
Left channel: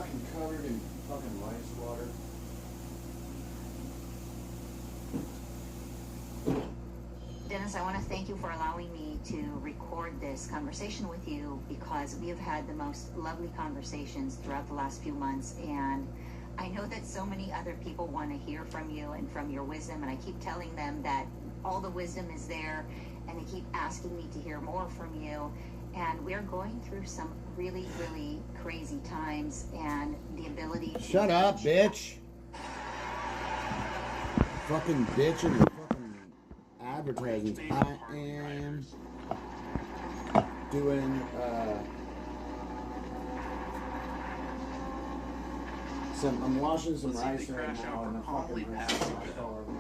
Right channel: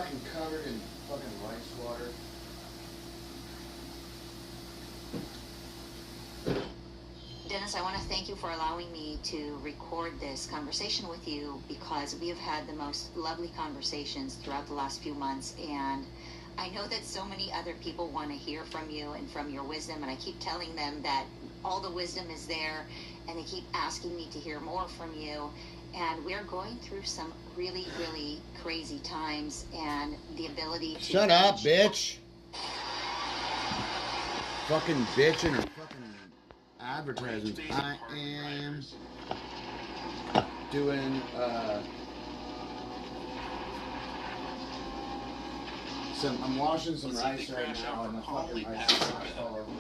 fucking covered in fucking rice water. Dennis, I want to thank you for allowing me to record this conversation with you because we have had the most lovely conversations throughout the last few months, and I know that so many other people want to hear from you and from your wisdom, and I keep telling them that all the wisdom is there, and they keep asking me to hear more from you, and we're going through some really, really crazy times, and the ability to... Shut up, bitch! Fucking bitch and her fucking advertisements. I am doing, I'm washing some rice right now, and the fucking rice is not all over me.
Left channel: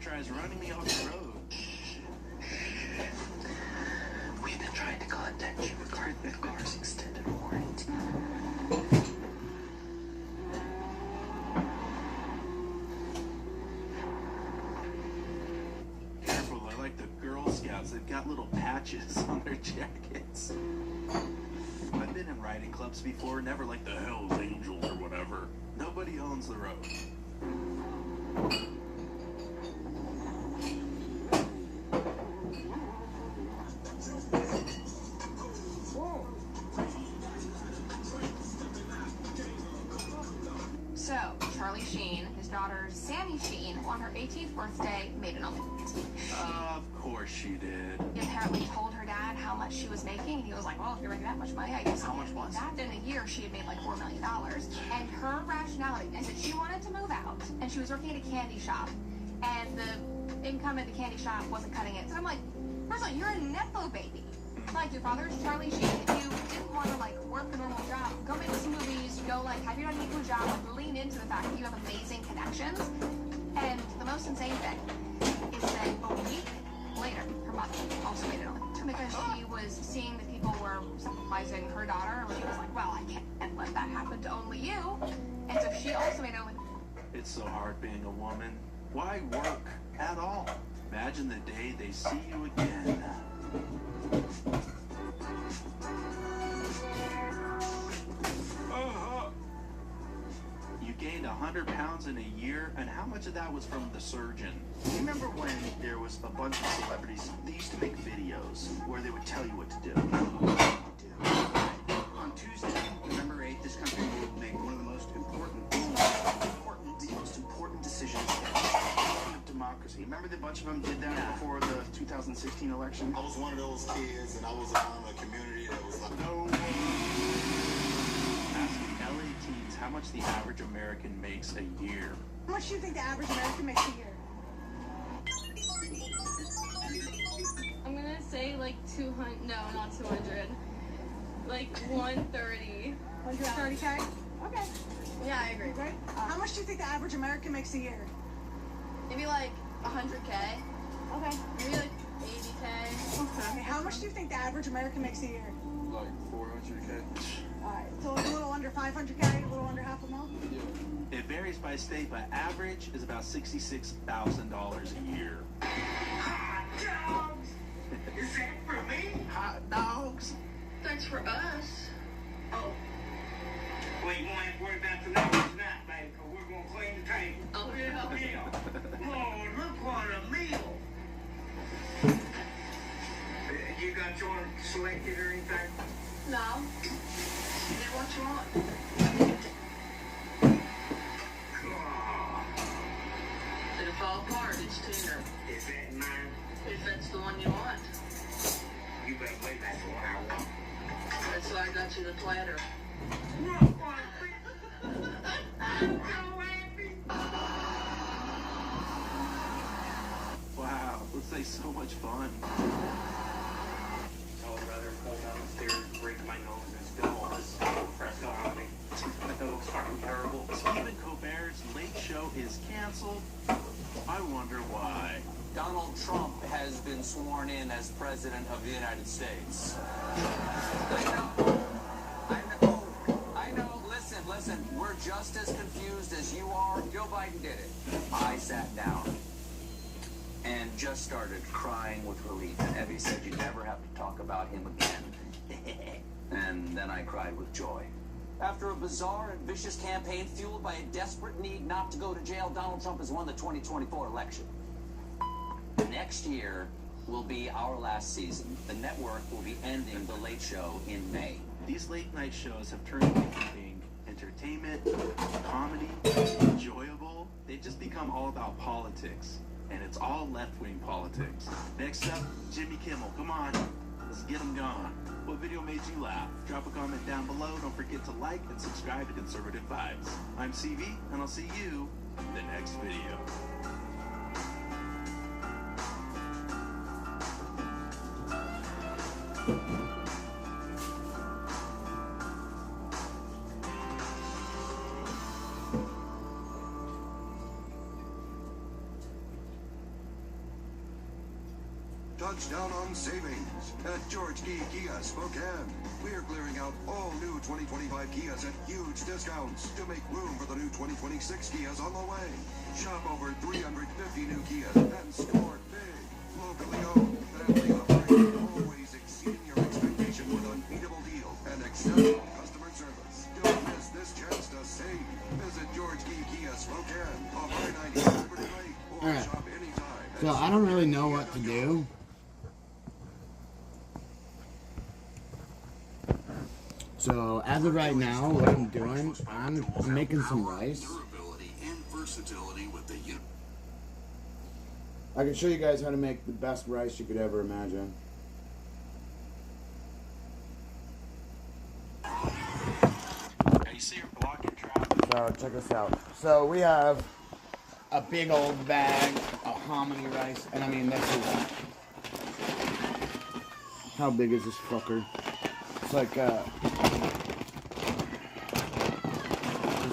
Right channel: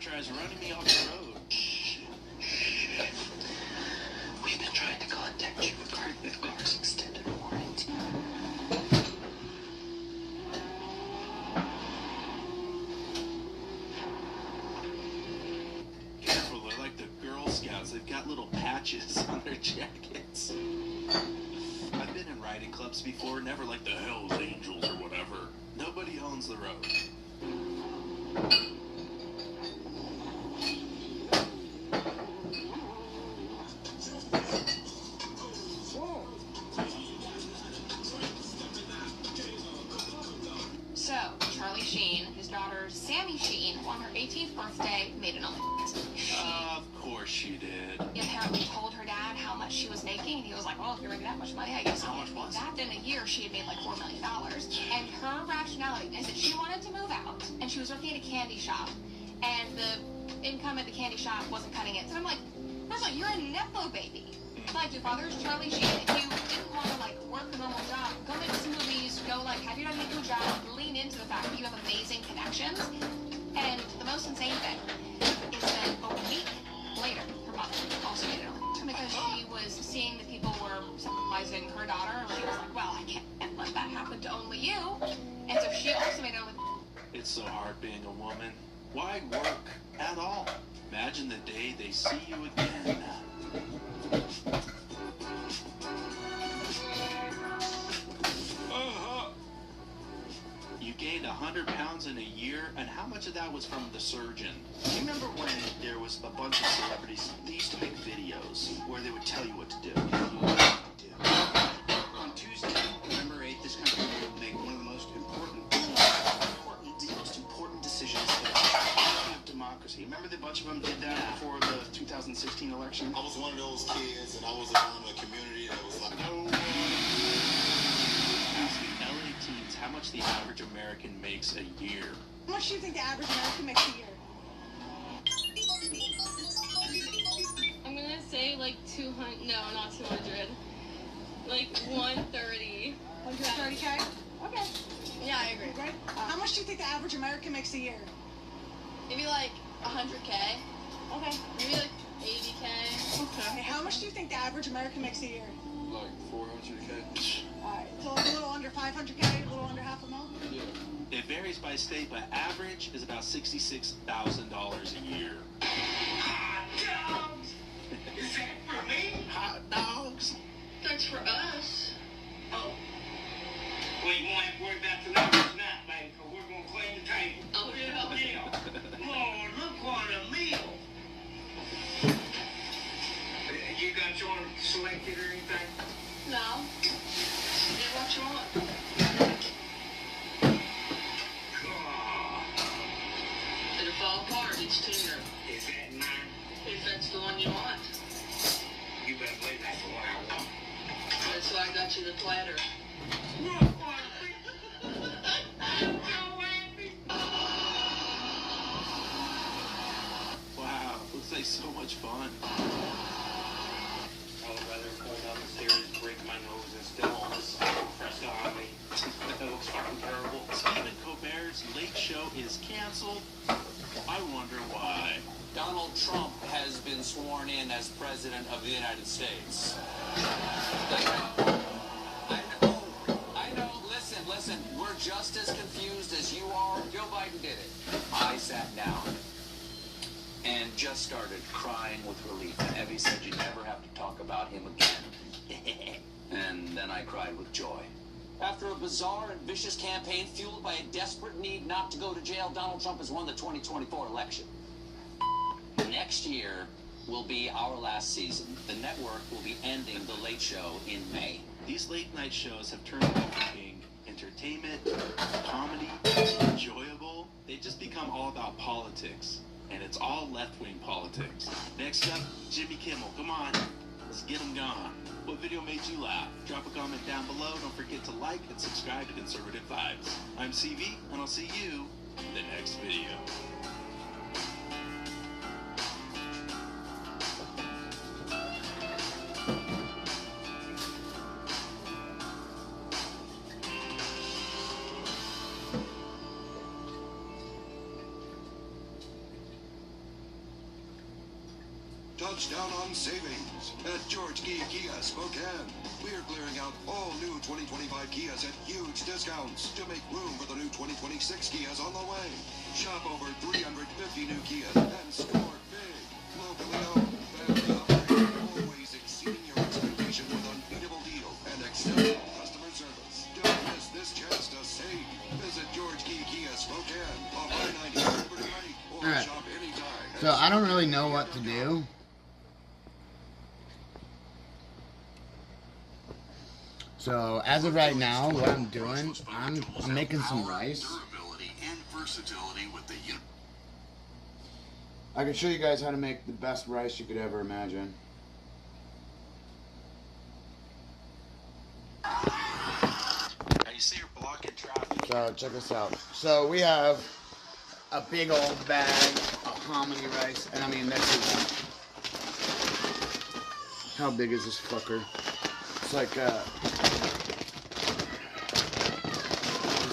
Tries running me off the road. We've been trying to contact you regarding the car's extended warranty. Careful, they're like the Girl Scouts. They've got little patches on their jackets. I've been in riding clubs before, never like the Hells Angels or whatever. Nobody owns the road. So, Charlie Sheen, his daughter Sammy Sheen, on her 18th birthday, made an OnlyFans. Of course she did. He apparently told her dad how much she was making, and he was like, well, if you're making that much money, I guess how much was that? In a year, she had made like $4 million. And her rationality is that she wanted to move out, and she was working at a candy shop, and the income at the candy shop wasn't cutting it. And I'm like, first of all, you're a Nepo baby. Like, your father's Charlie Sheen. If you didn't want to, like, work a normal job, go make some movies, go, like, have your own Nepo job, lean into the fact that you have amazing connections. And the most insane thing is that a week later, her mom also made it on because she was seeing that people were symbolizing her daughter, and she was like, well, I can't let that happen to only you. And so she also made it on. It's so hard being a woman. Why work at all? Imagine the day they see you again. You gained 100 pounds in a year, and how much of that was from the surgeon? Do you remember when there was a bunch of celebrities? They used to make videos where they would tell you what to do. On Tuesday, November 8th, this country will make one of the most important decisions in democracy. Remember the bunch of them did that before the 2016 election? I was one of those kids, and I was around a community that was like, no. Asking LA teens how much the average American makes a year. How much do you think the average American makes a year? I'm gonna say like 200. No, not 200. Like 130. 130K? Okay. Yeah, I agree. Right? How much do you think the average American makes a year? Maybe like 100K. Okay. Maybe like 80K. Okay. How much do you think the average American makes a year? Like 400K. Alright. So like a little under 500K, a little under half a mil? Yeah. It varies by state, but average is about $66,000 a year. Hot dogs! Is that for me? Hot dogs? That's for us. Oh. Well, you won't have to worry about the ladies tonight, baby, because we're going to clean the table. Oh, yeah. Lord, look what a meal. You got your one selected or anything? No. Yeah, what you want? It'll fall apart. It's tender. Is that mine? If that's the one you want. You better believe that's the one I want. That's why I got you the platter. Wow, looks like so much fun. I would rather go downstairs, break my nose, been sworn in as President of the United States. I know. Listen. We're just as confused as you are. Joe Biden did it. I sat down and just started crying with relief. And Evie said you never have to talk about him again. And then I cried with joy. After a bizarre and vicious campaign fueled by a desperate need not to go to jail, Donald Trump has won the 2024 election. Next year will be our last season. The network will be ending The Late Show in May. These late night shows have turned from being entertainment, comedy, enjoyable. They've just become all about politics. And it's all left-wing politics. Next up, Jimmy Kimmel. Come on, let's get him gone. What video made you laugh? Drop a comment down below. Don't forget to like and subscribe to Conservative Vibes. I'm CV, and I'll see you in the next video. Touchdown on savings at George Key Kia Spokane. We're clearing out all new 2025 Kias at huge discounts to make room for the new 2026 Kias on the way. Shop over 350 new Kias and score big. Locally owned, family operated, always exceeding your expectation with unbeatable deal and exceptional customer service. Don't miss this chance to save. Visit George Key Kia Spokane off I-90 over to Lake or shop anytime. So I don't really know what to do. So as of right now, what I'm doing, I'm making some rice. I can show you guys how to make the best rice you could ever imagine. So check this out. So we have a big old bag of hominy rice, and I mean this is, how big is this fucker? It's like it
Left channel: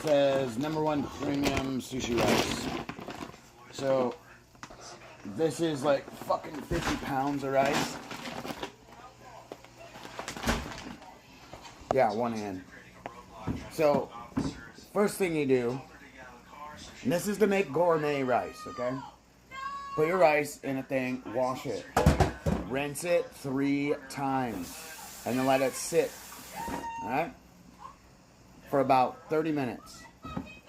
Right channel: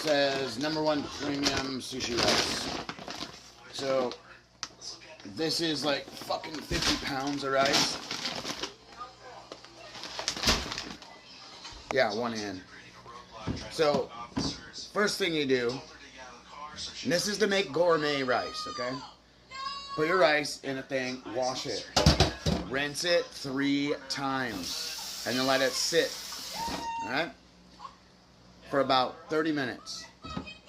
says #1 premium sushi rice. So this is like fucking 50 pounds of rice. Yeah, one hand. So first thing you do, and this is to make gourmet rice, okay? Put your rice in a thing, wash it, rinse it 3 times. And then let it sit, alright, for about 30 minutes.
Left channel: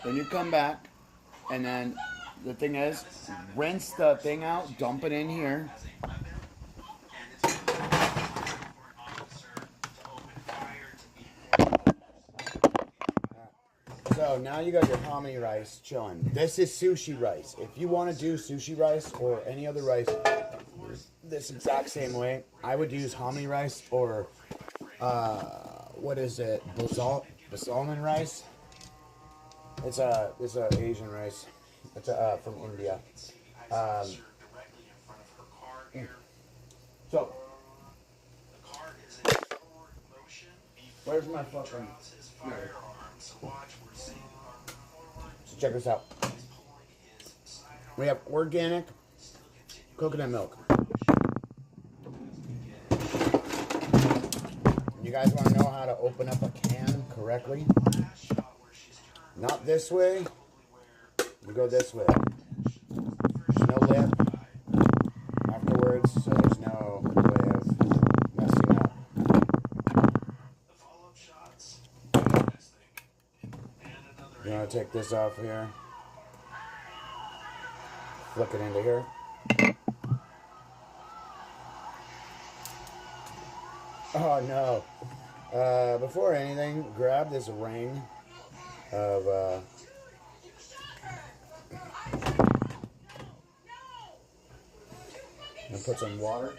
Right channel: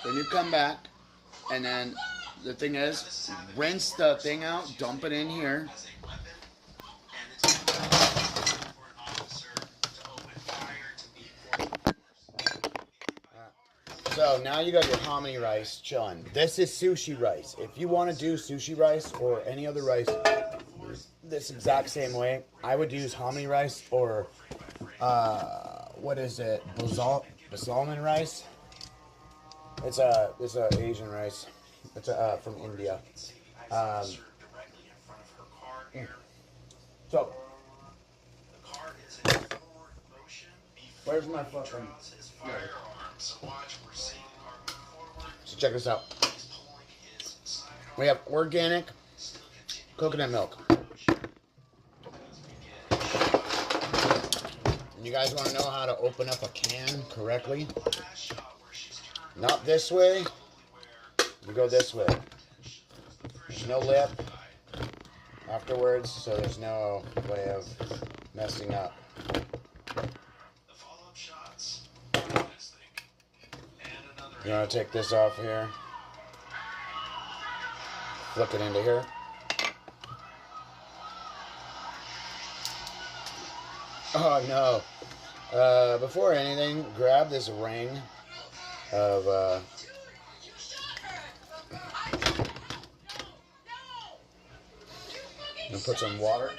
Then you come back, and then the thing is, rinse the thing out, dump it in here. So now you got your hominy rice chilling. This is sushi rice. If you want to do sushi rice or any other rice this exact same way, I would use hominy rice or what is it? Basalman rice. It's a Asian rice. It's from India. So where's my fucking? So check this out. We have organic coconut milk. You guys want to know how to open up a can correctly? Not this way. You go this way. No lip afterwards, so there's no way of messing up. You want to take this off here. Flick it into here. Oh no. Before anything, grab this ring of and put some water.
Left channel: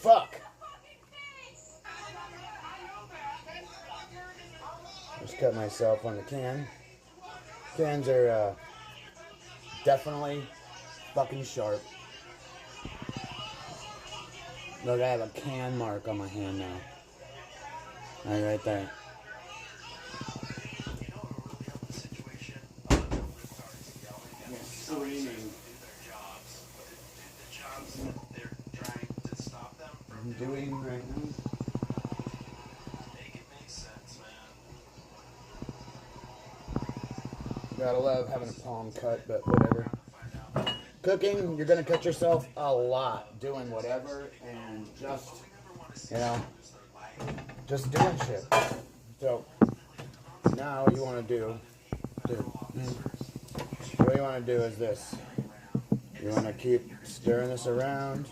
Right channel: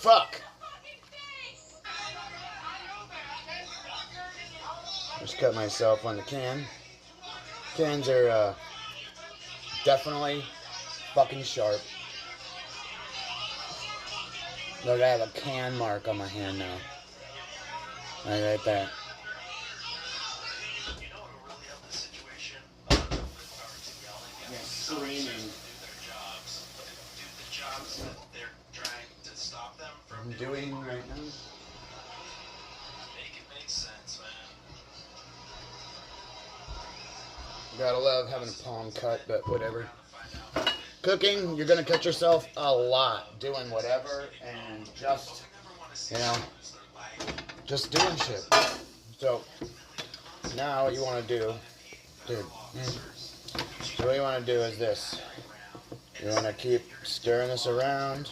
Fuck. Just cut myself on the can. Cans are definitely fucking sharp. Look, I have a can mark on my hand now. Right there. doing right now. Gotta love having a palm cut, but whatever. Cooking, you're gonna cut yourself a lot doing whatever and just, you know, just doing shit. So now you want to do, dude. So what you want to do is this. You want to keep stirring this around.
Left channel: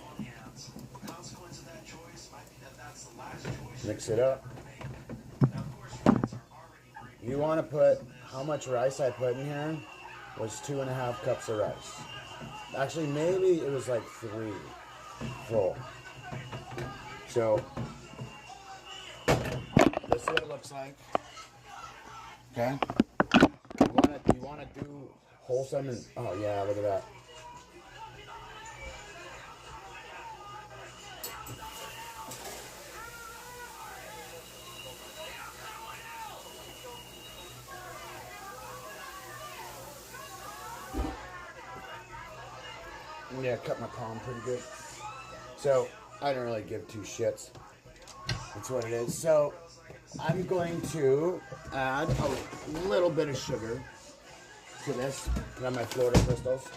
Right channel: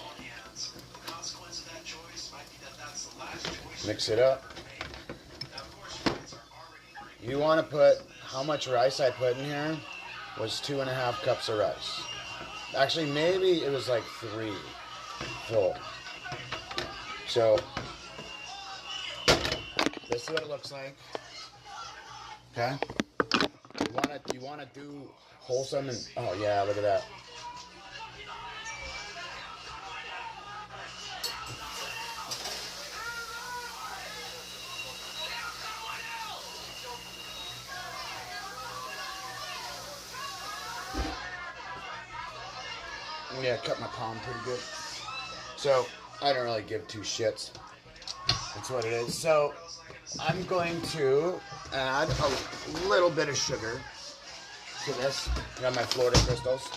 Mix it up. You want to put, how much rice I put in here was 2.5 cups of rice. Actually, maybe it was like 3 full. So, this is what it looks like. Okay? You wanna do wholesome and, oh yeah, look at that. Yeah, cut my palm pretty good. So, I don't really give 2 shits. That's what it is. So, I'm going to add a little bit of sugar to this. Got my Florida crystals.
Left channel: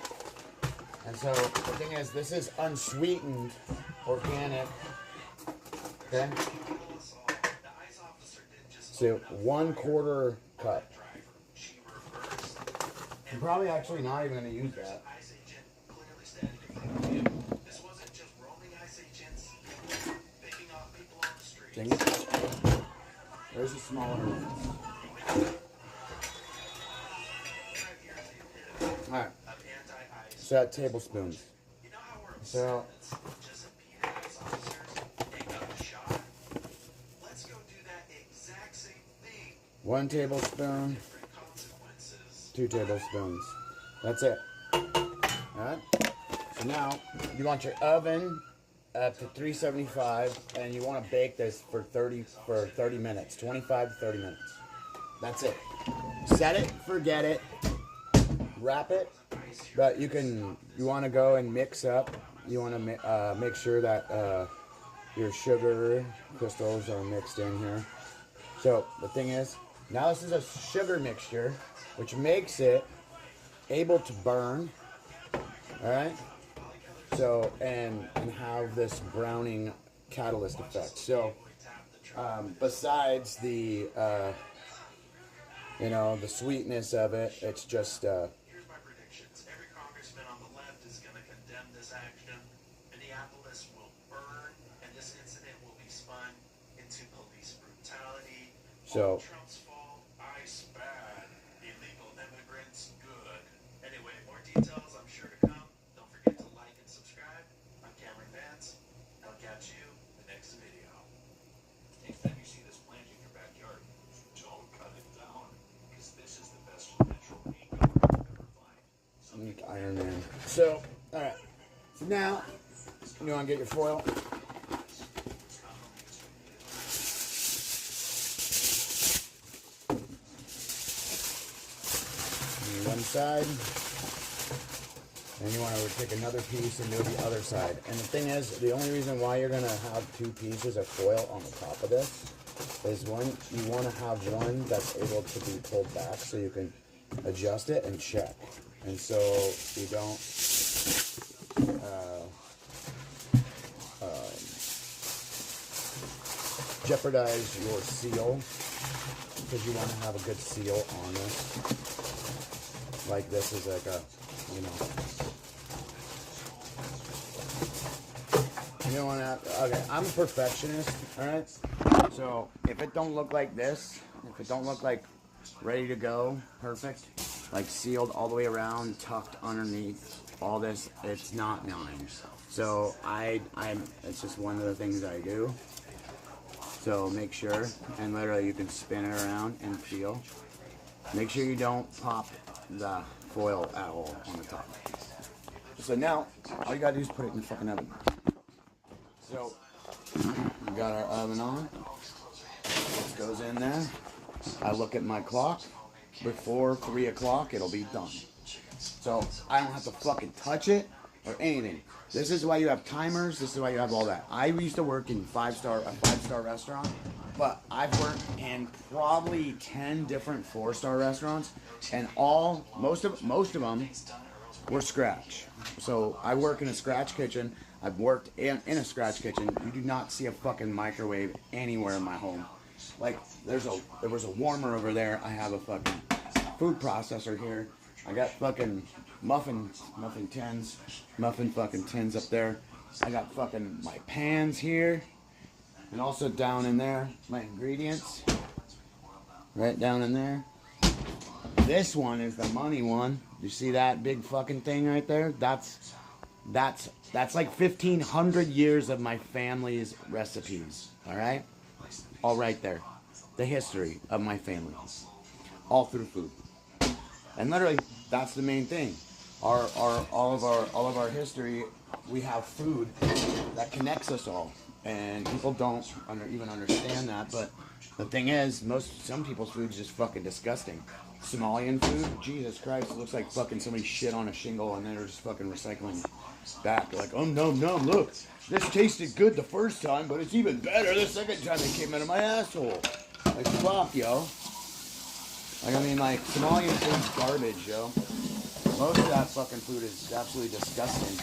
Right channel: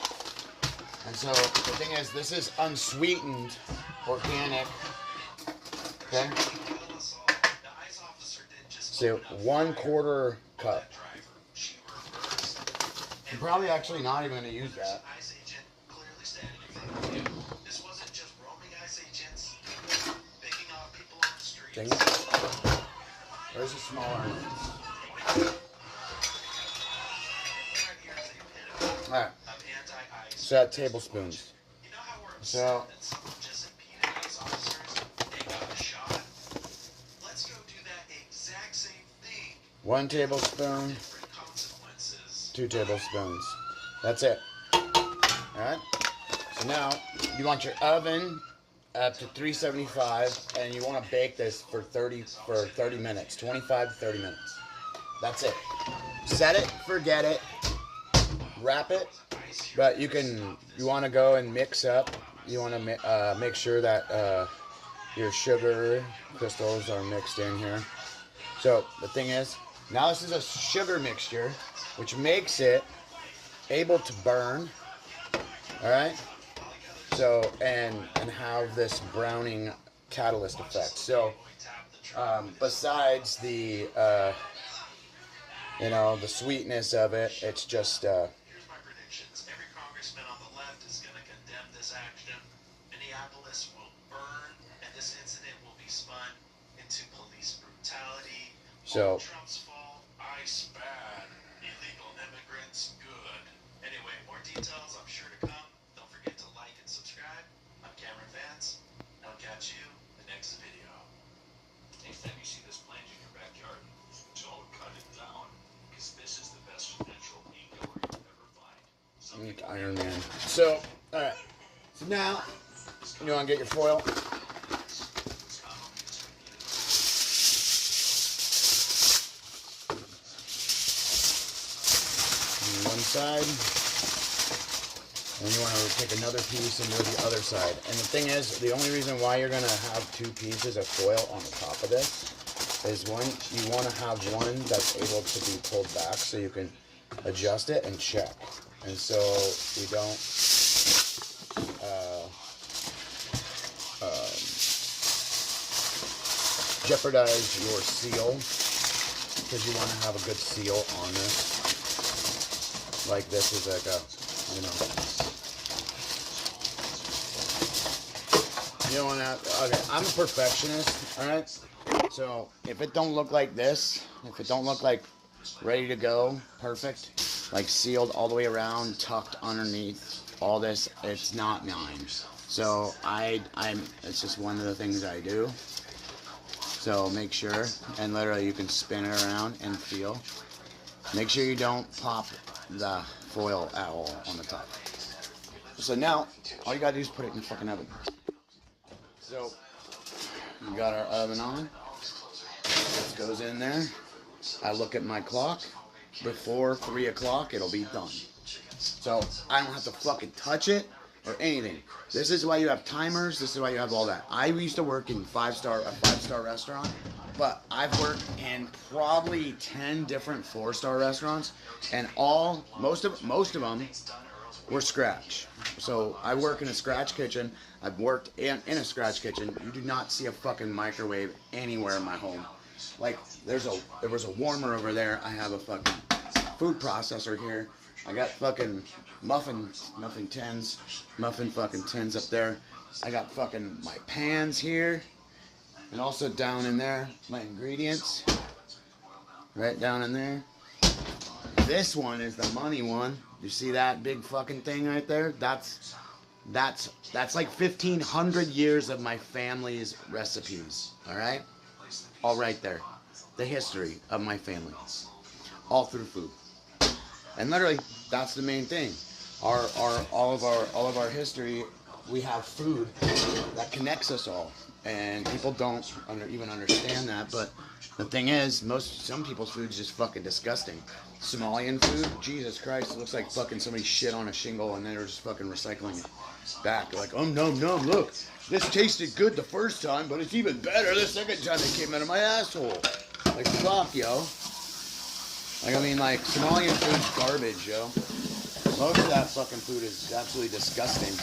And so, the thing is, this is unsweetened, organic. Okay? So, 1/4 cup. I'm probably actually not even going to use that. Where's the smaller one? Alright. So tablespoons. So 1 tablespoon, 2 tablespoons. That's it. Alright? So now you want your oven up to 375, and you want to bake this for 30 minutes, 25 to 30 minutes. That's it. Set it, forget it, wrap it. But you want to go and mix up. You want to make sure that your sugar crystals are mixed in here. So the thing is, now this is a sugar mixture, which makes it able to burn. All right. So, and have this browning catalyst effect. So, besides the, the sweetness of it, it's just, Here's my predictions. Every congressman on the left is going to condemn this action. Minneapolis will burn, and this incident will be spun into police brutality. So, Trump's fault, ICE bad, illegal immigrants good. Anyway, more details I'm sure to come. Don't forget to like and subscribe. I'm Cameron Vance. I'll catch you in the next video. Next time you see this plant in your backyard, don't cut it down, because this is the best natural ink you'll ever find. Iron Man. So, alright. So now, you want to get your foil. One side. And you want to take another piece and do the other side. And the thing is, the only reason why you're going to have 2 pieces of foil on the top of this is you want to have one that's able to be pulled back so you can adjust it and check. And so you don't jeopardize your seal, because you want to have a good seal on this. Like this is like a, you don't want to, okay, I'm a perfectionist, alright? So, if it don't look like this, if it don't look like ready to go, perfect, like sealed all the way around, tucked underneath, all this, it's not mine. So, it's just one of the things I do. So, make sure, and literally you can spin it around and feel. Make sure you don't pop the foil at all on the top. So now, all you gotta do is put it in the fucking oven. So, we got our oven on. This goes in there. I look at my clock. Before 3 o'clock, it'll be done. So, I don't have to fucking touch it. or anything. This is why you have timers. This is why you have all that. I used to work in a five-star restaurant, but I've worked in probably 10 different 4-star restaurants, and most of them were scratch. So I work in a scratch kitchen. I've worked in a scratch kitchen. You do not see a fucking microwave anywhere in my home. Like there was a warmer over there. I have a fucking food processor here. I got fucking muffin fucking tins up there. I got fucking my pans here, and also down in there my ingredients. Right down in there. This one is the money one. You see that big fucking thing right there? That's like 1,500 years of my family's recipes. All right, all right there. The history of my family, all through food. And literally, that's the main thing. All of our history, we have food that connects us all, and people don't even understand that. But the thing is, some people's food is just fucking disgusting. Somalian food, Jesus Christ, it looks like fucking somebody shit on a shingle and they're just fucking recycling it back. They're like, oh no, look, this tasted good the first time, but it's even better the second time it came out of my asshole. Like, fuck, yo. Like, I mean, like, Somalian food's garbage, yo. Most of that fucking food is absolutely disgusting.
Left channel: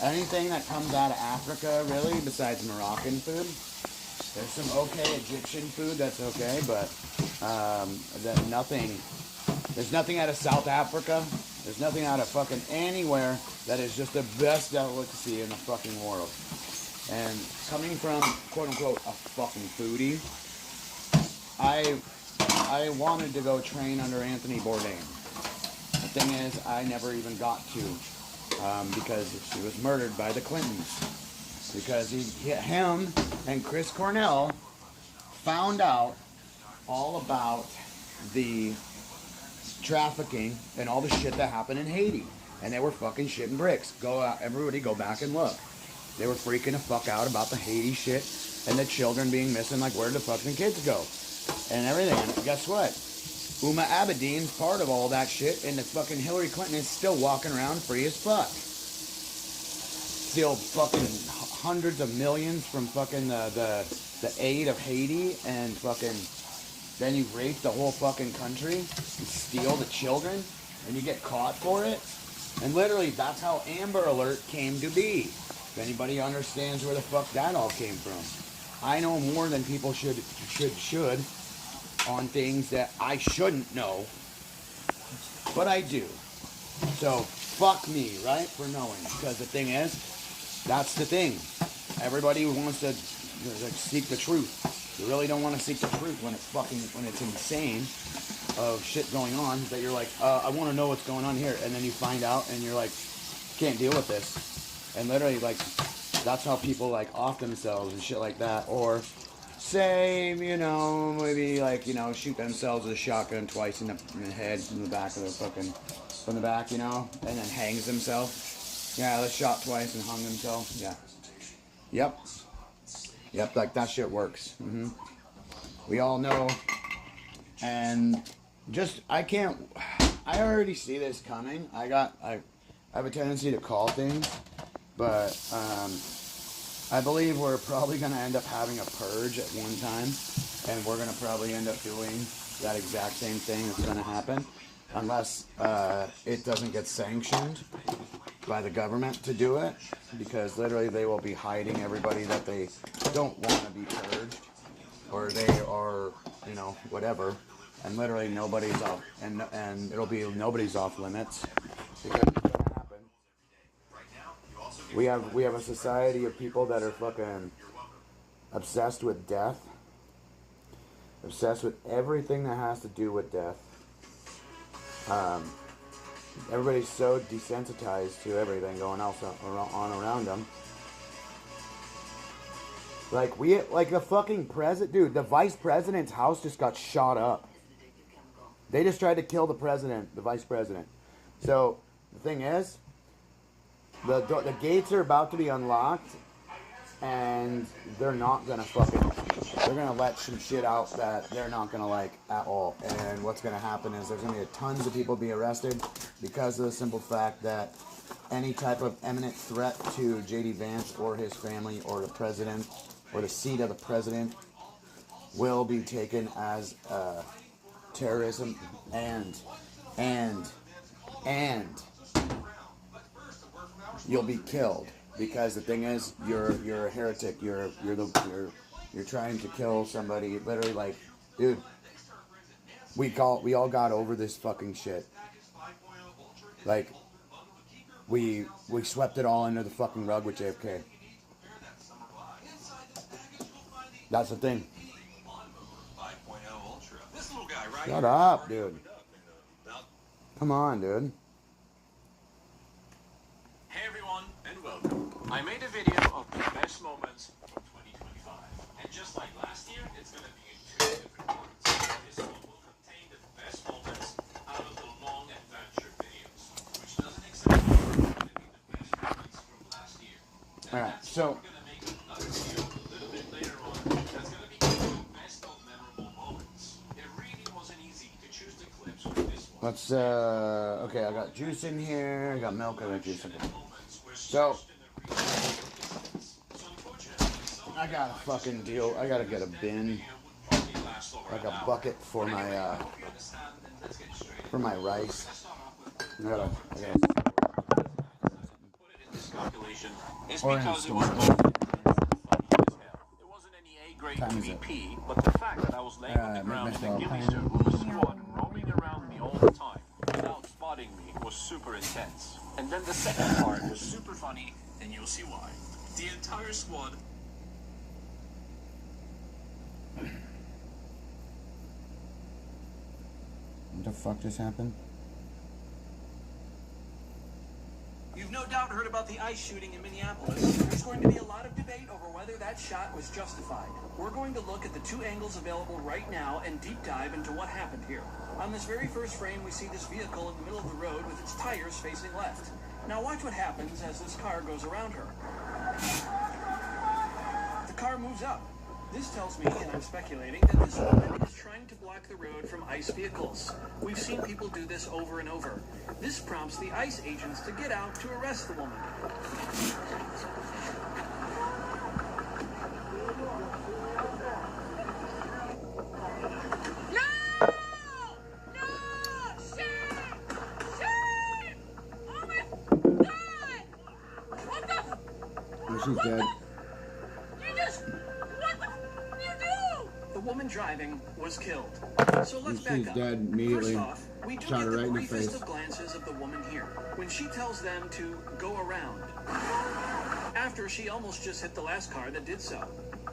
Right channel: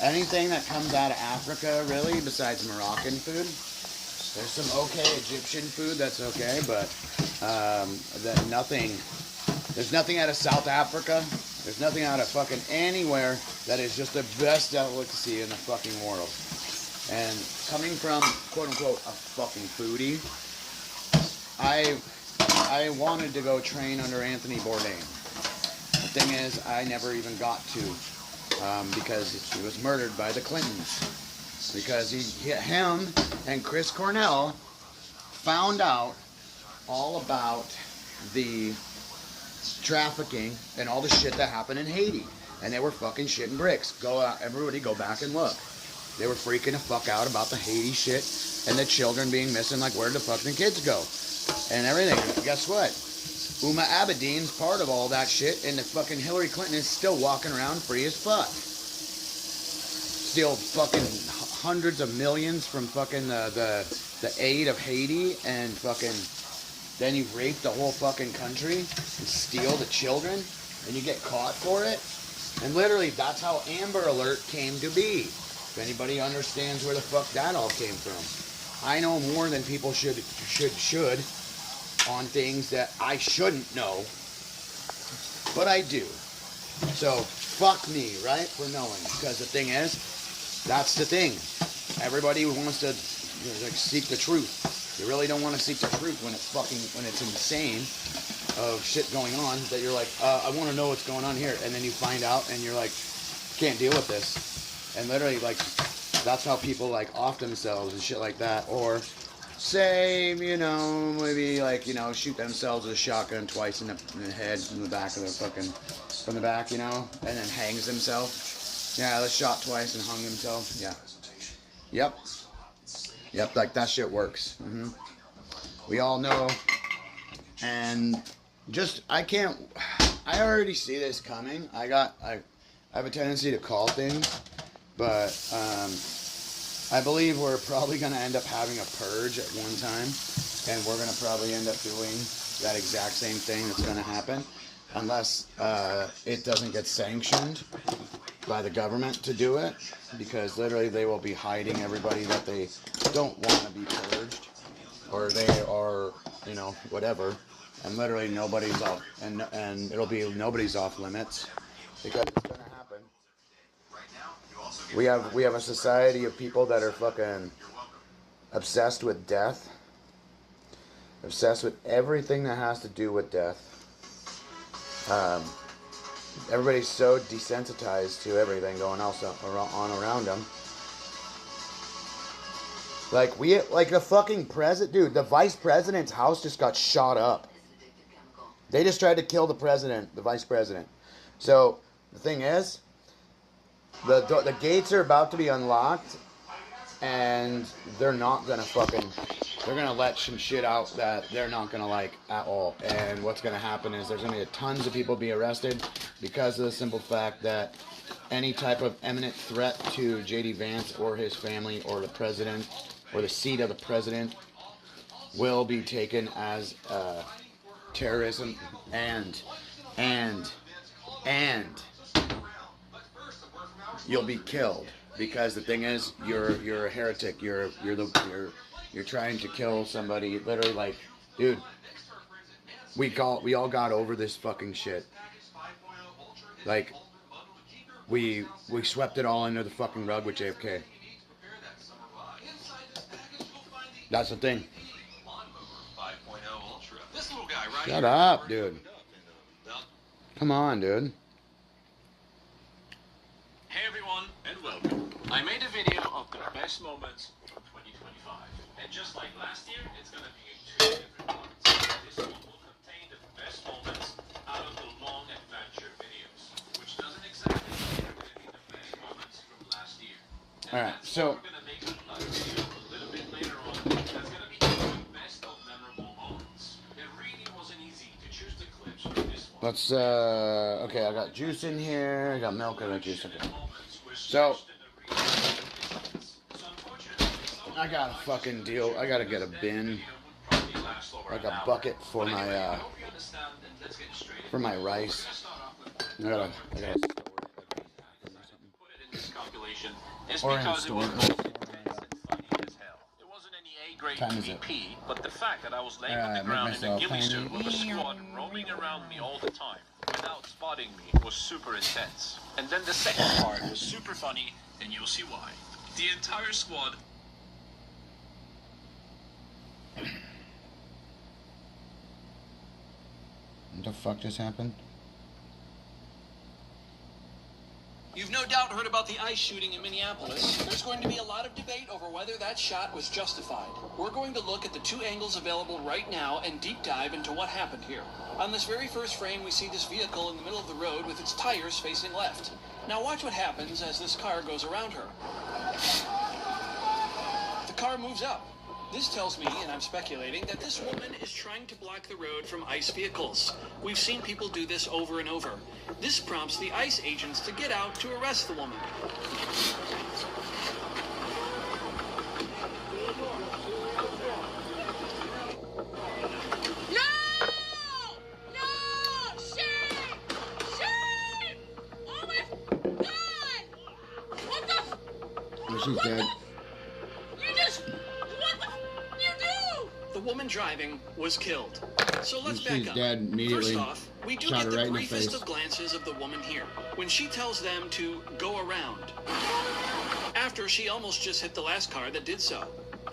Anything that comes out of Africa, really, besides Moroccan food, there's some okay Egyptian food that's okay, but there's nothing out of South Africa. There's nothing out of fucking anywhere that is just the best delicacy in the fucking world. And coming from, quote unquote, a fucking foodie, I wanted to go train under Anthony Bourdain. The thing is, I never even got to, because he was murdered by the Clintons. Because him and Chris Cornell found out all about the trafficking and all the shit that happened in Haiti. And they were fucking shitting bricks. Everybody go back and look. They were freaking the fuck out about the Haiti shit and the children being missing, like where the fucking kids go and everything. And guess what? Uma Abedin's part of all that shit, and the fucking Hillary Clinton is still walking around free as fuck. Still fucking hundreds of millions from fucking the aid of Haiti, and fucking then you rape the whole fucking country and steal the children, and you get caught for it. And literally, that's how Amber Alert came to be. If anybody understands where the fuck that all came from. I know more than people should on things that I shouldn't know, but I do. So fuck me, right, for knowing. Because the thing is, that's the thing. Everybody wants to like seek the truth. You really don't want to seek the truth when it's insane of shit going on that you're like, I want to know what's going on here, and then you find out and you're like, can't deal with this. And literally, like, that's how people like off themselves and shit like that, or say, maybe like, shoot themselves with a shotgun twice in the head, in the back of their fucking, from the back, and then hangs himself. Yeah, they shot twice and hung himself. Yeah. Yep, like that shit works. We all know. And just, I already see this coming. I have a tendency to call things, but, I believe we're probably going to end up having a purge at one time, and we're going to probably end up doing that exact same thing that's going to happen, unless it doesn't get sanctioned by the government to do it, because literally they will be hiding everybody that they don't want to be purged, or they are, whatever, and literally nobody's off, and it'll be nobody's off limits, because it's going to happen. We have a society of people that are fucking obsessed with death, obsessed with everything that has to do with death. Everybody's so desensitized to everything going on around them. Like the fucking president, dude. The vice president's house just got shot up. They just tried to kill the president, the vice president. So the thing is, the gates are about to be unlocked, and they're not gonna they're gonna let some shit out that they're not gonna like at all. And what's gonna happen is there's gonna be tons of people be arrested because of the simple fact that any type of imminent threat to J.D. Vance or his family or the president or the seat of the president will be taken as terrorism and you'll be killed, because the thing is, you're a heretic. You're trying to kill somebody. Literally, like, dude, we all got over this fucking shit. Like, we swept it all under the fucking rug with JFK. That's the thing. Shut up, dude. Come on, dude. Hey everyone, and welcome. I made a video of the best moments from 2025. And just like last year, it's going to be in 2 different parts. This one will contain the best moments out of the long adventure videos, which doesn't exactly mean the best moments from last year. Alright, so We're going to make another video a little bit later on that's going to be the best of memorable moments. It really wasn't easy to choose the clips for this one. let's okay, I got juice in here, I got milk, I got juice in here. So I got a fucking deal. I gotta get a bin, like a bucket for my rice. I gotta or in a store. Time is it? But the fact that I was laying on the ground in a ghillie suit with a squad roaming around me all the time without spotting me was super intense. And then the second part was super funny, and you'll see why. The entire squad. What the fuck just happened? You've no doubt heard about the ICE shooting in Minneapolis. There's going to be a lot of debate over whether that shot was justified. We're going to look at the 2 angles available right now and deep dive into what happened here. On this very first frame, we see this vehicle in the middle of the road with its tires facing left. Now watch what happens as this car goes around her. The car moves up. This tells me, and I'm speculating, that this woman is trying to block the road from ICE vehicles. We've seen people do this over and over. This prompts the ICE agents to get out to arrest the woman. No! No! Shame! Shame! Oh my God! What the? Oh, she's dead. You just... What the... You do? The woman driving was killed. So let's She's back up. dead immediately. First off, we do Shot get her the right in the briefest face. of glances of the woman here, when she tells them to go around, after she almost just hit the last car that did so.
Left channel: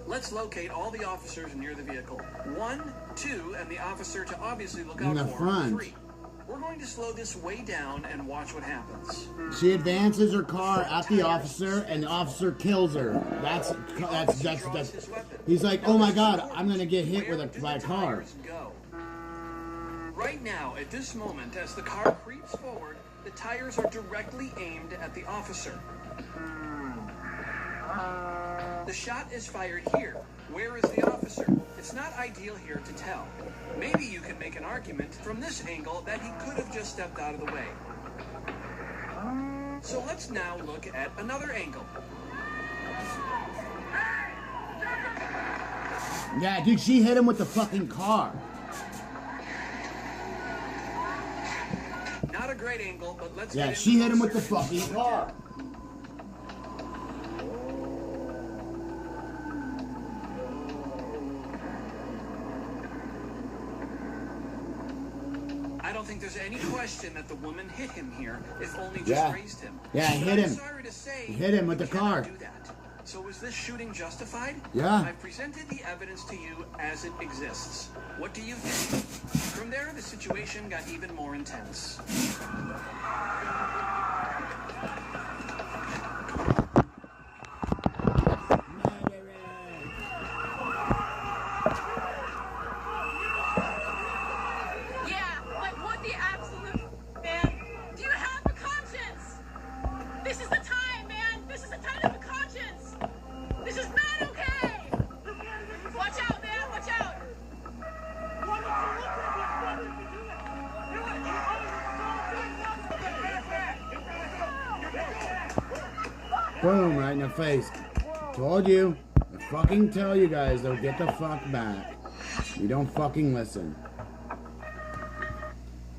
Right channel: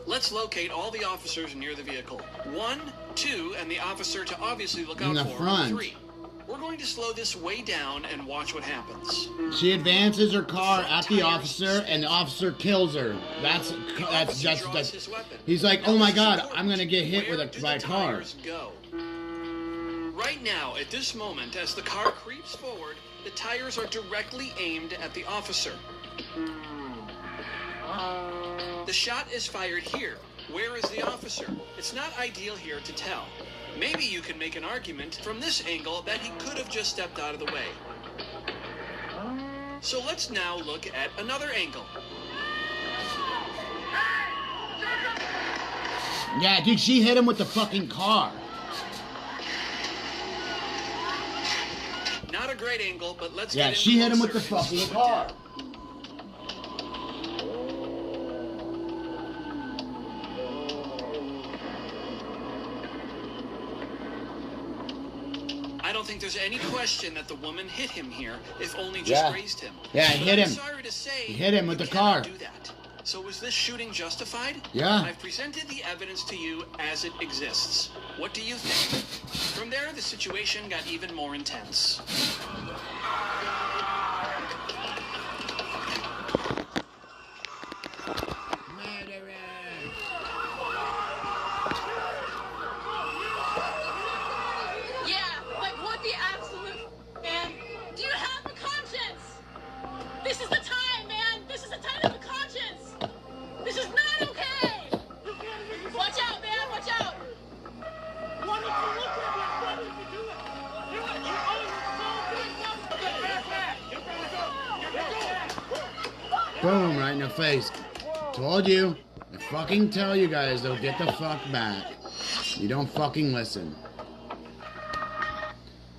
Let's locate all the officers near the vehicle. 1, 2, and the officer to obviously look In out the for. front. 3. We're going to slow this way down and watch what happens. She advances her car at the officer, and the officer kills her. That's. He's like, oh my God, I'm gonna get hit by a car. Go. Right now, at this moment, as the car creeps forward, the tires are directly aimed at the officer. The shot is fired here. Where is the officer? It's not ideal here to tell. Maybe you could make an argument from this angle that he could have just stepped out of the way. So let's now look at another angle. Yeah, dude, she hit him with the fucking car. Not a great angle, but let's Yeah, get she into hit him with the closer. fucking car. I don't think there's any question that the woman hit him here, if only just grazed him. Yeah, he hit But I'm him. sorry to say, He hit him with the car. do that. So was this shooting justified? Yeah. I've presented the evidence to you as it exists. What do you think? From there, the situation got even more intense. Yeah, like what the absolute... Man, do you have a conscience? This is the time, man. This is the time of the conscience. This is not okay. Watch out, man. Watch out. Why don't you look at what brothers are doing? You are so good. face. Told you. I fucking tell you guys, though, get the fuck back. You don't fucking listen.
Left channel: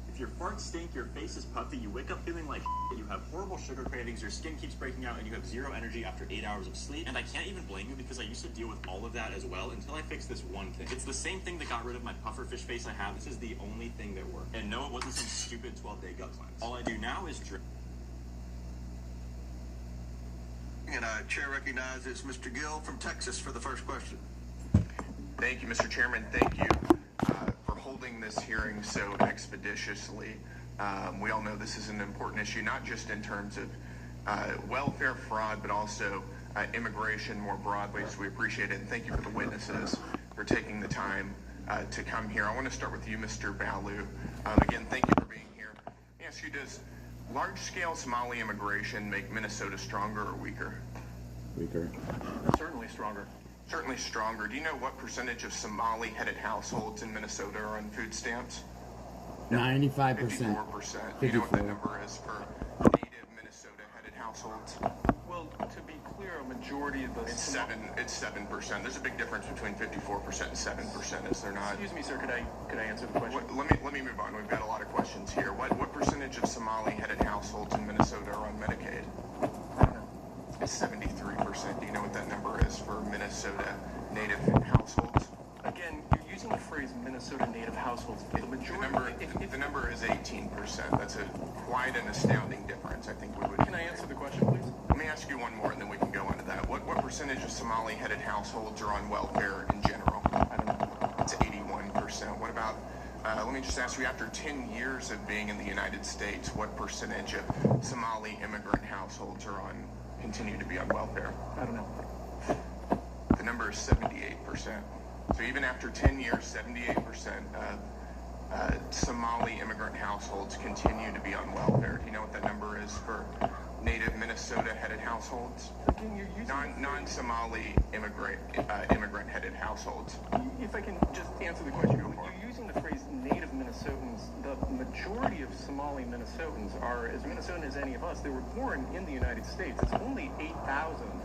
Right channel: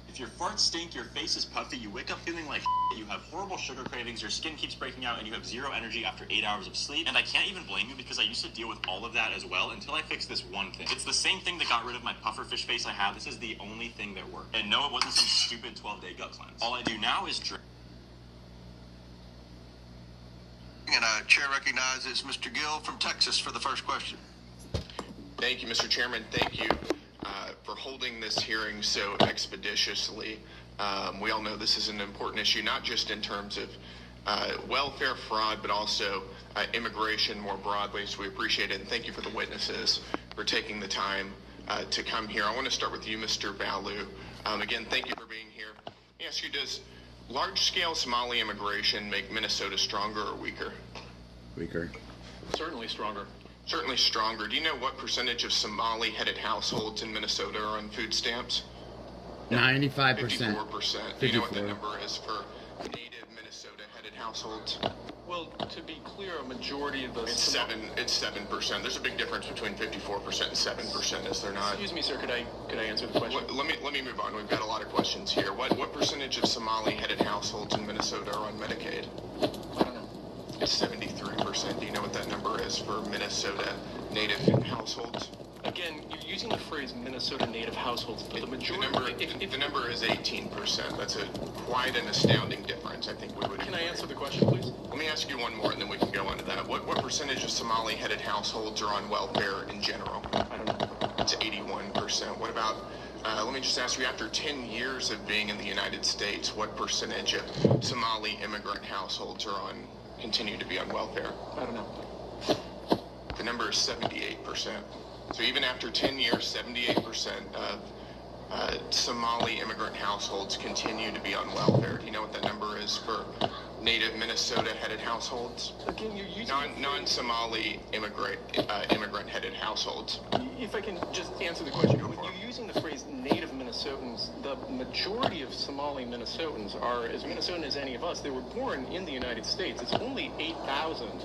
If your farts stink, your face is puffy, you wake up feeling like you have horrible sugar cravings, your skin keeps breaking out, and you have zero energy after 8 hours of sleep. And I can't even blame you because I used to deal with all of that as well until I fixed this one thing. It's the same thing that got rid of my pufferfish face I have. This is the only thing that worked. And no, it wasn't some stupid 12-day gut cleanse. All I do now is drink. And Chair recognizes Mr. Gill from Texas for the first question. Thank you, Mr. Chairman. Thank you for holding this hearing so expeditiously. We all know this is an important issue, not just in terms of welfare fraud, but also immigration more broadly. So we appreciate it, and thank you for the witnesses for taking the time to come here. I want to start with you, Mr. Balu. Again, thank you for being here. Let me ask you, does large-scale Somali immigration make Minnesota stronger or weaker? Weaker. Certainly stronger. Certainly stronger. Do you know what percentage of Somali-headed households in Minnesota are on food stamps? 95%. 54%. Do you know what that number is for native Minnesota-headed households? Well, to be clear, a majority of those... It's 7%. There's a big difference between 54% and 7%, is there not? Excuse me, sir, could I answer the question? Let me move on. We've got a lot of questions here. What percentage of Somali-headed households in Minnesota are on Medicaid? I don't know. It's 73%. Do you know what that number is for Minnesota native households? Again, you're using the phrase Minnesota native households, but the majority... The number is 18%. That's quite an astounding difference, I think we would... Can I answer the question, please? Let me ask you one more, and then we can go on to that. What percentage of Somali-headed households are on welfare in general? I don't know. It's 81%. What about... let me just ask you, after 10 years of being in the United States, what percentage of Somali immigrant households continue to be on welfare? I don't know. The number is 78%. So even after 10 years, 78% of Somali immigrant households continue to be on welfare. Do you know what that number is for native Minnesota-headed households? Again, you're using... Non-Somali immigrant-headed households. If I can just answer the question, you're using the phrase native Minnesotans. The majority of Somali Minnesotans are as Minnesotan as any of us. They were born in the United States. It's only 8,000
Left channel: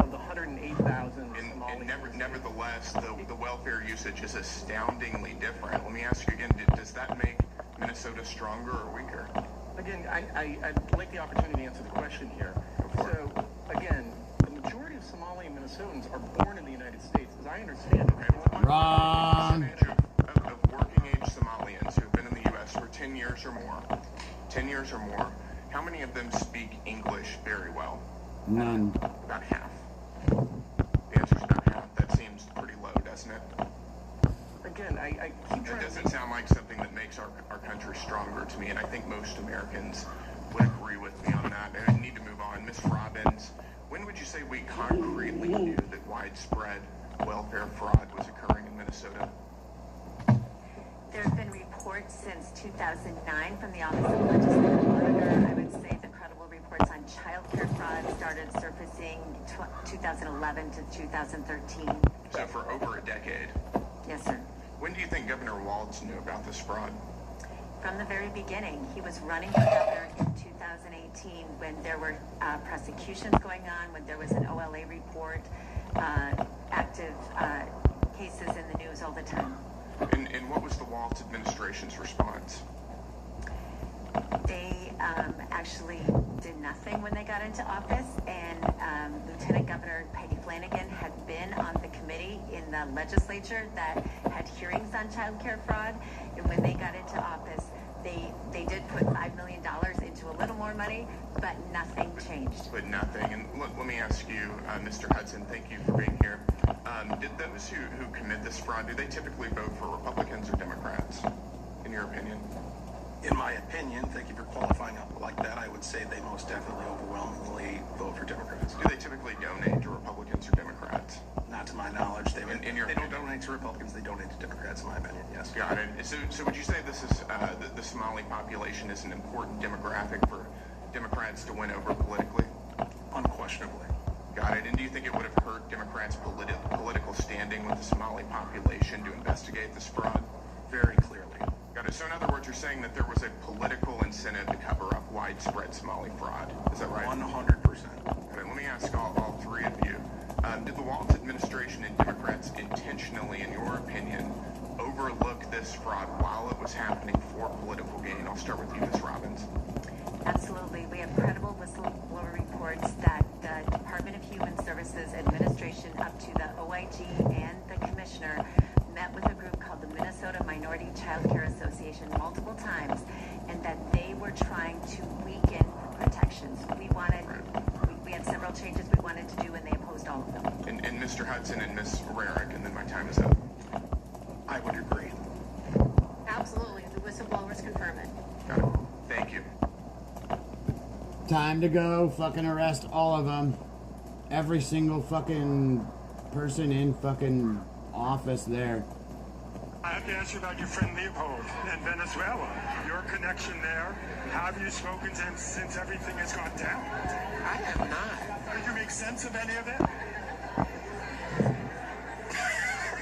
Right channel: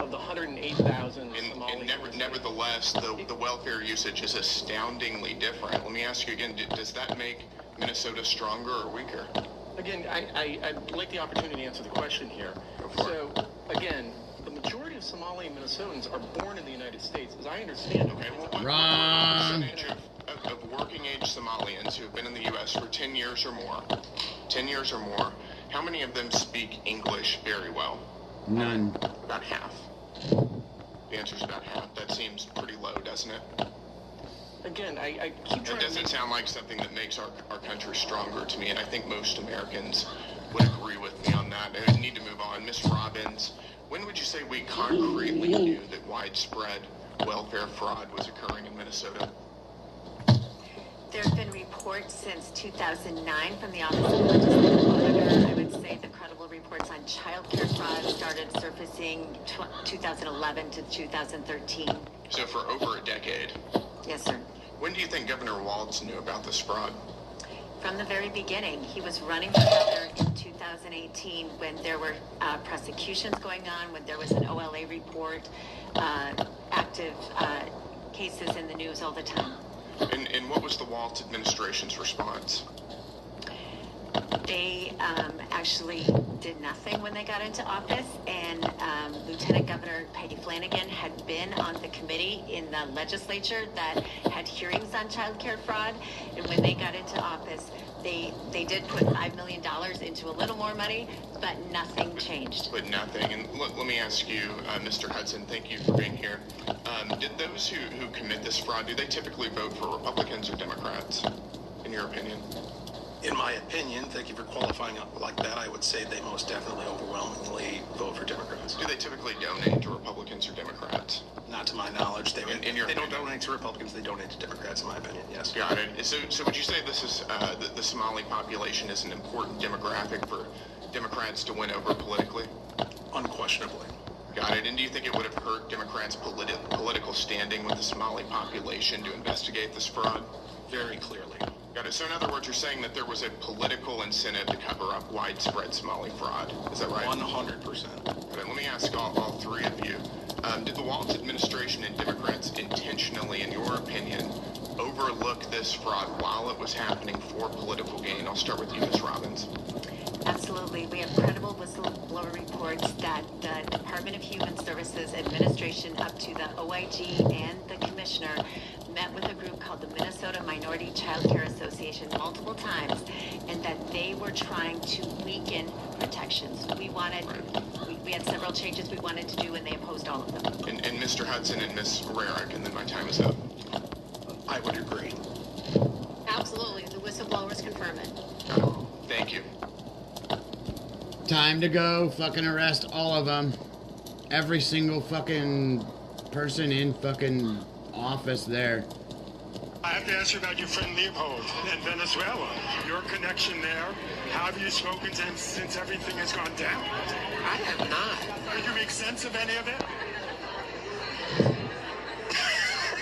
of the 108,000 Somali. Nevertheless, the welfare usage is astoundingly different. Let me ask you again, does that make Minnesota stronger or weaker? Again, I'd like the opportunity to answer the question here. So, again, the majority of Somali Minnesotans are born in the United States, as I understand it. Okay. Wrong. What percentage of working-age Somalians who have been in the U.S. for 10 years or more, how many of them speak English very well? None. About half. The answer's about half. That seems pretty low, doesn't it? Again, I keep trying. It doesn't sound like something that makes our country stronger to me, and I think most Americans would agree with me on that. I need to move on. Ms. Robbins, when would you say we concretely knew that widespread welfare fraud was occurring in Minnesota? There have been reports since 2009 from the Office of Legislative Auditor. I would say the credible reports on child care fraud started surfacing 2011 to 2013. So for over a decade. Yes, sir. When do you think Governor Walz knew about this fraud? From the very beginning. He was running for governor in 2018 when there were prosecutions going on, when there was an OLA report, active cases in the news all the time. And what was the Walz administration's response? They actually did nothing when they got into office, and Lieutenant Governor Peggy Flanagan had been on the committee in the legislature that had hearings on child care fraud, and when they got into office, they did put $5 million into a little more money, but nothing changed. But nothing. And let me ask you, Mr. Hudson, thank you for being here. Did those who commit this fraud, do they typically vote for Republicans or Democrats, in your opinion? In my opinion, thank you for qualifying like that, I would say they most definitely overwhelmingly vote for Democrats. Do they typically donate to Republicans or Democrats? Not to my knowledge. They don't donate to Republicans, they donate to Democrats, in my opinion, yes. Got it. So would you say this is the Somali population is an important demographic for Democrats to win over politically? Unquestionably. Got it. And do you think it would have hurt Democrats' political standing with the Somali population to investigate this fraud? Very clearly. Got it. So in other words, you're saying that there was a political incentive to cover up widespread Somali fraud. Is that right? 100%. Okay, let me ask all three of you. Did the Walz administration and Democrats intentionally, in your opinion, overlook this fraud while it was happening for political gain? I'll start with you, Ms. Robbins. Absolutely. We have credible whistleblower reports that the Department of Human Services administration up to the OIG and the commissioner met with a group called the Minnesota Minority Child Care Association multiple times, and that they were trying to weaken protections. We had several changes we wanted to do, and they opposed all of them. And Mr. Hudson and Ms. Rarick, and then my time is up. I would agree. Absolutely. The whistleblowers confirm it. Thank you. Time to go. Fucking arrest all of them. Every single fucking person in fucking office there. I have to ask you about your friend Leopold in Venezuela. Your connection there. How have you spoken to him since everything has gone down? I have not. Did you make sense of any of it?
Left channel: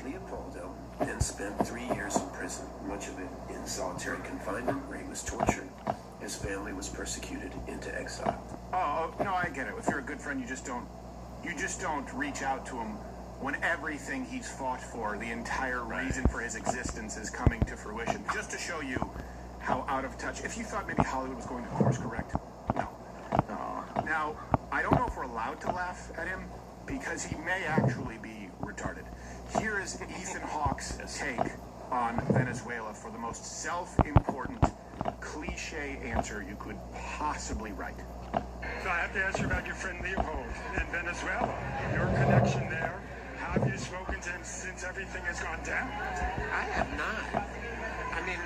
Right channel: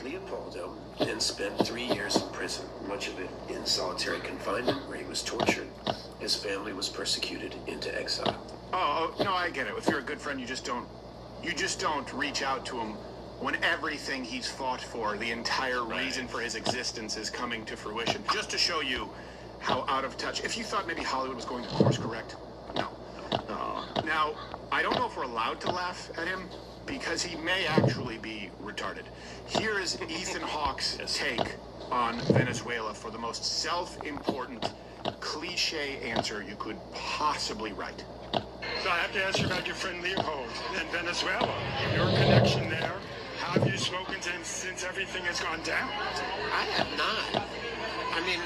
Leopoldo then spent 3 years in prison, much of it in solitary confinement where he was tortured. His family was persecuted into exile. Oh, no, I get it. If you're a good friend, you just don't reach out to him when everything he's fought for, the entire reason for his existence, is coming to fruition. Just to show you how out of touch. If you thought maybe Hollywood was going to course correct, no. Now, I don't know if we're allowed to laugh at him because he may actually be retarded. Here is Ethan Hawke's take on Venezuela for the most self-important cliche answer you could possibly write. So I have to ask you about your friend Leopold in Venezuela. Your connection there. How have you spoken to him since everything has gone down? I have not. I mean,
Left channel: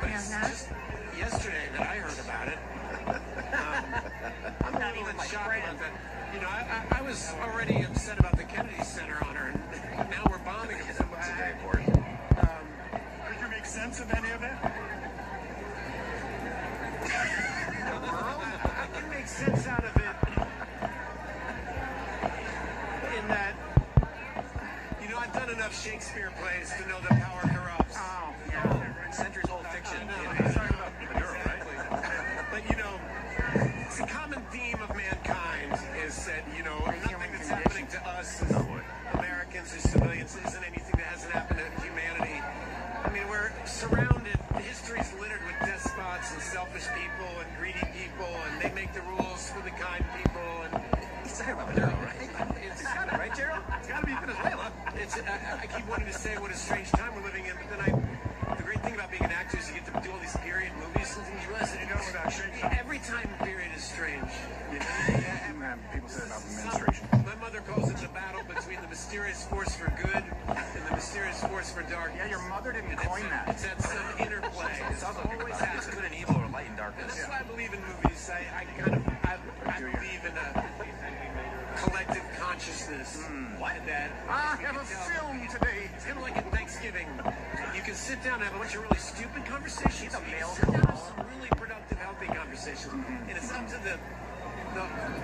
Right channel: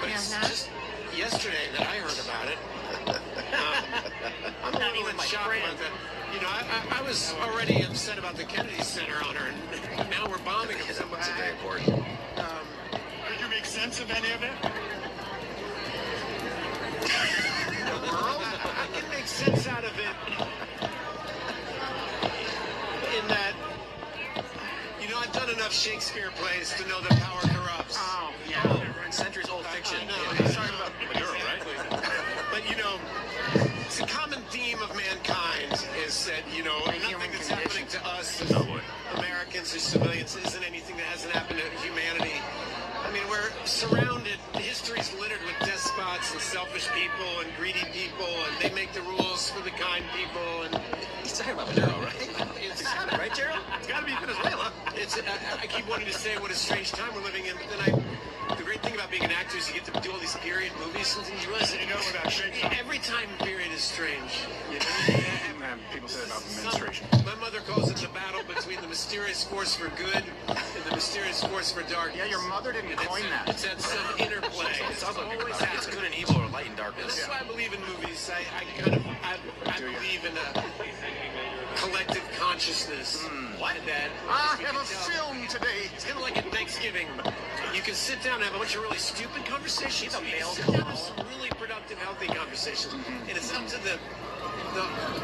but it's just yesterday that I heard about it. I'm not even shocked about that. You know, I was already upset about the Kennedy Center honor, and now we're bombing him. Someone's a very important. Did you make sense of any of it? The world? I can make sense out of it. In that, you know, I've done enough Shakespeare plays to know that power corrupts. Oh, yeah. Centuries-old fiction. No, he's talking about Maduro, right? But, you know, it's a common theme of mankind is that, you know, nothing that's happening to us as Americans or civilians isn't anything that hasn't happened to humanity. I mean, we're surrounded, history's littered with despots and selfish people and greedy people, and they make the rules for the kind people, and he's talking about Maduro, right? It's got it, right, Gerald? It's got to be Venezuela. I keep wanting to say what a strange time we're living in, but then the great thing about being an actor is you get to do all these period movies and things. You know without shaking. Every time period is strange. You know? And people say about administration. My mother calls it the battle between the mysterious force for good and the mysterious force for darkness. Yeah, your mother didn't coin that. It's that some interplay. It's always It's good and evil or light and darkness. That's why I believe in movies. I believe in a collective consciousness. What? That I have a film today. It's kind of like at Thanksgiving. You can sit down and have a bunch of really stupid conversations. You can sit down and have some really productive, healthy conversations. And it's up to the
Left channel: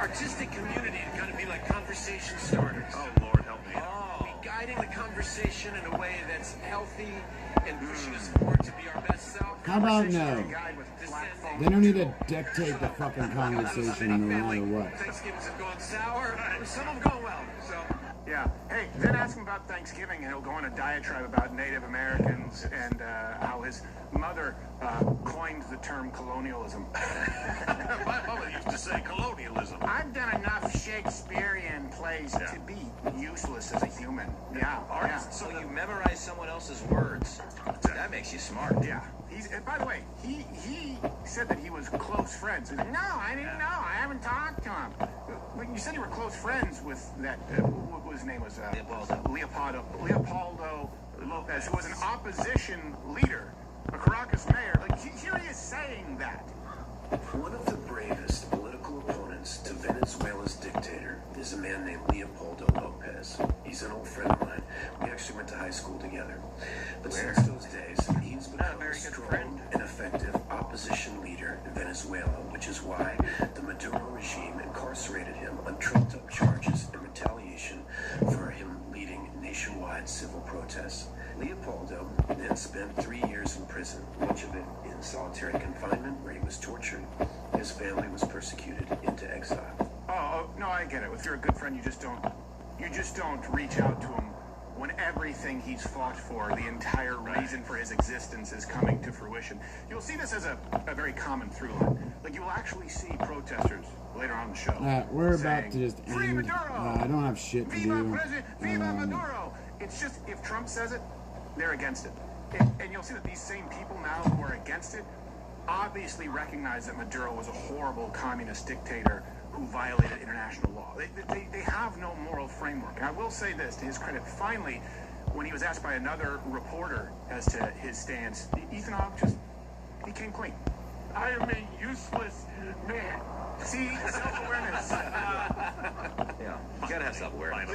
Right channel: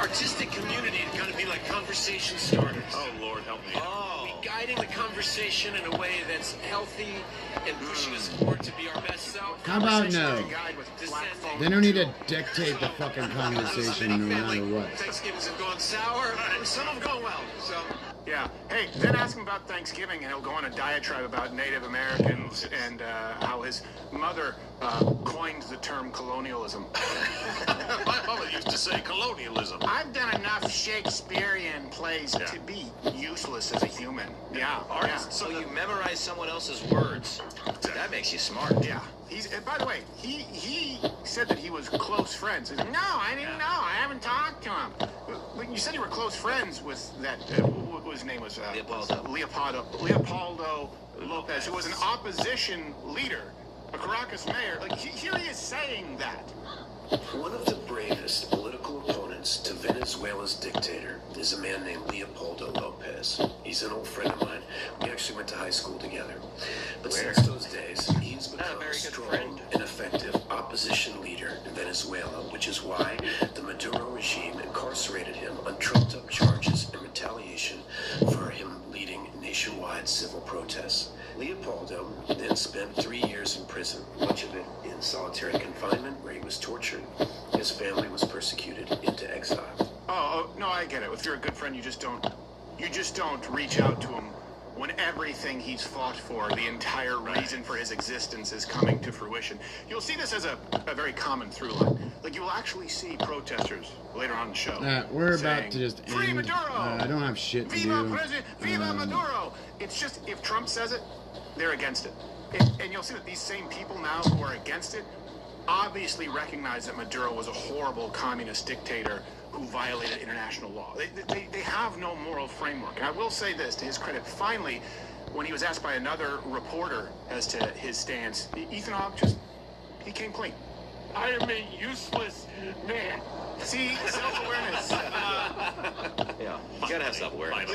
artistic community to kind of be like conversation starters. Oh, Lord, help me. Guiding the conversation in a way that's healthy and pushing us forward to be our best self. How about no? They don't need to dictate the fucking conversation no matter what. Thanksgivings have gone sour, and some have gone well. So. Yeah. Hey, then ask him about Thanksgiving, and he'll go on a diatribe about Native Americans and how his mother coined the term colonialism. My mother used to say colonialism. I've done enough Shakespearean plays to be useless as a human. Yeah. So you memorize someone else's words. That makes you smart. Yeah. By the way, he said that he was close friends. He's like, no, I didn't know. I haven't talked to him. But you said you were close friends with that, what his name was? Leopoldo Lopez, who was an opposition leader, a Caracas mayor. Like, here he is saying that. One of the bravest political opponents to Venezuela's dictator is a man named Leopoldo Lopez. He's an old friend of mine. We actually went to high school together. But since those days, he's become a strong and effective opposition leader in Venezuela, which is why the Maduro regime incarcerated him on trumped-up charges in retaliation for him leading nationwide civil protests. Leopoldo then spent 3 years in prison, much of it solitary confinement where he was tortured. His family was persecuted into exile. Oh, no, I get it. If you're a good friend, you just don't reach out to him when everything he's fought for, the entire reason for his existence, is coming to fruition. You'll see this as a very common through line. Like, you will actually see protesters later on in the show. We're saying, about to just "Free end. Maduro! I don't have shit to Viva do. President! Viva Maduro!" It's just, if Trump says it, they're against it. And you'll see that these same people now who are against it obviously recognize that Maduro was a horrible communist dictator who violated international law. They have no moral framework. And I will say this, to his credit, finally, when he was asked by another reporter as to his stance, Ethan Hawke he came clean. I am a useless man. See, self-awareness. Yeah, you gotta have self-awareness.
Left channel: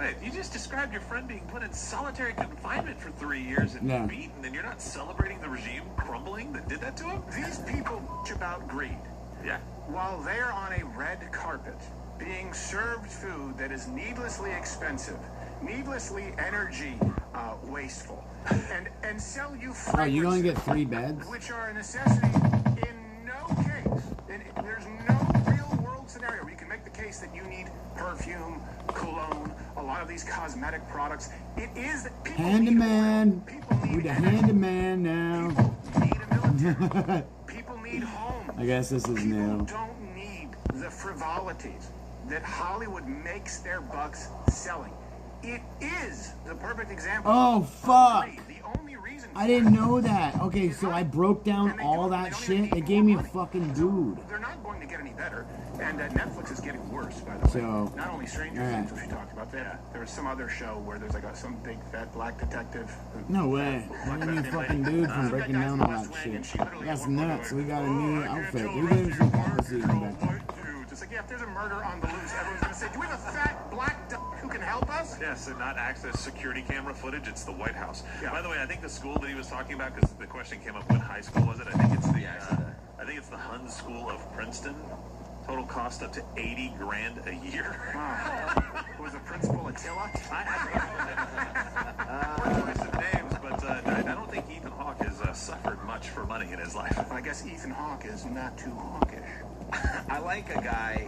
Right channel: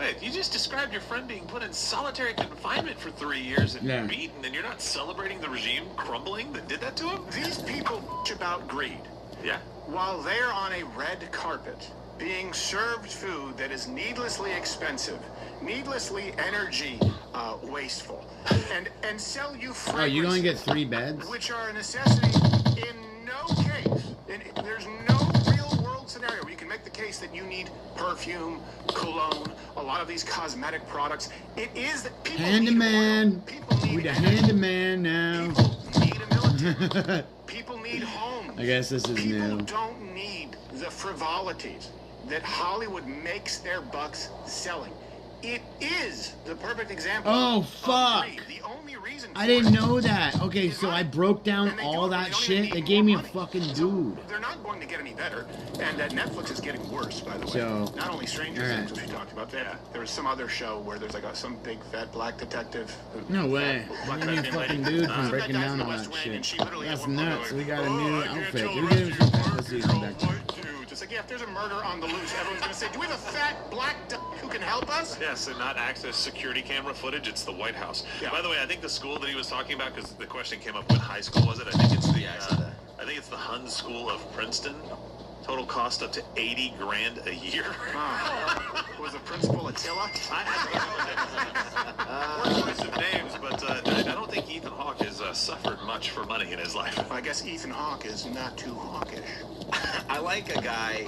Hey, you just described your friend being put in solitary confinement for 3 years and beaten, and you're not celebrating the regime crumbling that did that to him? These people bitch about greed. Yeah. While they're on a red carpet, being served food that is needlessly expensive, needlessly energy wasteful, and sell you fragrances, Oh, you gonna get 3 beds? which are a necessity in no case. There's no real world scenario where you can make the case that you need perfume, cologne, a lot of these cosmetic products. It is that people Handyman. We're the handyman now. people need homes. I guess this is new. Don't need the frivolities that Hollywood makes their bucks selling. It is the perfect example. Oh, fuck. The only reason I didn't know that. Okay, so I broke down all that shit. They gave me a fucking dude. they're not going to get any better, and Netflix is getting worse, by the way. So, not only Stranger Things, which we talked about, there was some other show where there's like some big fat black detective. No way. They gave me a fucking dude from breaking down all that shit. That's nuts. We got a new outfit. We gave him some pussy back there. It's like, yeah, if there's a murder on the loose, everyone's going to say, do we have a fat black duck who can help us? Yes, and not access security camera footage. It's the White House. Yeah. By the way, I think the school that he was talking about, because the question came up, what high school was it? I think it's the Hun School of Princeton. Total cost up to $80,000 a year. Was the principal Attila? We're some names, but I don't think Ethan Hawke has suffered much for money in his life. I guess Ethan Hawke is not too hawkish. I like a guy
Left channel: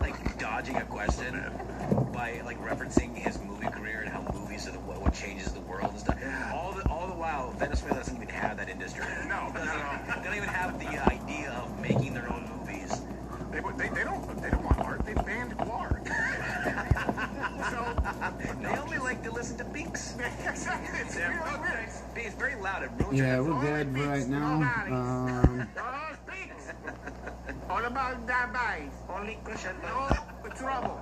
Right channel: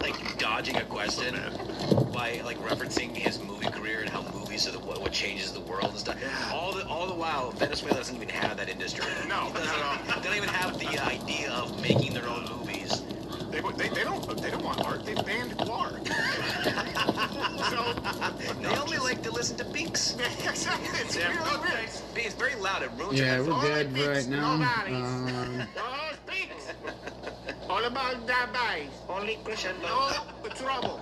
like dodging a question by like referencing his movie career and how movies are what changes the world and stuff. All the while, Venezuela doesn't even have that industry. No, they don't even have the idea of making their own movies. They don't want art. They banned art. So they only like to listen to Binks. Exactly. It's very loud. It ruins Yeah, your we're good right now. All about that bass. Only crescendo. No trouble.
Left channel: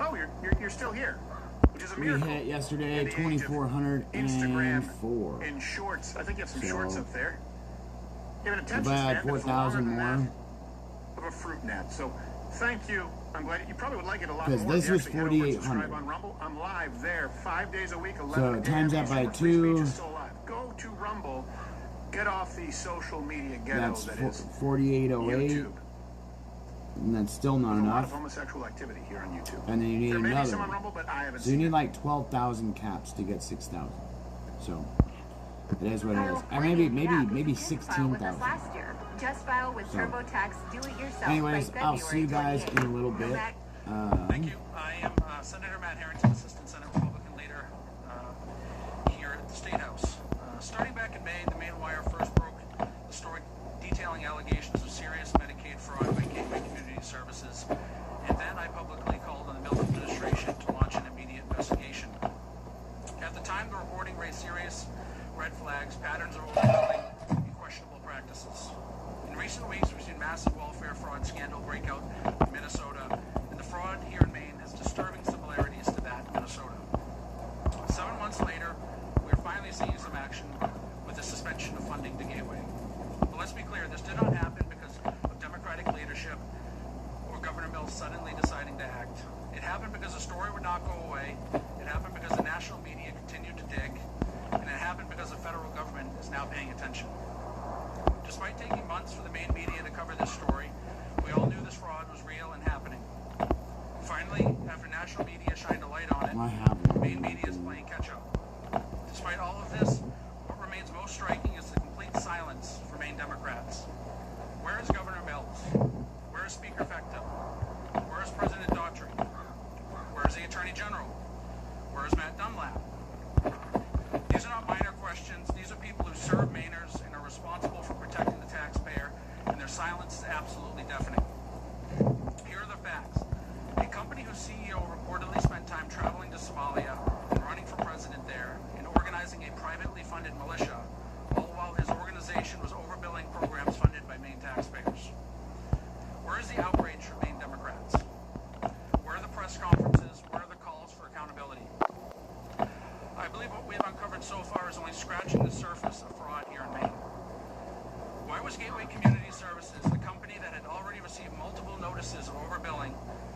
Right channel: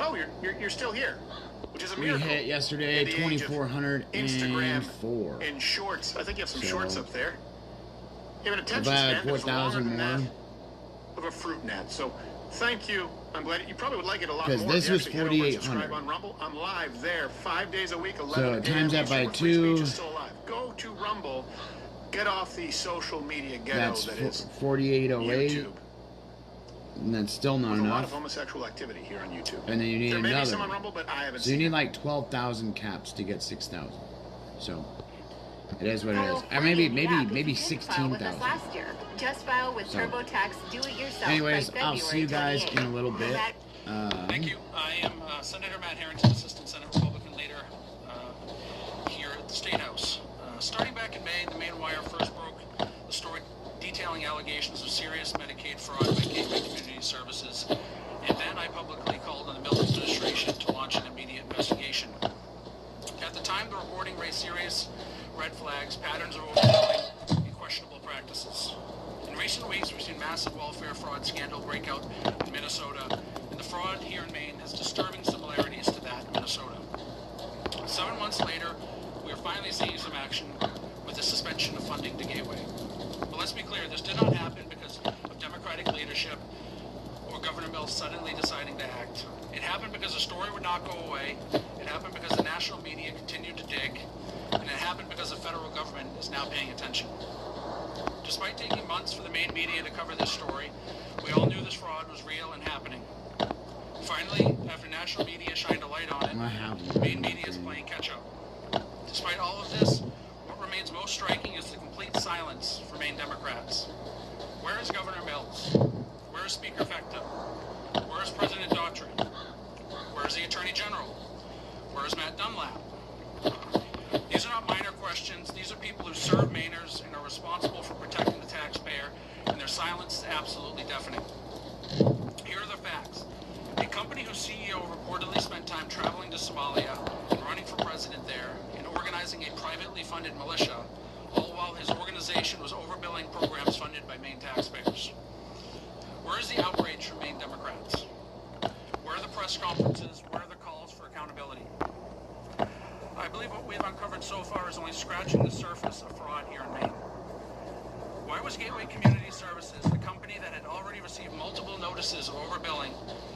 Oh, you're still here, which is a We miracle. hit yesterday 2,404. In shorts. I think you have some shorts up there. You have an attention About span that's 4,000 longer than more. that of a fruit net. So thank you. I'm glad you probably would like it a lot more. Because this if you was actually head over and 4,800. subscribe on Rumble. I'm live there 5 days a week. 11 So times that by 2. Go to Rumble. Get off the social media ghetto That's that is 4,808. YouTube. And that's still not There's a lot enough. of homosexual activity here on YouTube. And then you need There may be another. some on Rumble, but I haven't So you seen need it. like 12,000 caps to get 6,000. So it is what it is. Maybe 16,000. Last year. Just file with So. TurboTax Do-It-Yourself. Anyways, by I'll see you guys in a little bit. Thank you. I am Senator Matt Harrington, Assistant Senate Republican Leader here at the State House. Starting back in May, the Main Wire first broke the story detailing allegations of serious Medicaid fraud by Gateway Community Services, and then I publicly called on the Miller administration to launch an immediate investigation. At the time, the reporting raised serious red flags, patterns of overbilling, and questionable practices. In recent weeks, we've seen massive welfare fraud scandal break out in Minnesota, and the fraud here in Maine has disturbing similarities to that in Minnesota. 7 months later, we are finally seeing some action with the suspension of funding to Gateway. But let's be clear, this did not happen because of Democratic leadership or Governor Mills suddenly deciding to act. It happened because the story would not go away. It happened because the national media continued to dig. And it happened because the federal government is now paying attention. Despite taking months for the Maine media to cover this story, we all knew this fraud was real and happening. Finally, after national media shined a light on it, Maine media is playing catch-up. Despite all of this, what remains most striking is the complete silence from Maine Democrats. Where is Governor Mills? Where is Speaker Fecta? Where is President Daughtry? Where is the Attorney General? Where is Matt Dunlap? These are not minor questions. These are people who serve Mainers and are responsible for protecting the taxpayer, and their silence is absolutely deafening. Here are the facts. A company whose CEO reportedly spent time traveling to Somalia and running for president there and organizing a privately funded militia, all while his organization was overbilling programs funded by Maine taxpayers. Where is the outrage from Maine Democrats? Where are the press conferences? Where are the calls for accountability? I believe what we've uncovered so far is only scratching the surface of fraud here in Maine. Why was Gateway Community Services, the company that had already received multiple notices of overbilling,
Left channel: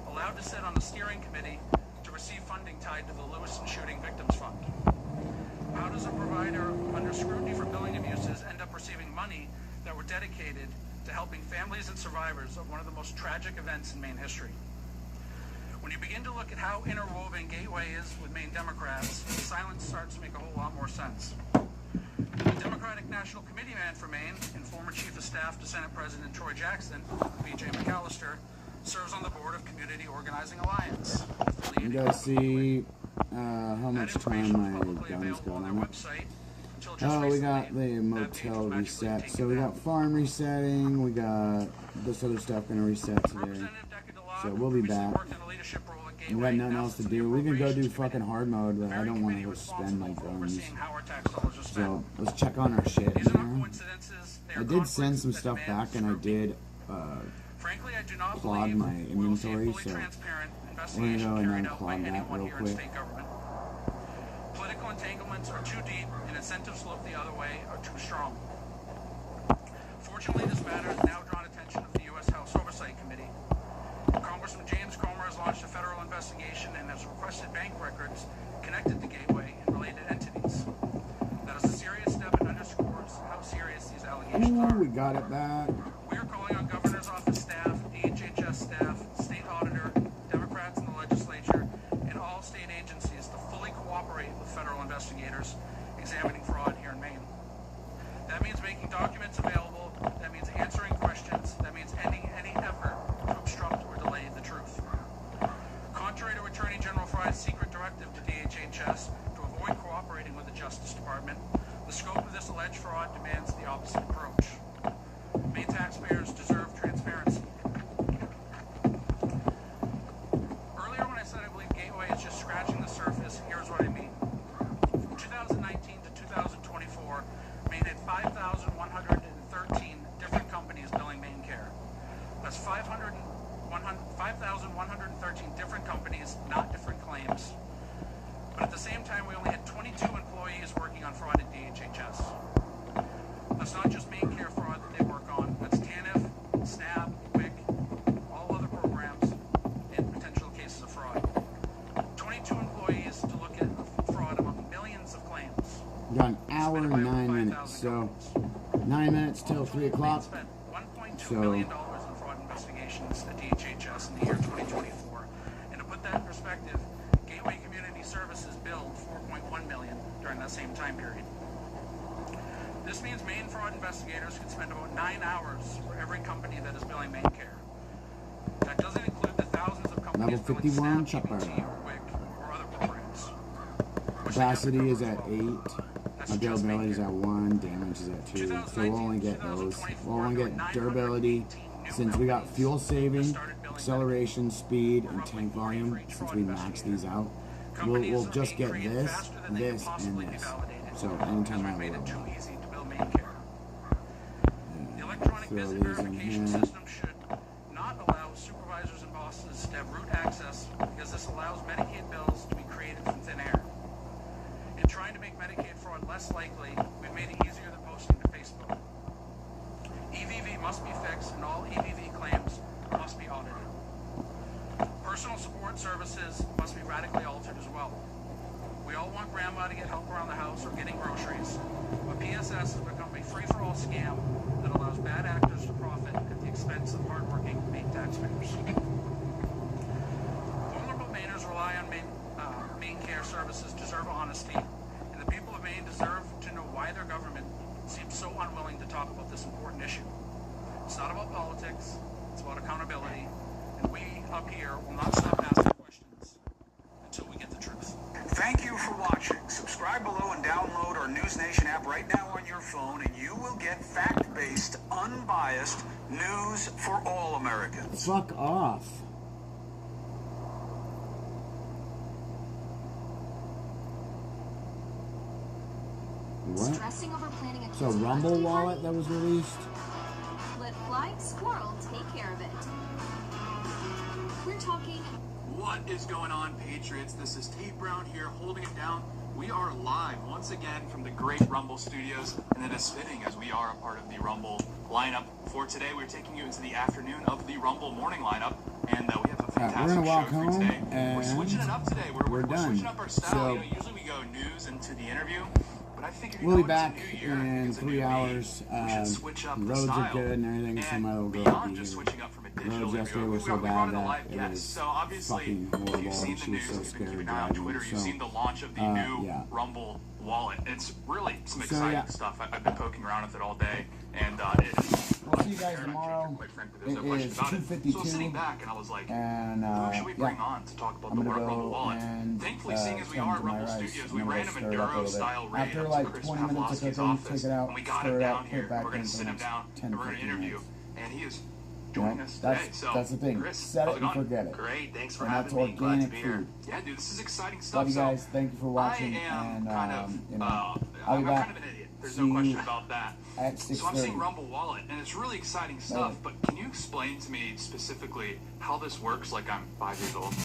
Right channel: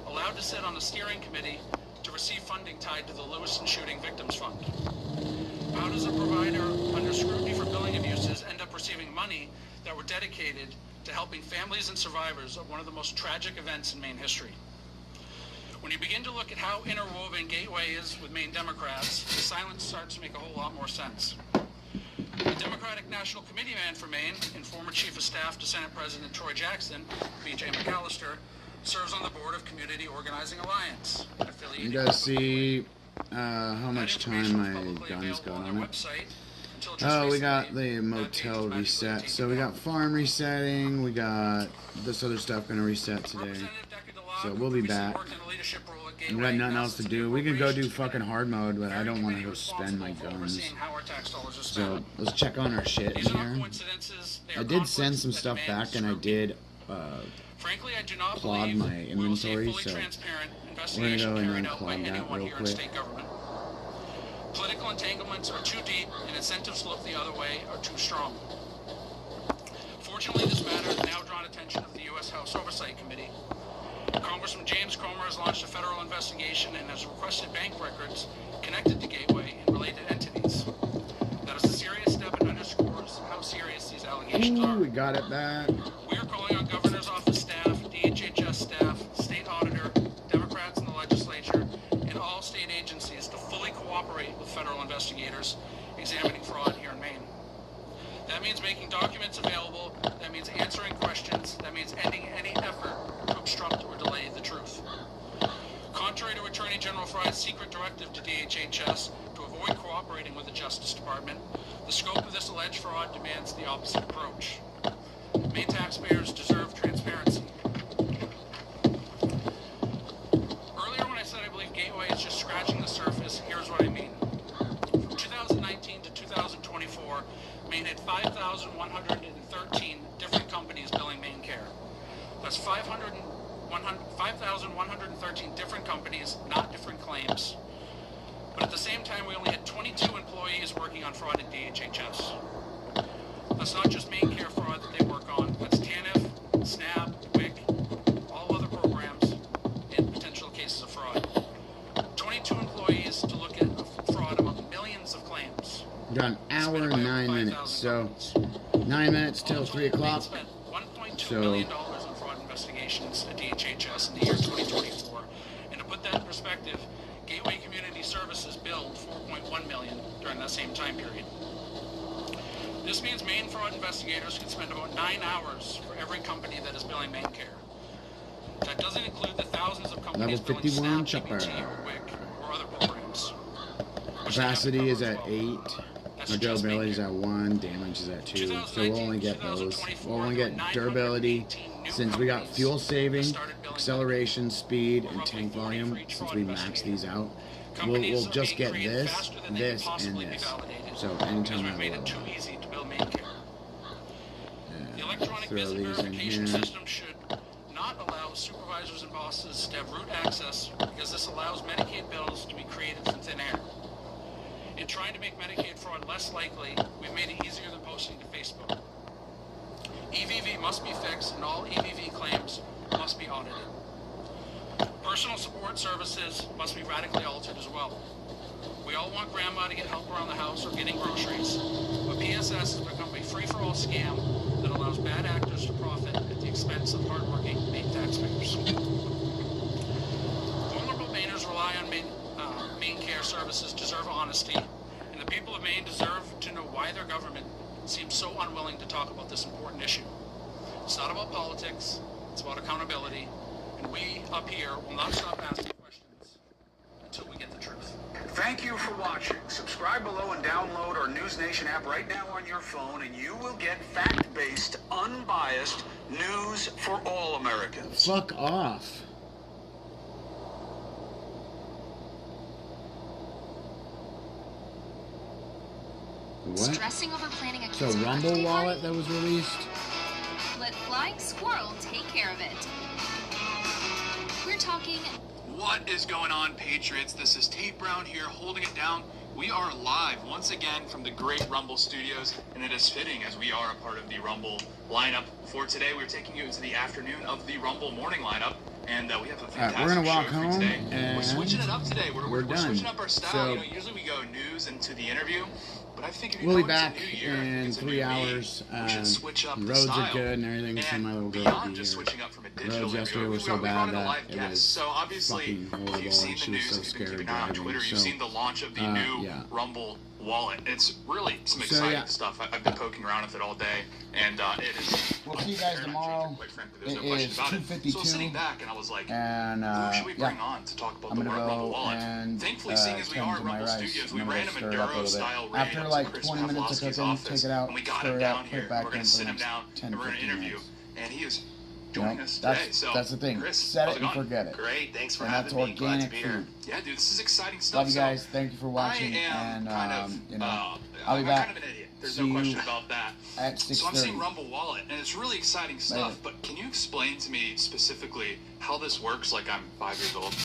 allowed to sit on the steering committee to receive funding tied to the Lewiston Shooting Victims Fund? How does a provider under scrutiny for billing abuses end up receiving money that were dedicated to helping families and survivors of one of the most tragic events in Maine history? When you begin to look at how interwoven Gateway is with Maine Democrats, the silence starts to make a whole lot more sense. The Democratic National Committee man for Maine and former Chief of Staff to Senate President Troy Jackson, B.J. McAllister, serves on the board of Community Organizing Alliance. You guys see how much time my gun's got on it? Oh, we got the motel reset. So we got farm resetting. We got this other stuff gonna reset today. So we'll be back. We got nothing else to do. We can go do fucking hard mode, but I don't want to go spend my guns. So let's check on our shit in here. I did send some stuff back, and I did clog my inventory, so we're gonna go and unclog that real quick. Political entanglements are too deep, and incentives to look the other way are too strong. Fortunately, this matter has now drawn attention of the U.S. House Oversight Committee. Congressman James Comer has launched a federal investigation and has requested bank records connected to Gateway and related entities. That is a serious step and underscores how serious these allegations are. We got it back. We are calling on Governor's Office staff, DHHS staff, state auditor, Democrats in the legislature, and all state agencies to fully cooperate with federal investigators examining fraud here in Maine. That means making documents available. That means answering questions. That means ending any effort to obstruct or delay the truth. Contrary to Attorney General Fry's secret directive to DHHS to avoid cooperating with the Justice Department, the scope of this alleged fraud demands the opposite approach. Maine taxpayers deserve transparency. Earlier when I said I believe Gateway is just scratching the surface, here's what I mean. From 2019 to 2024, Maine had 5,113 different companies billing Maine Care. That's 5,113 different companies, not different claims. But at the same time, we only had 22 employees working on fraud at DHHS. That's not just Maine Care fraud that they work on. That's TANF, SNAP, WIC, all other programs, and potential cases of fraud. 22 employees to look at fraud among millions of claims. Got an hour and 9 minutes, so 9 minutes till 3 o'clock. So investigations at DHHS in the year 2024. And to put that in perspective, Gateway Community Services billed $4.1 million during that same time period. This means Maine fraud investigators can spend about 9 hours for every company that is billing Maine Care. That doesn't include the thousands of companies level 51 chopper. or other programs. Capacity is at 8. Our durability is at 1. Damage is at 2. So we'll only get those. We'll only get durability. Since we got fuel saving, acceleration, speed, and tank volume, since we maxed these out, we'll just get this, this, and this. So anytime I have a level up. Throw these in here. Should not allow supervisors and bosses to have root access because this allows Medicaid bills to be created from thin air. In trying to make Medicaid fraud less likely, we've made it easier than posting to Facebook. EVV must be fixed and all EVV claims must be audited. Personal support services must be radically altered as well. We all want grandma to get help around the house or getting groceries, but PSS has become a free-for-all scam that allows bad actors to profit at the expense of hardworking Maine taxpayers. Vulnerable Mainers rely on Maine Care Services deserve honesty, and the people of Maine deserve to know why their government seems so unwilling to talk about this important issue. It's not about politics, it's about accountability, and we up here will not stop asking questions until we get the truth. Thank you for watching. Subscribe below and download our News Nation app right now on your phone, and you will get fact-based, unbiased news for all Americans. Fuck off. What? Stressing over planning a It's a kid's Rumble birthday wallet that was released? Let Flying Squirrel take care of it. We're talking... What is going on, Patriots? This is Tate Brown here, holding it down. We are live once again from the great Rumble Studios, and it is fitting as we are a part of the Rumble lineup. For today, we're taking you into the afternoon of the Rumble morning lineup, and we have a fantastic we're gonna walk show for home, today. and we're switching it up today. we're done. Switching up our style. So, you know, usually we go news into the interview. we'll be back in 3 hours. Roads are good and everything, so my little girl will be here. Roads yesterday were so bad that it was fucking horrible, and she was so scared driving. So, yeah. Rumble wallet. It's really some exciting stuff. I've been poking around with it all day, and it is. We'll see you guys tomorrow. It is 2:52, and yeah, I'm gonna go and tend to my rice. I'm gonna go stir it up a little bit. After like 20 minutes of cooking, take it out, stir it out, put it back in for the next 10-15 minutes. You know, that's the thing. Set it and forget it. Great, thanks for and that's having me. organic food. Yeah, dude, this is exciting stuff. Love you guys. Thank you for watching, and you know, I'll be back. See you at 6:30. So I'm seeing Rumble Wallet, and it's really exciting stuff. But can you explain to me specifically how this works? Like I'm 5 years old.